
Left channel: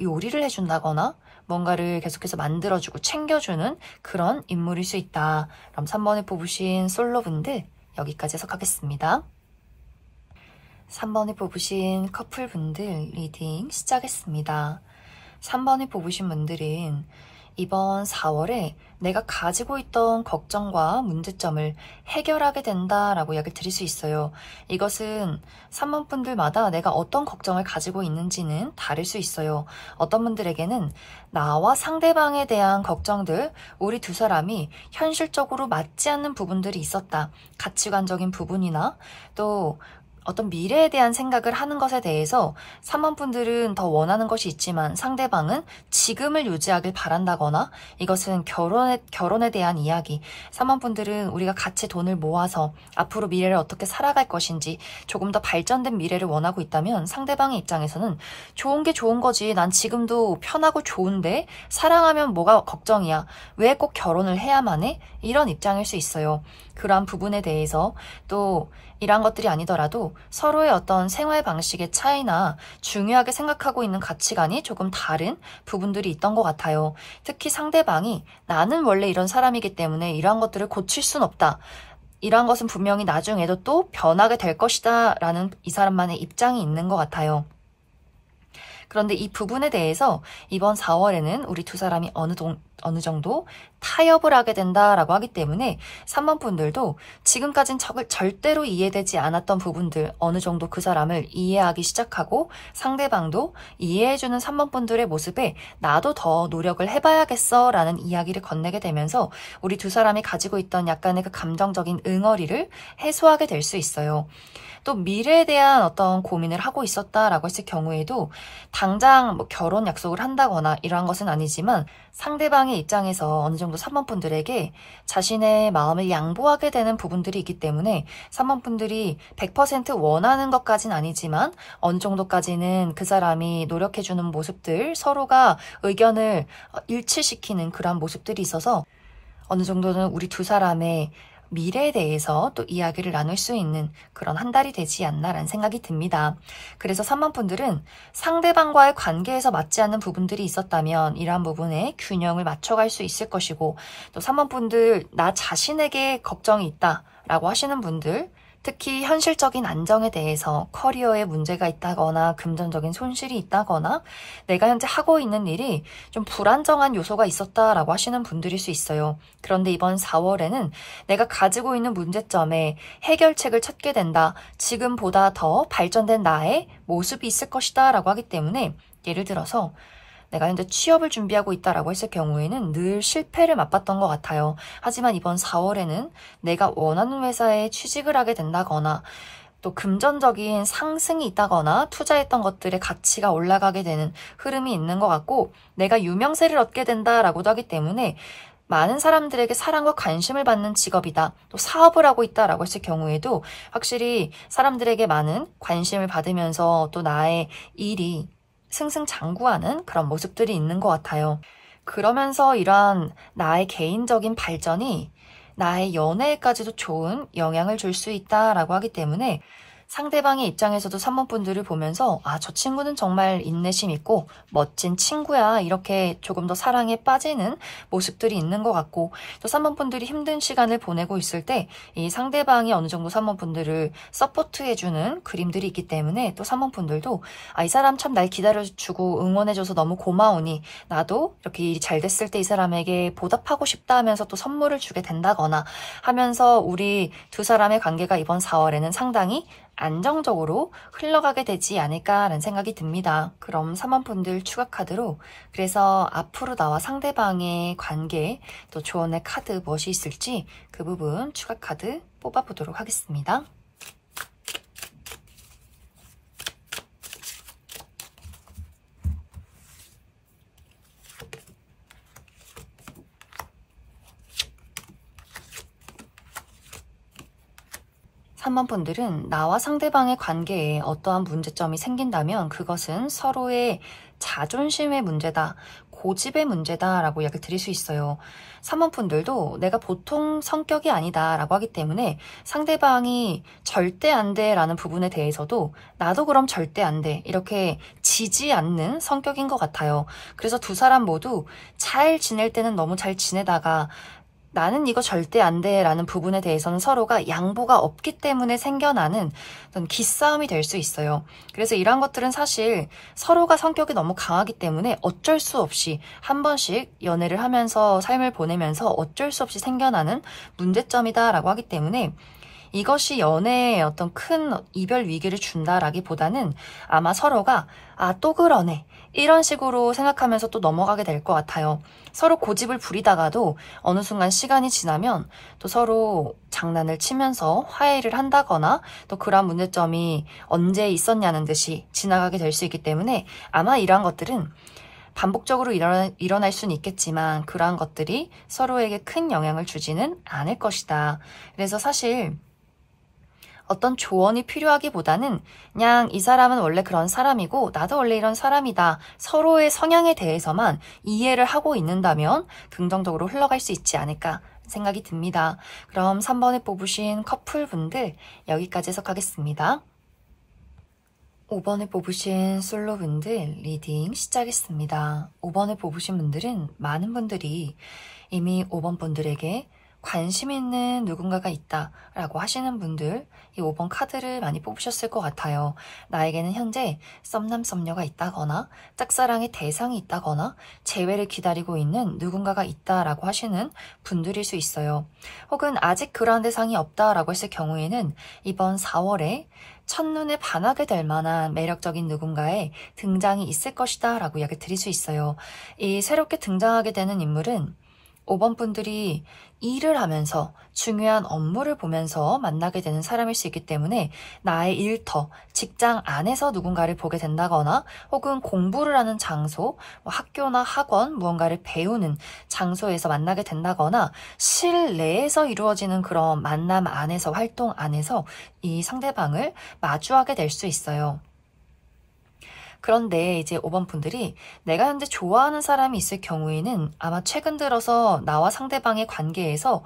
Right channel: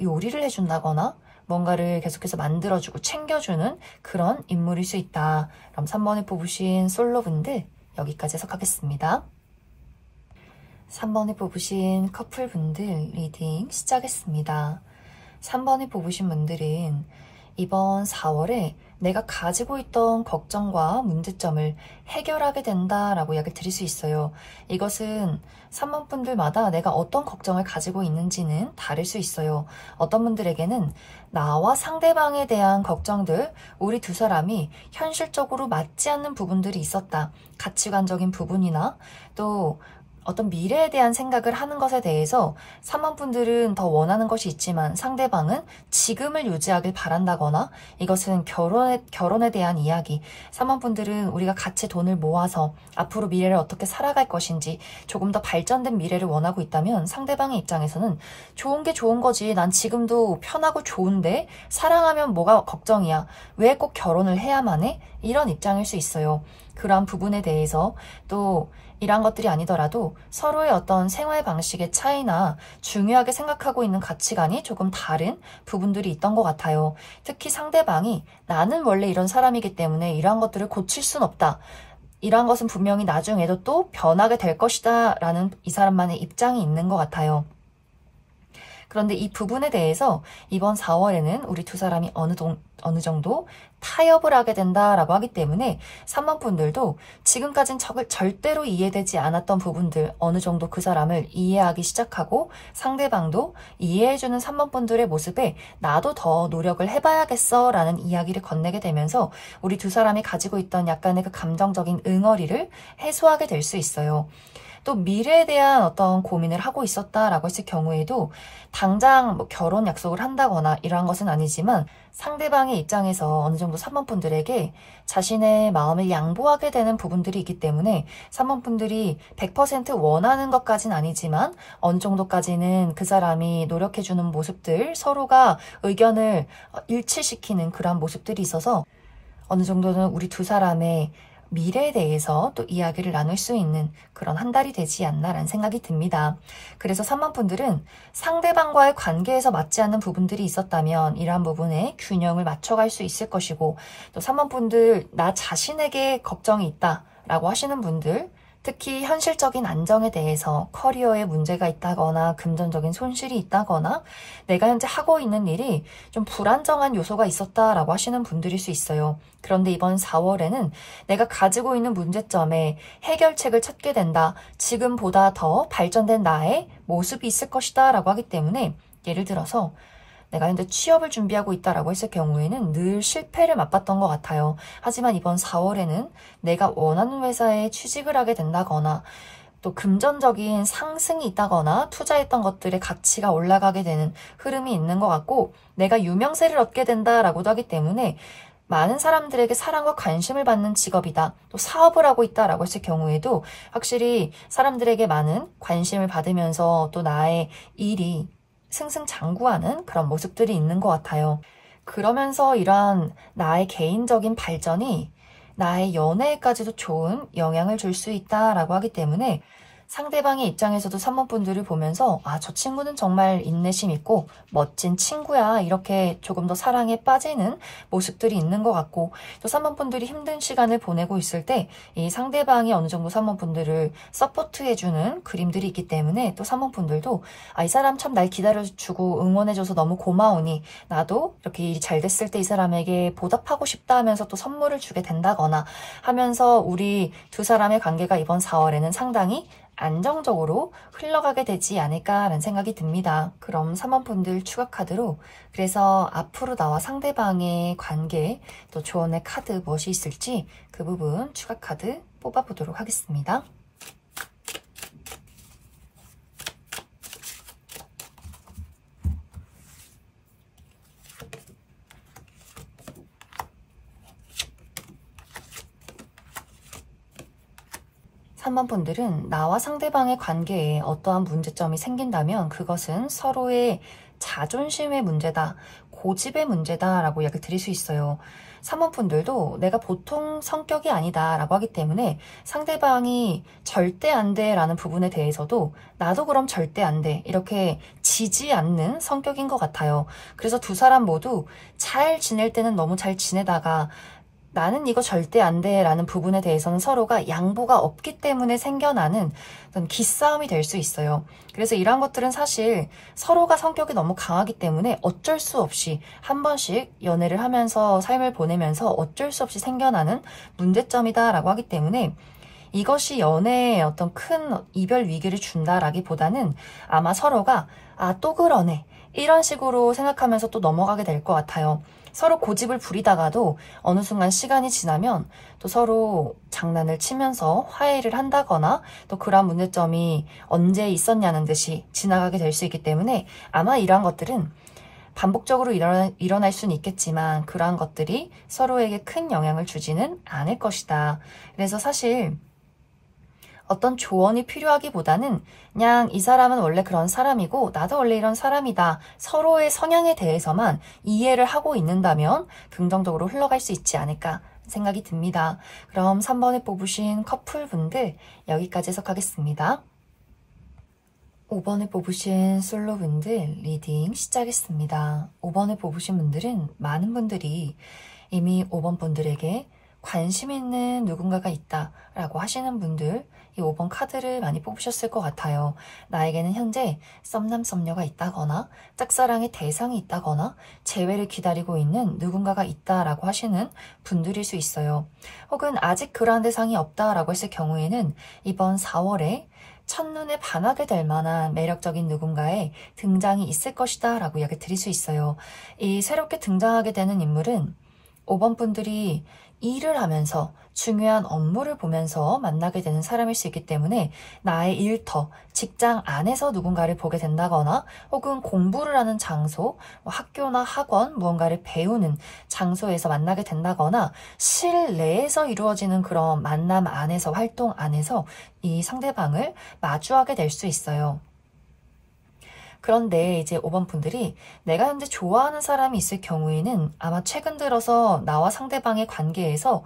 요리를 해준다거나 뭔가를 계속해서 만들어주고 챙겨주는 그런 인물일 수 있다. 그럼 3번을 뽑으신 솔로분들 여기까지 해석하겠습니다. 3번을 뽑으신 커플분들 리딩 시작했습니다. 3번을 뽑으신 분들은 이번 4월에 내가 가지고 있던 걱정과 문제점을 해결하게 된다라고 이야기를 드릴 수 있어요. 이것은 3번 분들마다 내가 어떤 걱정을 가지고 있는지는 다를 수 있어요. 어떤 분들에게는 나와 상대방에 대한 걱정들, 우리 두 사람이 현실적으로 맞지 않는 부분들이 있었다. 가치관적인 부분이나 또 어떤 미래에 대한 생각을 하는 것에 대해서 3번 분들은 더 원하는 것이 있지만 상대방은 지금을 유지하길 바란다거나 이것은 결혼에 대한 이야기. 3번 분들은 우리가 같이 돈을 모아서 앞으로 미래를 어떻게 살아갈 것인지 조금 더 발전된 미래를 원하고 있다면 상대방의 입장에서는 좋은 게 좋은 거지. 난 지금도 편하고 좋은데 사랑하면 뭐가 걱정이야. 왜 꼭 결혼을 해야만 해? 이런 입장일 수 있어요. 그러한 부분에 대해서 또 이런 것들이 아니더라도 서로의 어떤 생활 방식의 차이나 중요하게 생각하고 있는 가치관이 조금 다른 부분들이 있던 것 같아요. 특히 상대방이 나는 원래 이런 사람이기 때문에 이러한 것들을 고칠 순 없다. 이러한 것은 분명히 나중에도 또 변하게 될 것이다 라는 이 사람만의 입장이 있는 것 같아요. 그런데 이 부분에 대해서 이번 4월에는 우리 두 사람이 어느 정도 타협을 하게 된다라고 하기 때문에 3번 분들도 지금까진 절대로 이해되지 않았던 부분들 어느 정도 그 사람을 이해하기 시작하고 상대방도 이해해주는 3번 분들의 모습에 나도 더 노력을 해봐야겠어 라는 이야기를 건네게 되면서 우리 두 사람이 가지고 있던 약간의 그 감정적인 응어리를 해소하게 될 수 있어요. 또 미래에 대한 어떤 고민을 하고 있었다라고 했을 경우에도 당장 뭐 결혼 약속을 한다거나 이러한 것은 아니지만 상대방의 입장에서 어느 정도 3번 분들에게 자신의 마음을 양보하게 되는 부분들이 있기 때문에 3번 분들이 100% 원하는 것까지는 아니지만 어느 정도까지는 그 사람이 노력해주는 모습들, 서로가 의견을 일치시키는 그런 모습들이 있어서 어느 정도는 우리 두 사람의 미래에 대해서 또 이야기를 나눌 수 있는 그런 한 달이 되지 않나라는 생각이 듭니다. 그래서 3번 분들은 상대방과의 관계에서 맞지 않는 부분들이 있었다면 이러한 부분에 균형을 맞춰갈 수 있을 것이고 또 3번 분들 나 자신에게 걱정이 있다라고 하시는 분들 특히 현실적인 안정에 대해서 커리어에 문제가 있다거나 금전적인 손실이 있다거나 내가 현재 하고 있는 일이 좀 불안정한 요소가 있었다라고 하시는 분들일 수 있어요. 그런데 이번 4월에는 내가 가지고 있는 문제점에 해결책을 찾게 된다. 지금보다 더 발전된 나의 모습이 있을 것이다 라고 하기 때문에 예를 들어서 내가 현재 취업을 준비하고 있다라고 했을 경우에는 늘 실패를 맛봤던 것 같아요. 하지만 이번 4월에는 내가 원하는 회사에 취직을 하게 된다거나 또 금전적인 상승이 있다거나 투자했던 것들의 가치가 올라가게 되는 흐름이 있는 것 같고 내가 유명세를 얻게 된다라고도 하기 때문에 많은 사람들에게 사랑과 관심을 받는 직업이다. 또 사업을 하고 있다라고 했을 경우에도 확실히 사람들에게 많은 관심을 받으면서 또 나의 일이 승승장구하는 그런 모습들이 있는 것 같아요. 그러면서 이러한 나의 개인적인 발전이 나의 연애에까지도 좋은 영향을 줄 수 있다라고 하기 때문에 상대방의 입장에서도 산모분들을 보면서 아, 저 친구는 정말 인내심 있고 멋진 친구야 이렇게 조금 더 사랑에 빠지는 모습들이 있는 것 같고 또 산모분들이 힘든 시간을 보내고 있을 때 이 상대방이 어느 정도 산모분들을 서포트해주는 그림들이 있기 때문에 또 산모분들도 아, 이 사람 참 날 기다려주고 응원해줘서 너무 고마우니 나도 이렇게 일이 잘 됐을 때 이 사람에게 보답하고 싶다 하면서 또 선물을 주게 된다거나 하면서 우리 두 사람의 관계가 이번 4월에는 상당히 안정적으로 흘러가게 되지 않을까라는 생각이 듭니다. 그럼 3번분들 추가 카드로 그래서 앞으로 나와 상대방의 관계 또 조언의 카드 무엇이 있을지 그 부분 추가 카드 뽑아보도록 하겠습니다. 삼 번 분들은 나와 상대방의 관계에 어떠한 문제점이 생긴다면 그것은 서로의 자존심의 문제다, 고집의 문제다 라고 이야기를 드릴 수 있어요. 3번 분들도 내가 보통 성격이 아니다 라고 하기 때문에 상대방이 절대 안 돼 라는 부분에 대해서도 나도 그럼 절대 안 돼 이렇게 지지 않는 성격인 것 같아요. 그래서 두 사람 모두 잘 지낼 때는 너무 잘 지내다가 나는 이거 절대 안 돼 라는 부분에 대해서는 서로가 양보가 없기 때문에 생겨나는 어떤 기싸움이 될 수 있어요. 그래서 이러한 것들은 사실 서로가 성격이 너무 강하기 때문에 어쩔 수 없이 한 번씩 연애를 하면서 삶을 보내면서 어쩔 수 없이 생겨나는 문제점이다 라고 하기 때문에 이것이 연애에 어떤 큰 이별 위기를 준다라기보다는 아마 서로가 아, 또 그러네 이런 식으로 생각하면서 또 넘어가게 될 것 같아요. 서로 고집을 부리다가도 어느 순간 시간이 지나면 또 서로 장난을 치면서 화해를 한다거나 또 그러한 문제점이 언제 있었냐는 듯이 지나가게 될 수 있기 때문에 아마 이러한 것들은 반복적으로 일어날 수는 있겠지만 그러한 것들이 서로에게 큰 영향을 주지는 않을 것이다. 그래서 사실 어떤 조언이 필요하기보다는 그냥 이 사람은 원래 그런 사람이고 나도 원래 이런 사람이다. 서로의 성향에 대해서만 이해를 하고 있는다면 긍정적으로 흘러갈 수 있지 않을까 생각이 듭니다. 그럼 3번에 뽑으신 커플분들 여기까지 해석하겠습니다. 5번에 뽑으신 솔로분들 리딩 시작했습니다. 5번에 뽑으신 분들은 많은 분들이 이미 5번 분들에게 관심 있는 누군가가 있다라고 하시는 분들 이 5번 카드를 많이 뽑으셨을 것 같아요. 나에게는 현재 썸남 썸녀가 있다거나 짝사랑의 대상이 있다거나 재회를 기다리고 있는 누군가가 있다라고 하시는 분들일 수 있어요. 혹은 아직 그러한 대상이 없다라고 했을 경우에는 이번 4월에 첫눈에 반하게 될 만한 매력적인 누군가의 등장이 있을 것이다 라고 이야기 드릴 수 있어요. 이 새롭게 등장하게 되는 인물은 5번 분들이 일을 하면서 중요한 업무를 보면서 만나게 되는 사람일 수 있기 때문에 나의 일터, 직장 안에서 누군가를 보게 된다거나 혹은 공부를 하는 장소, 학교나 학원, 무언가를 배우는 장소에서 만나게 된다거나 실내에서 이루어지는 그런 만남 안에서 활동 안에서 이 상대방을 마주하게 될 수 있어요. 그런데 이제 5번 분들이 내가 현재 좋아하는 사람이 있을 경우에는 아마 최근 들어서 나와 상대방의 관계에서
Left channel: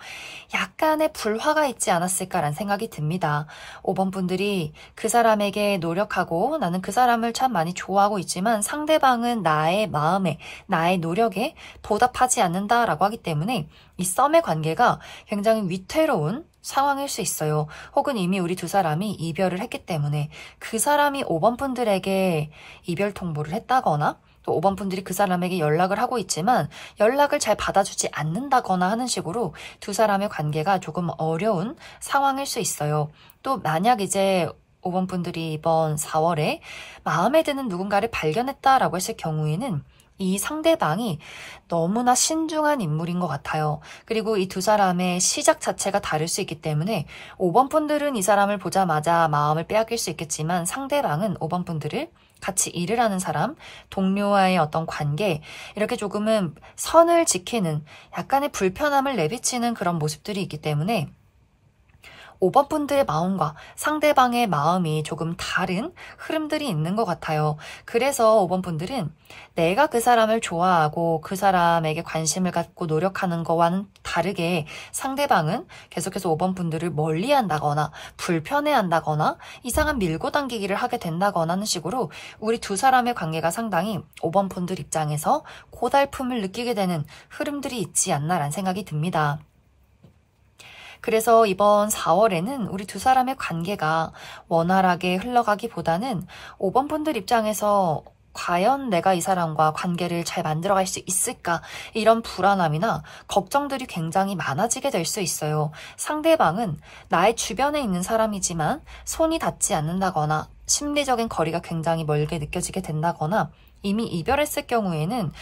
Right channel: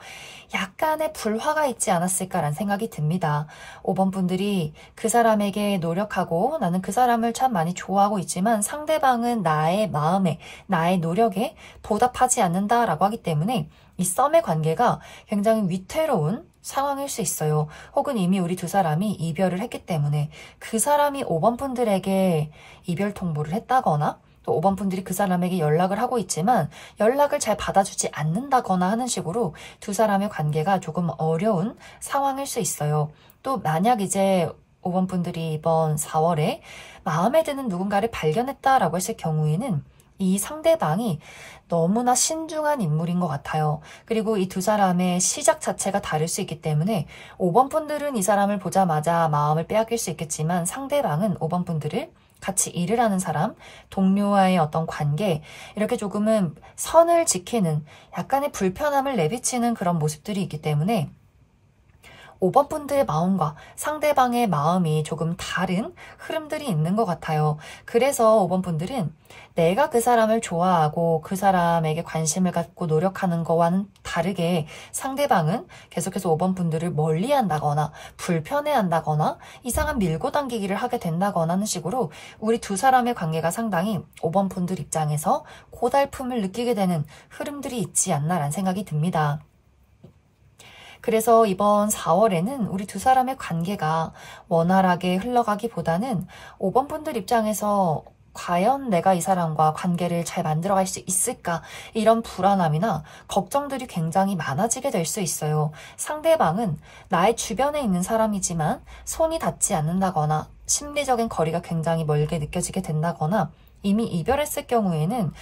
약간의 불화가 있지 않았을까라는 생각이 듭니다. 5번 분들이 그 사람에게 노력하고 나는 그 사람을 참 많이 좋아하고 있지만 상대방은 나의 마음에, 나의 노력에 보답하지 않는다라고 하기 때문에 이 썸의 관계가 굉장히 위태로운 상황일 수 있어요. 혹은 이미 우리 두 사람이 이별을 했기 때문에 그 사람이 5번 분들에게 이별 통보를 했다거나 또 5번 분들이 그 사람에게 연락을 하고 있지만 연락을 잘 받아주지 않는다거나 하는 식으로 두 사람의 관계가 조금 어려운 상황일 수 있어요. 또 만약 이제 5번 분들이 이번 4월에 마음에 드는 누군가를 발견했다라고 했을 경우에는 이 상대방이 너무나 신중한 인물인 것 같아요. 그리고 이 두 사람의 시작 자체가 다를 수 있기 때문에 5번 분들은 이 사람을 보자마자 마음을 빼앗길 수 있겠지만 상대방은 5번 분들을 같이 일을 하는 사람, 동료와의 어떤 관계, 이렇게 조금은 선을 지키는 약간의 불편함을 내비치는 그런 모습들이 있기 때문에 5번 분들의 마음과 상대방의 마음이 조금 다른 흐름들이 있는 것 같아요. 그래서 5번 분들은 내가 그 사람을 좋아하고 그 사람에게 관심을 갖고 노력하는 거와는 다르게 상대방은 계속해서 5번 분들을 멀리한다거나 불편해한다거나 이상한 밀고 당기기를 하게 된다거나 하는 식으로 우리 두 사람의 관계가 상당히 5번 분들 입장에서 고달픔을 느끼게 되는 흐름들이 있지 않나라는 생각이 듭니다. 그래서 이번 4월에는 우리 두 사람의 관계가 원활하게 흘러가기보다는 5번 분들 입장에서 과연 내가 이 사람과 관계를 잘 만들어갈 수 있을까? 이런 불안함이나 걱정들이 굉장히 많아지게 될 수 있어요. 상대방은 나의 주변에 있는 사람이지만 손이 닿지 않는다거나 심리적인 거리가 굉장히 멀게 느껴지게 된다거나 이미 이별했을 경우에는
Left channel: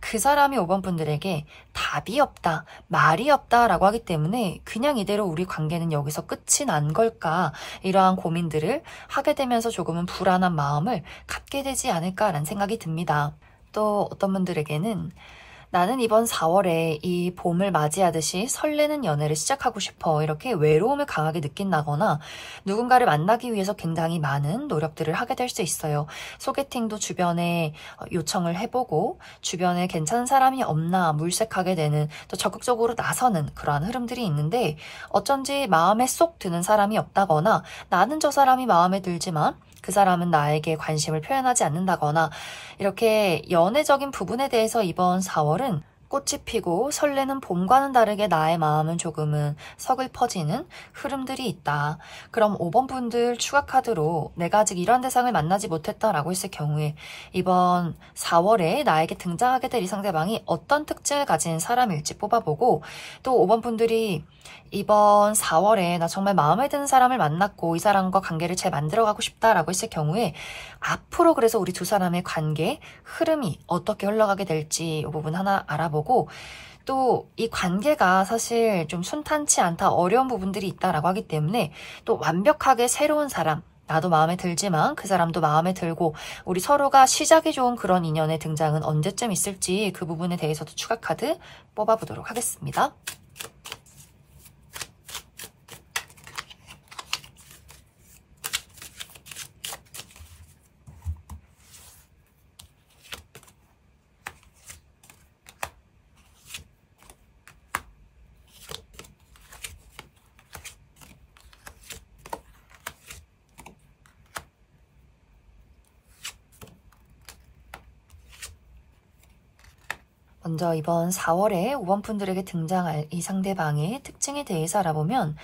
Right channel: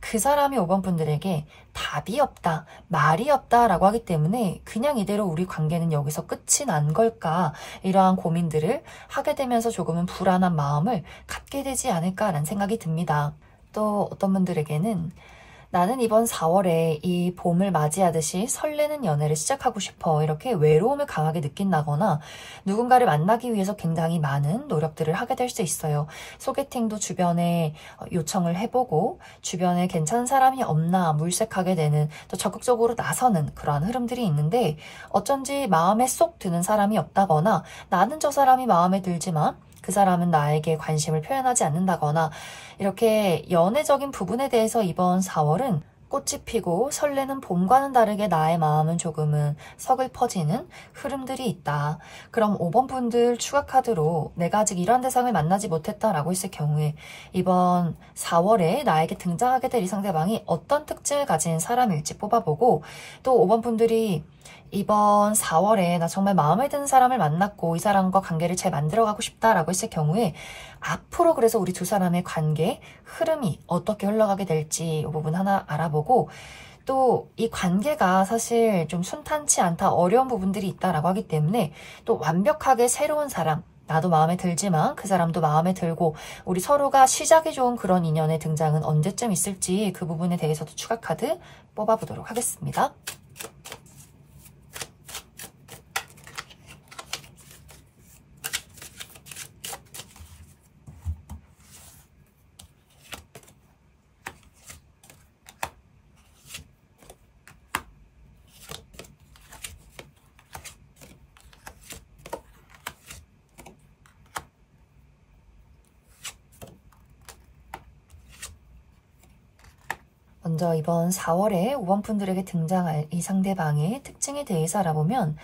그 사람이 5번 분들에게 답이 없다, 말이 없다라고 하기 때문에 그냥 이대로 우리 관계는 여기서 끝이 난 걸까 이러한 고민들을 하게 되면서 조금은 불안한 마음을 갖게 되지 않을까라는 생각이 듭니다. 또 어떤 분들에게는 나는 이번 4월에 이 봄을 맞이하듯이 설레는 연애를 시작하고 싶어 이렇게 외로움을 강하게 느낀다거나 누군가를 만나기 위해서 굉장히 많은 노력들을 하게 될 수 있어요. 소개팅도 주변에 요청을 해보고 주변에 괜찮은 사람이 없나 물색하게 되는 또 적극적으로 나서는 그러한 흐름들이 있는데 어쩐지 마음에 쏙 드는 사람이 없다거나 나는 저 사람이 마음에 들지만 그 사람은 나에게 관심을 표현하지 않는다거나 이렇게 연애적인 부분에 대해서 이번 4월은 꽃이 피고 설레는 봄과는 다르게 나의 마음은 조금은 서글퍼지는 흐름들이 있다. 그럼 5번 분들 추가 카드로 내가 아직 이러한 대상을 만나지 못했다라고 했을 경우에 이번 4월에 나에게 등장하게 될 이 상대방이 어떤 특징을 가진 사람일지 뽑아보고 또 5번 분들이 이번 4월에 나 정말 마음에 드는 사람을 만났고 이 사람과 관계를 잘 만들어가고 싶다라고 했을 경우에 앞으로 그래서 우리 두 사람의 관계 흐름이 어떻게 흘러가게 될지 이 부분 하나 알아보고 또 이 관계가 사실 좀 순탄치 않다 어려운 부분들이 있다라고 하기 때문에 또 완벽하게 새로운 사람 나도 마음에 들지만 그 사람도 마음에 들고 우리 서로가 시작이 좋은 그런 인연의 등장은 언제쯤 있을지 그 부분에 대해서도 추가 카드 뽑아보도록 하겠습니다. 먼저 이번 4월에 5번 분들에게 등장할 이 상대방의 특징에 대해서 알아보면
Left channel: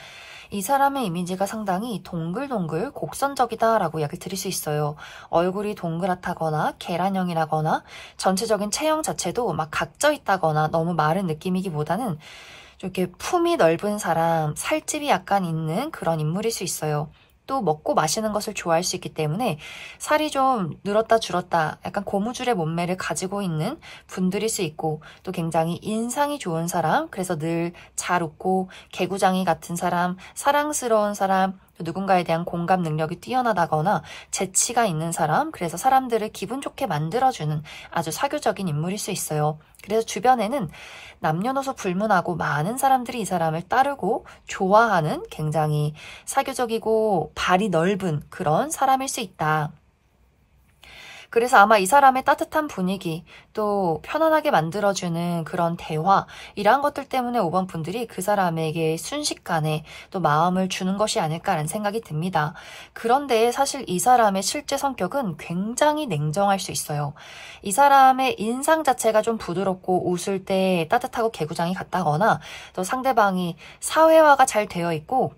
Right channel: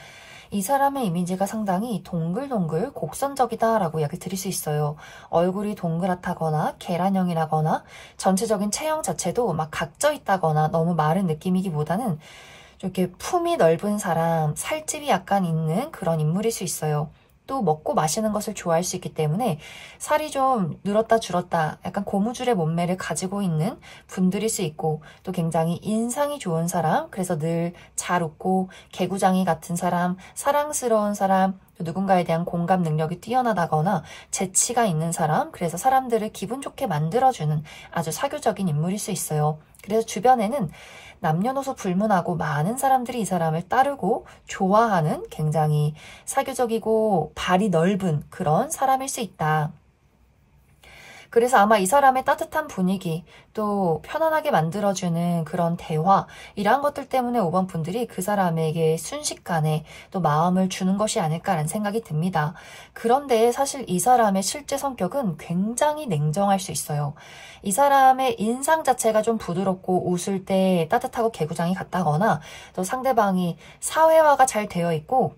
이 사람의 이미지가 상당히 동글동글 곡선적이다라고 이야기를 드릴 수 있어요. 얼굴이 동그랗다거나 계란형이라거나 전체적인 체형 자체도 막 각져 있다거나 너무 마른 느낌이기보다는 이렇게 품이 넓은 사람, 살집이 약간 있는 그런 인물일 수 있어요. 또 먹고 마시는 것을 좋아할 수 있기 때문에 살이 좀 늘었다 줄었다 약간 고무줄의 몸매를 가지고 있는 분들일 수 있고 또 굉장히 인상이 좋은 사람, 그래서 늘 잘 웃고 개구장이 같은 사람, 사랑스러운 사람, 또 누군가에 대한 공감 능력이 뛰어나다거나 재치가 있는 사람, 그래서 사람들을 기분 좋게 만들어주는 아주 사교적인 인물일 수 있어요. 그래서 주변에는 남녀노소 불문하고 많은 사람들이 이 사람을 따르고 좋아하는 굉장히 사교적이고 발이 넓은 그런 사람일 수 있다. 그래서 아마 이 사람의 따뜻한 분위기, 또 편안하게 만들어주는 그런 대화, 이러한 것들 때문에 5번 분들이 그 사람에게 순식간에 또 마음을 주는 것이 아닐까라는 생각이 듭니다. 그런데 사실 이 사람의 실제 성격은 굉장히 냉정할 수 있어요. 이 사람의 인상 자체가 좀 부드럽고 웃을 때 따뜻하고 개구장이 같다거나 또 상대방이 사회화가 잘 되어 있고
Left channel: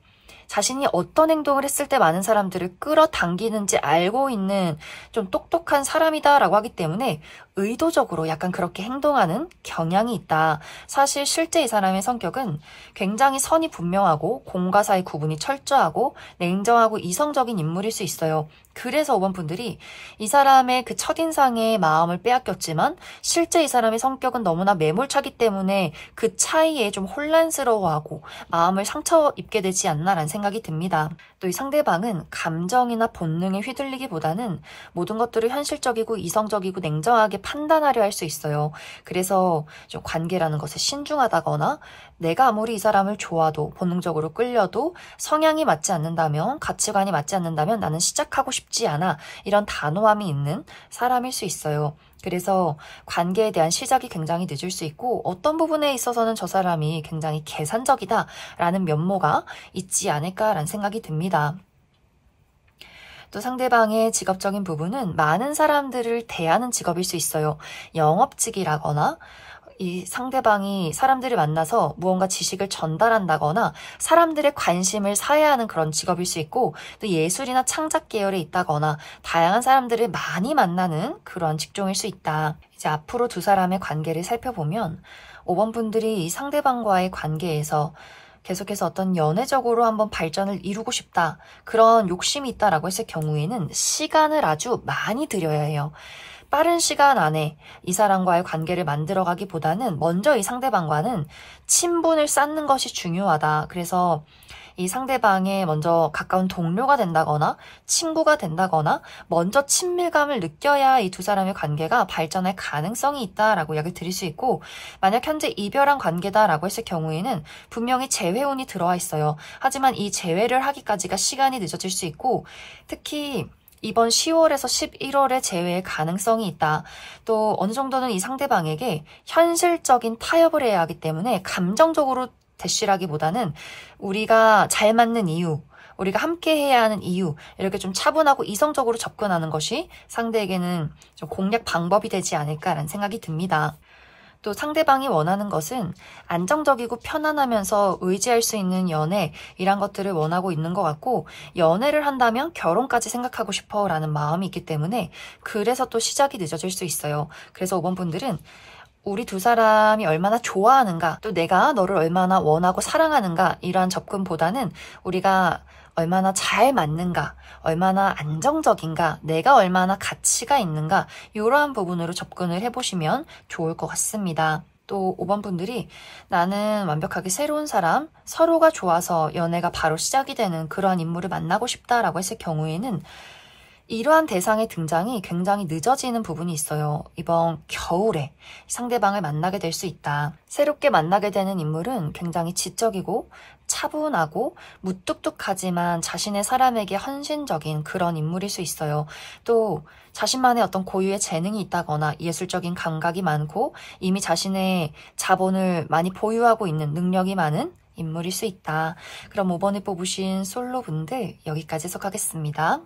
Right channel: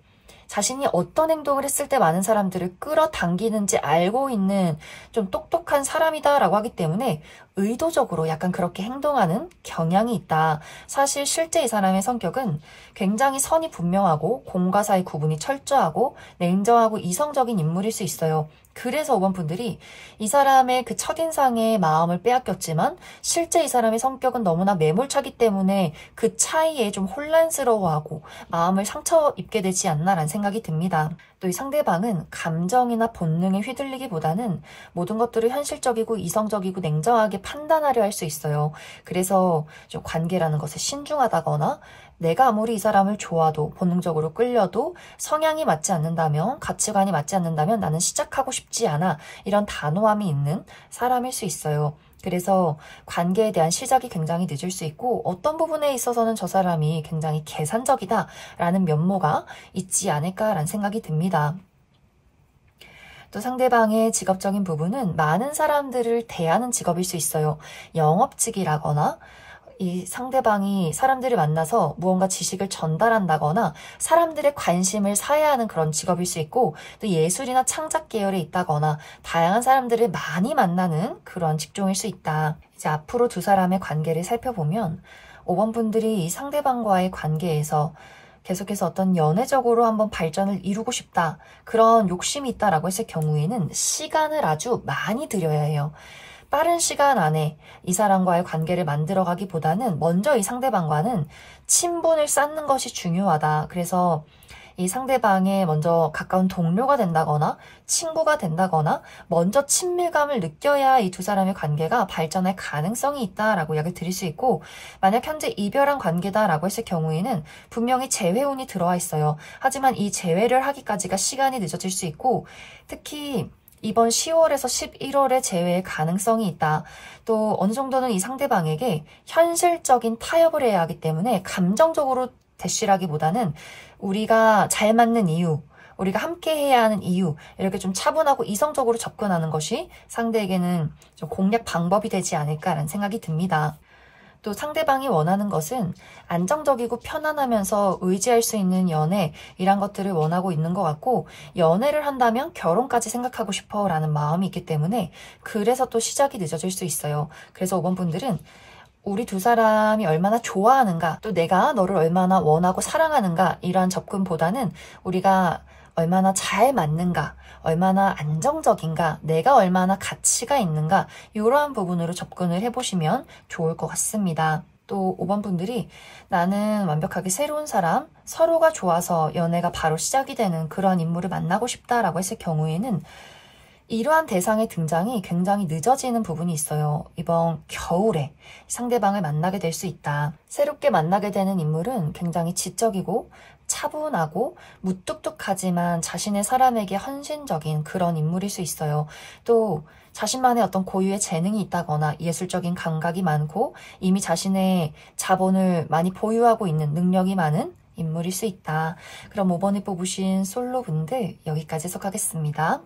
자신이 어떤 행동을 했을 때 많은 사람들을 끌어당기는지 알고 있는 좀 똑똑한 사람이다라고 하기 때문에 의도적으로 약간 그렇게 행동하는 경향이 있다. 사실 실제 이 사람의 성격은 굉장히 선이 분명하고 공과 사의 구분이 철저하고 냉정하고 이성적인 인물일 수 있어요. 그래서 5번 분들이 이 사람의 그 첫인상에 마음을 빼앗겼지만 실제 이 사람의 성격은 너무나 매몰차기 때문에 그 차이에 좀 혼란스러워하고 마음을 상처 입게 되지 않나라는 생각이 듭니다. 또 이 상대방은 감정이나 본능에 휘둘리기보다는 모든 것들을 현실적이고 이성적이고 냉정하게 판단하려 할 수 있어요. 그래서 좀 관계라는 것에 신중하다거나 내가 아무리 이 사람을 좋아도 본능적으로 끌려도 성향이 맞지 않는다면 가치관이 맞지 않는다면 나는 시작하고 싶지 않아 이런 단호함이 있는 사람일 수 있어요. 그래서 관계에 대한 시작이 굉장히 늦을 수 있고 어떤 부분에 있어서는 저 사람이 굉장히 계산적이다라는 면모가 있지 않을까라는 생각이 듭니다. 또 상대방의 직업적인 부분은 많은 사람들을 대하는 직업일 수 있어요. 영업직이라거나 이 상대방이 사람들을 만나서 무언가 지식을 전달한다거나 사람들의 관심을 사야 하는 그런 직업일 수 있고 또 예술이나 창작 계열에 있다거나 다양한 사람들을 많이 만나는 그런 직종일 수 있다. 이제 앞으로 두 사람의 관계를 살펴보면 5번 분들이 이 상대방과의 관계에서 계속해서 어떤 연애적으로 한번 발전을 이루고 싶다. 그런 욕심이 있다라고 했을 경우에는 시간을 아주 많이 들여야 해요. 빠른 시간 안에 이 사람과의 관계를 만들어가기보다는 먼저 이 상대방과는 친분을 쌓는 것이 중요하다. 그래서 이 상대방의 먼저 가까운 동료가 된다거나 친구가 된다거나 먼저 친밀감을 느껴야 이 두 사람의 관계가 발전할 가능성이 있다라고 이야기를 드릴 수 있고 만약 현재 이별한 관계다라고 했을 경우에는 분명히 재회운이 들어와 있어요. 하지만 이 재회를 하기까지가 시간이 늦어질 수 있고 특히 이번 10월에서 11월에 재회의 가능성이 있다. 또 어느 정도는 이 상대방에게 현실적인 타협을 해야 하기 때문에 감정적으로 대쉬라기보다는 우리가 잘 맞는 이유, 우리가 함께 해야 하는 이유 이렇게 좀 차분하고 이성적으로 접근하는 것이 상대에게는 좀 공략 방법이 되지 않을까라는 생각이 듭니다. 또 상대방이 원하는 것은 안정적이고 편안하면서 의지할 수 있는 연애 이란 것들을 원하고 있는 것 같고 연애를 한다면 결혼까지 생각하고 싶어 라는 마음이 있기 때문에 그래서 또 시작이 늦어질 수 있어요. 그래서 5번 분들은 우리 두 사람이 얼마나 좋아하는가 또 내가 너를 얼마나 원하고 사랑하는가 이러한 접근보다는 우리가 얼마나 잘 맞는가, 얼마나 안정적인가, 내가 얼마나 가치가 있는가 이러한 부분으로 접근을 해보시면 좋을 것 같습니다. 또 5번 분들이 나는 완벽하게 새로운 사람, 서로가 좋아서 연애가 바로 시작이 되는 그러한 인물을 만나고 싶다라고 했을 경우에는 이러한 대상의 등장이 굉장히 늦어지는 부분이 있어요. 이번 겨울에 상대방을 만나게 될 수 있다. 새롭게 만나게 되는 인물은 굉장히 지적이고 차분하고 무뚝뚝하지만 자신의 사람에게 헌신적인 그런 인물일 수 있어요. 또 자신만의 어떤 고유의 재능이 있다거나 예술적인 감각이 많고 이미 자신의 자본을 많이 보유하고 있는 능력이 많은 인물일 수 있다. 그럼 5번을 뽑으신 솔로분들 여기까지 해석하겠습니다.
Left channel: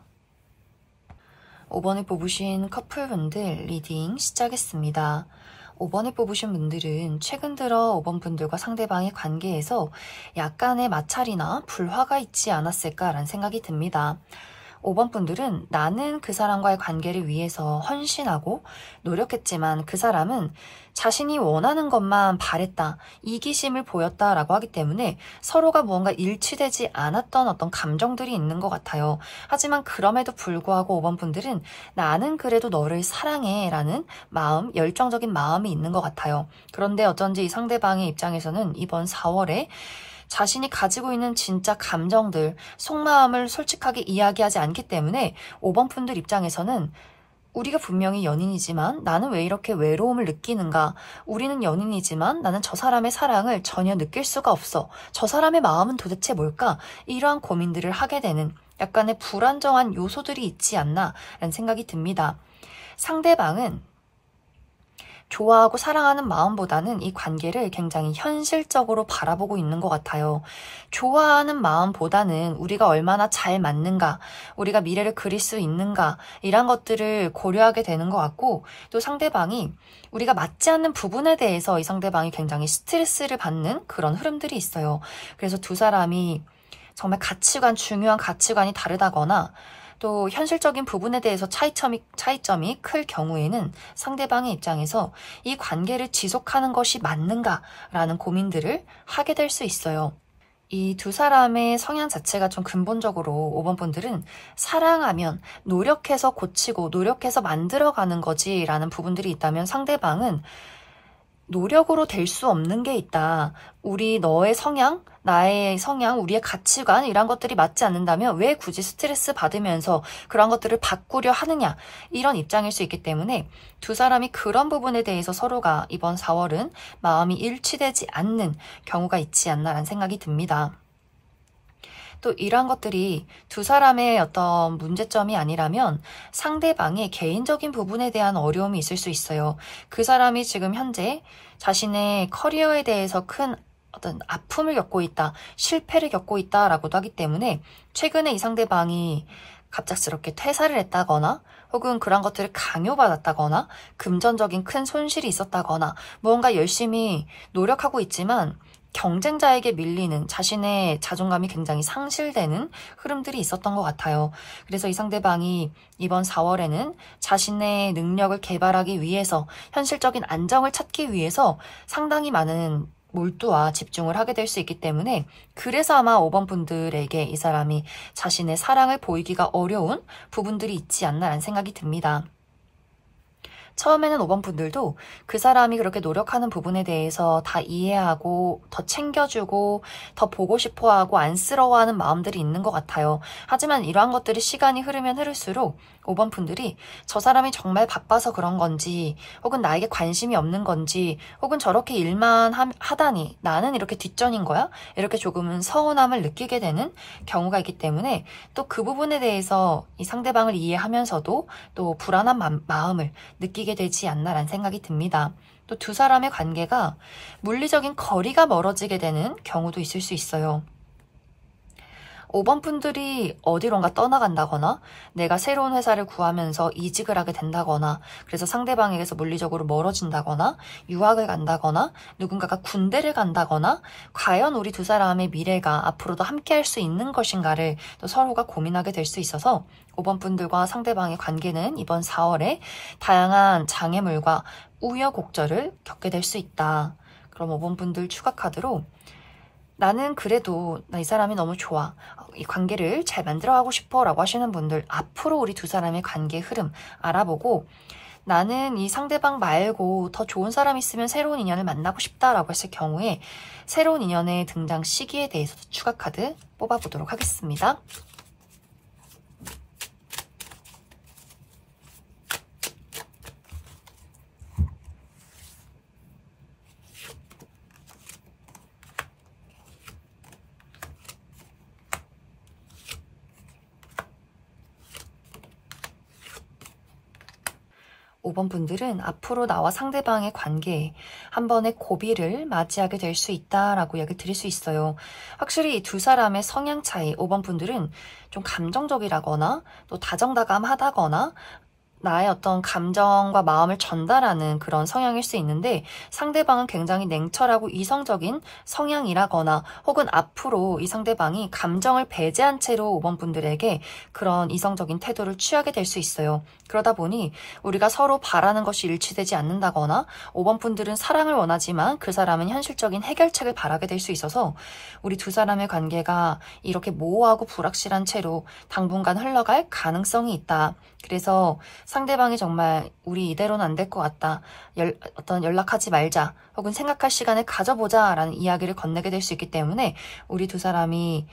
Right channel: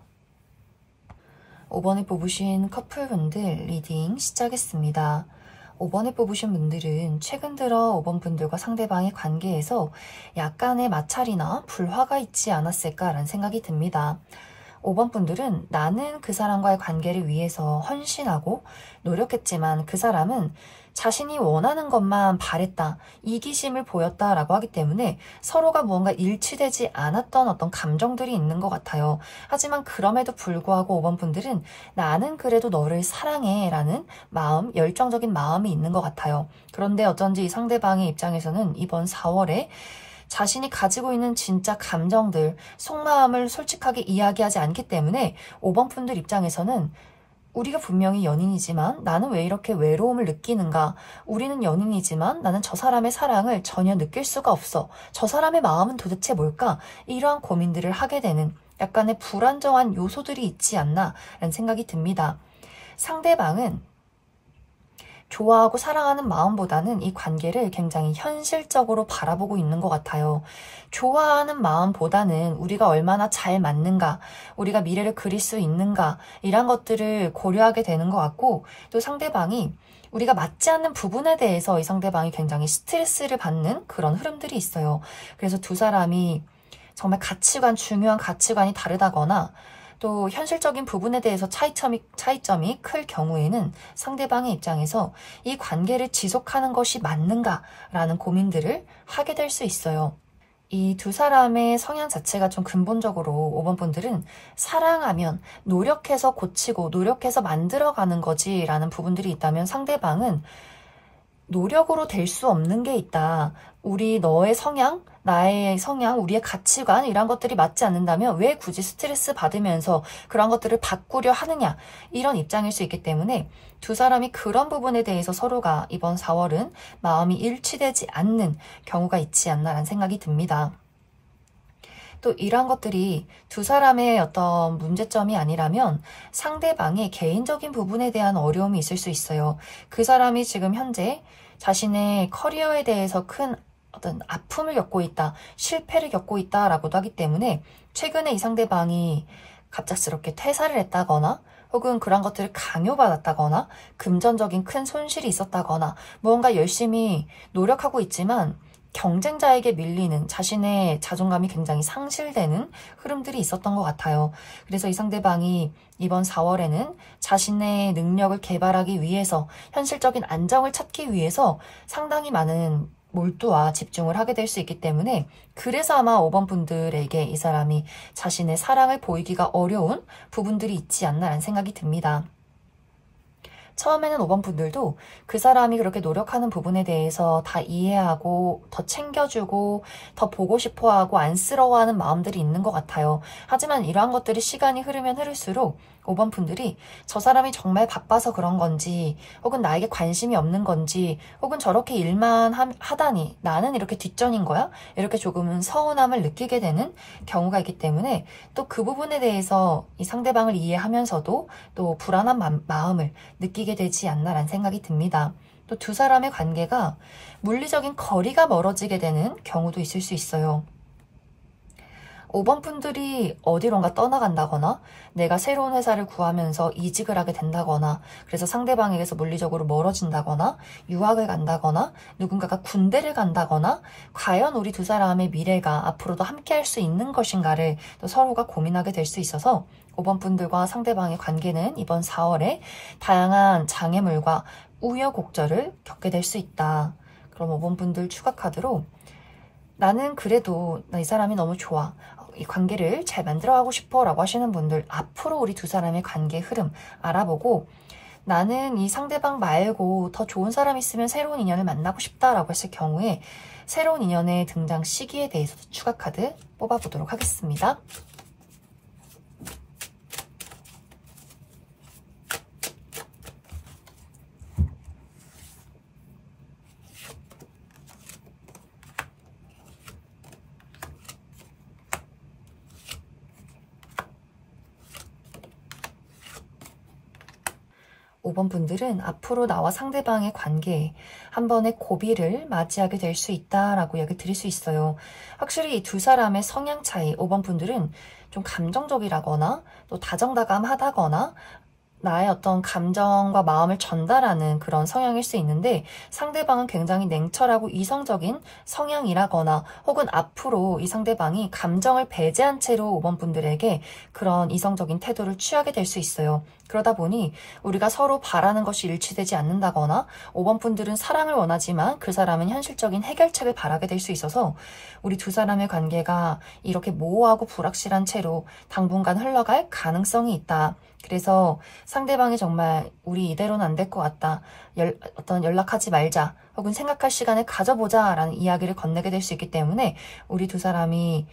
5번을 뽑으신 커플분들 리딩 시작했습니다. 5번을 뽑으신 분들은 최근 들어 5번 분들과 상대방의 관계에서 약간의 마찰이나 불화가 있지 않았을까라는 생각이 듭니다. 5번 분들은 나는 그 사람과의 관계를 위해서 헌신하고 노력했지만 그 사람은 자신이 원하는 것만 바랬다, 이기심을 보였다라고 하기 때문에 서로가 무언가 일치되지 않았던 어떤 감정들이 있는 것 같아요. 하지만 그럼에도 불구하고 5번 분들은 나는 그래도 너를 사랑해 라는 마음, 열정적인 마음이 있는 것 같아요. 그런데 어쩐지 이 상대방의 입장에서는 이번 4월에 자신이 가지고 있는 진짜 감정들, 속마음을 솔직하게 이야기하지 않기 때문에 5번 분들 입장에서는 우리가 분명히 연인이지만 나는 왜 이렇게 외로움을 느끼는가? 우리는 연인이지만 나는 저 사람의 사랑을 전혀 느낄 수가 없어. 저 사람의 마음은 도대체 뭘까? 이러한 고민들을 하게 되는 약간의 불안정한 요소들이 있지 않나 라는 생각이 듭니다. 상대방은 좋아하고 사랑하는 마음보다는 이 관계를 굉장히 현실적으로 바라보고 있는 것 같아요. 좋아하는 마음보다는 우리가 얼마나 잘 맞는가, 우리가 미래를 그릴 수 있는가, 이런 것들을 고려하게 되는 것 같고, 또 상대방이 우리가 맞지 않는 부분에 대해서 이 상대방이 굉장히 스트레스를 받는 그런 흐름들이 있어요. 그래서 두 사람이 정말 중요한 가치관이 다르다거나 또 현실적인 부분에 대해서 차이점이 클 경우에는 상대방의 입장에서 이 관계를 지속하는 것이 맞는가라는 고민들을 하게 될 수 있어요. 이 두 사람의 성향 자체가 좀 근본적으로 5번 분들은 사랑하면 노력해서 고치고 노력해서 만들어가는 거지라는 부분들이 있다면, 상대방은 노력으로 될 수 없는 게 있다. 너의 성향, 나의 성향, 우리의 가치관 이런 것들이 맞지 않는다면 왜 굳이 스트레스 받으면서 그런 것들을 바꾸려 하느냐, 이런 입장일 수 있기 때문에 두 사람이 그런 부분에 대해서 서로가 이번 4월은 마음이 일치되지 않는 경우가 있지 않나라는 생각이 듭니다. 또 이러한 것들이 두 사람의 어떤 문제점이 아니라면 상대방의 개인적인 부분에 대한 어려움이 있을 수 있어요. 그 사람이 지금 현재 자신의 커리어에 대해서 큰 어떤 아픔을 겪고 있다, 실패를 겪고 있다라고도 하기 때문에 최근에 이 상대방이 갑작스럽게 퇴사를 했다거나 혹은 그런 것들을 강요받았다거나 금전적인 큰 손실이 있었다거나 무언가 열심히 노력하고 있지만 경쟁자에게 밀리는, 자신의 자존감이 굉장히 상실되는 흐름들이 있었던 것 같아요. 그래서 이 상대방이 이번 4월에는 자신의 능력을 개발하기 위해서, 현실적인 안정을 찾기 위해서 상당히 많은 몰두와 집중을 하게 될 수 있기 때문에, 그래서 아마 5번 분들에게 이 사람이 자신의 사랑을 보이기가 어려운 부분들이 있지 않나라는 생각이 듭니다. 처음에는 5번 분들도 그 사람이 그렇게 노력하는 부분에 대해서 다 이해하고 더 챙겨주고 더 보고 싶어하고 안쓰러워하는 마음들이 있는 것 같아요. 하지만 이러한 것들이 시간이 흐르면 흐를수록 5번 분들이 저 사람이 정말 바빠서 그런 건지, 혹은 나에게 관심이 없는 건지, 혹은 저렇게 일만 하다니 나는 이렇게 뒷전인 거야? 이렇게 조금은 서운함을 느끼게 되는 경우가 있기 때문에 또 그 부분에 대해서 이 상대방을 이해하면서도 또 불안한 마음을 느끼게 되지 않나라는 생각이 듭니다. 또 두 사람의 관계가 물리적인 거리가 멀어지게 되는 경우도 있을 수 있어요. 5번 분들이 어디론가 떠나간다거나 내가 새로운 회사를 구하면서 이직을 하게 된다거나, 그래서 상대방에게서 물리적으로 멀어진다거나 유학을 간다거나 누군가가 군대를 간다거나, 과연 우리 두 사람의 미래가 앞으로도 함께 할 수 있는 것인가를 또 서로가 고민하게 될 수 있어서 5번 분들과 상대방의 관계는 이번 4월에 다양한 장애물과 우여곡절을 겪게 될 수 있다. 그럼 5번 분들 추가 카드로 나는 그래도 나 이 사람이 너무 좋아, 이 관계를 잘 만들어가고 싶어 라고 하시는 분들, 앞으로 우리 두 사람의 관계 흐름 알아보고 나는 이 상대방 말고 더 좋은 사람 있으면 새로운 인연을 만나고 싶다라고 했을 경우에 새로운 인연의 등장 시기에 대해서도 추가 카드 뽑아보도록 하겠습니다. 5번 분들은 앞으로 나와 상대방의 관계에 한 번의 고비를 맞이하게 될 수 있다라고 이야기 드릴 수 있어요. 확실히 이 두 사람의 성향 차이, 5번 분들은 좀 감정적이라거나 또 다정다감하다거나 나의 어떤 감정과 마음을 전달하는 그런 성향일 수 있는데, 상대방은 굉장히 냉철하고 이성적인 성향이라거나 혹은 앞으로 이 상대방이 감정을 배제한 채로 5번 분들에게 그런 이성적인 태도를 취하게 될 수 있어요. 그러다 보니 우리가 서로 바라는 것이 일치되지 않는다거나 5번 분들은 사랑을 원하지만 그 사람은 현실적인 해결책을 바라게 될 수 있어서 우리 두 사람의 관계가 이렇게 모호하고 불확실한 채로 당분간 흘러갈 가능성이 있다. 그래서 상대방이 정말 우리 이대로는 안 될 것 같다, 어떤 연락하지 말자, 혹은 생각할 시간을 가져보자 라는 이야기를 건네게 될 수 있기 때문에 우리 두 사람이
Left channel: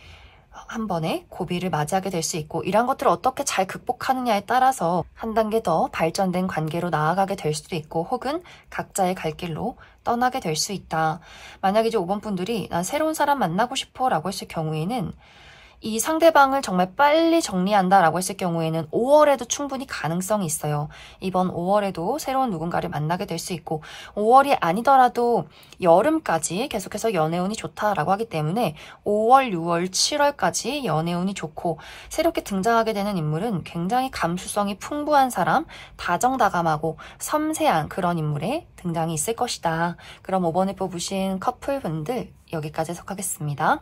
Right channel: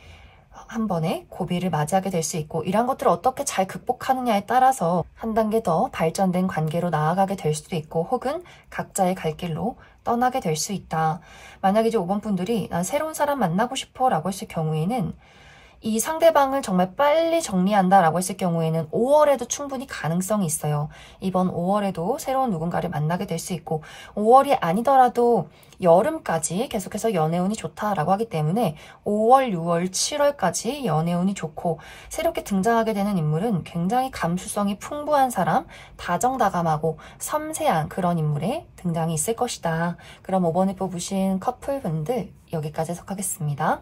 한 번에 고비를 맞이하게 될 수 있고, 이런 것들을 어떻게 잘 극복하느냐에 따라서 한 단계 더 발전된 관계로 나아가게 될 수도 있고, 혹은 각자의 갈 길로 떠나게 될 수 있다. 만약에 이제 5번 분들이 난 새로운 사람 만나고 싶어 라고 했을 경우에는 이 상대방을 정말 빨리 정리한다라고 했을 경우에는 5월에도 충분히 가능성이 있어요. 이번 5월에도 새로운 누군가를 만나게 될 수 있고 5월이 아니더라도 여름까지 계속해서 연애운이 좋다라고 하기 때문에 5월, 6월, 7월까지 연애운이 좋고 새롭게 등장하게 되는 인물은 굉장히 감수성이 풍부한 사람, 다정다감하고 섬세한 그런 인물의 등장이 있을 것이다. 그럼 5번을 뽑으신 커플분들 여기까지 해석하겠습니다.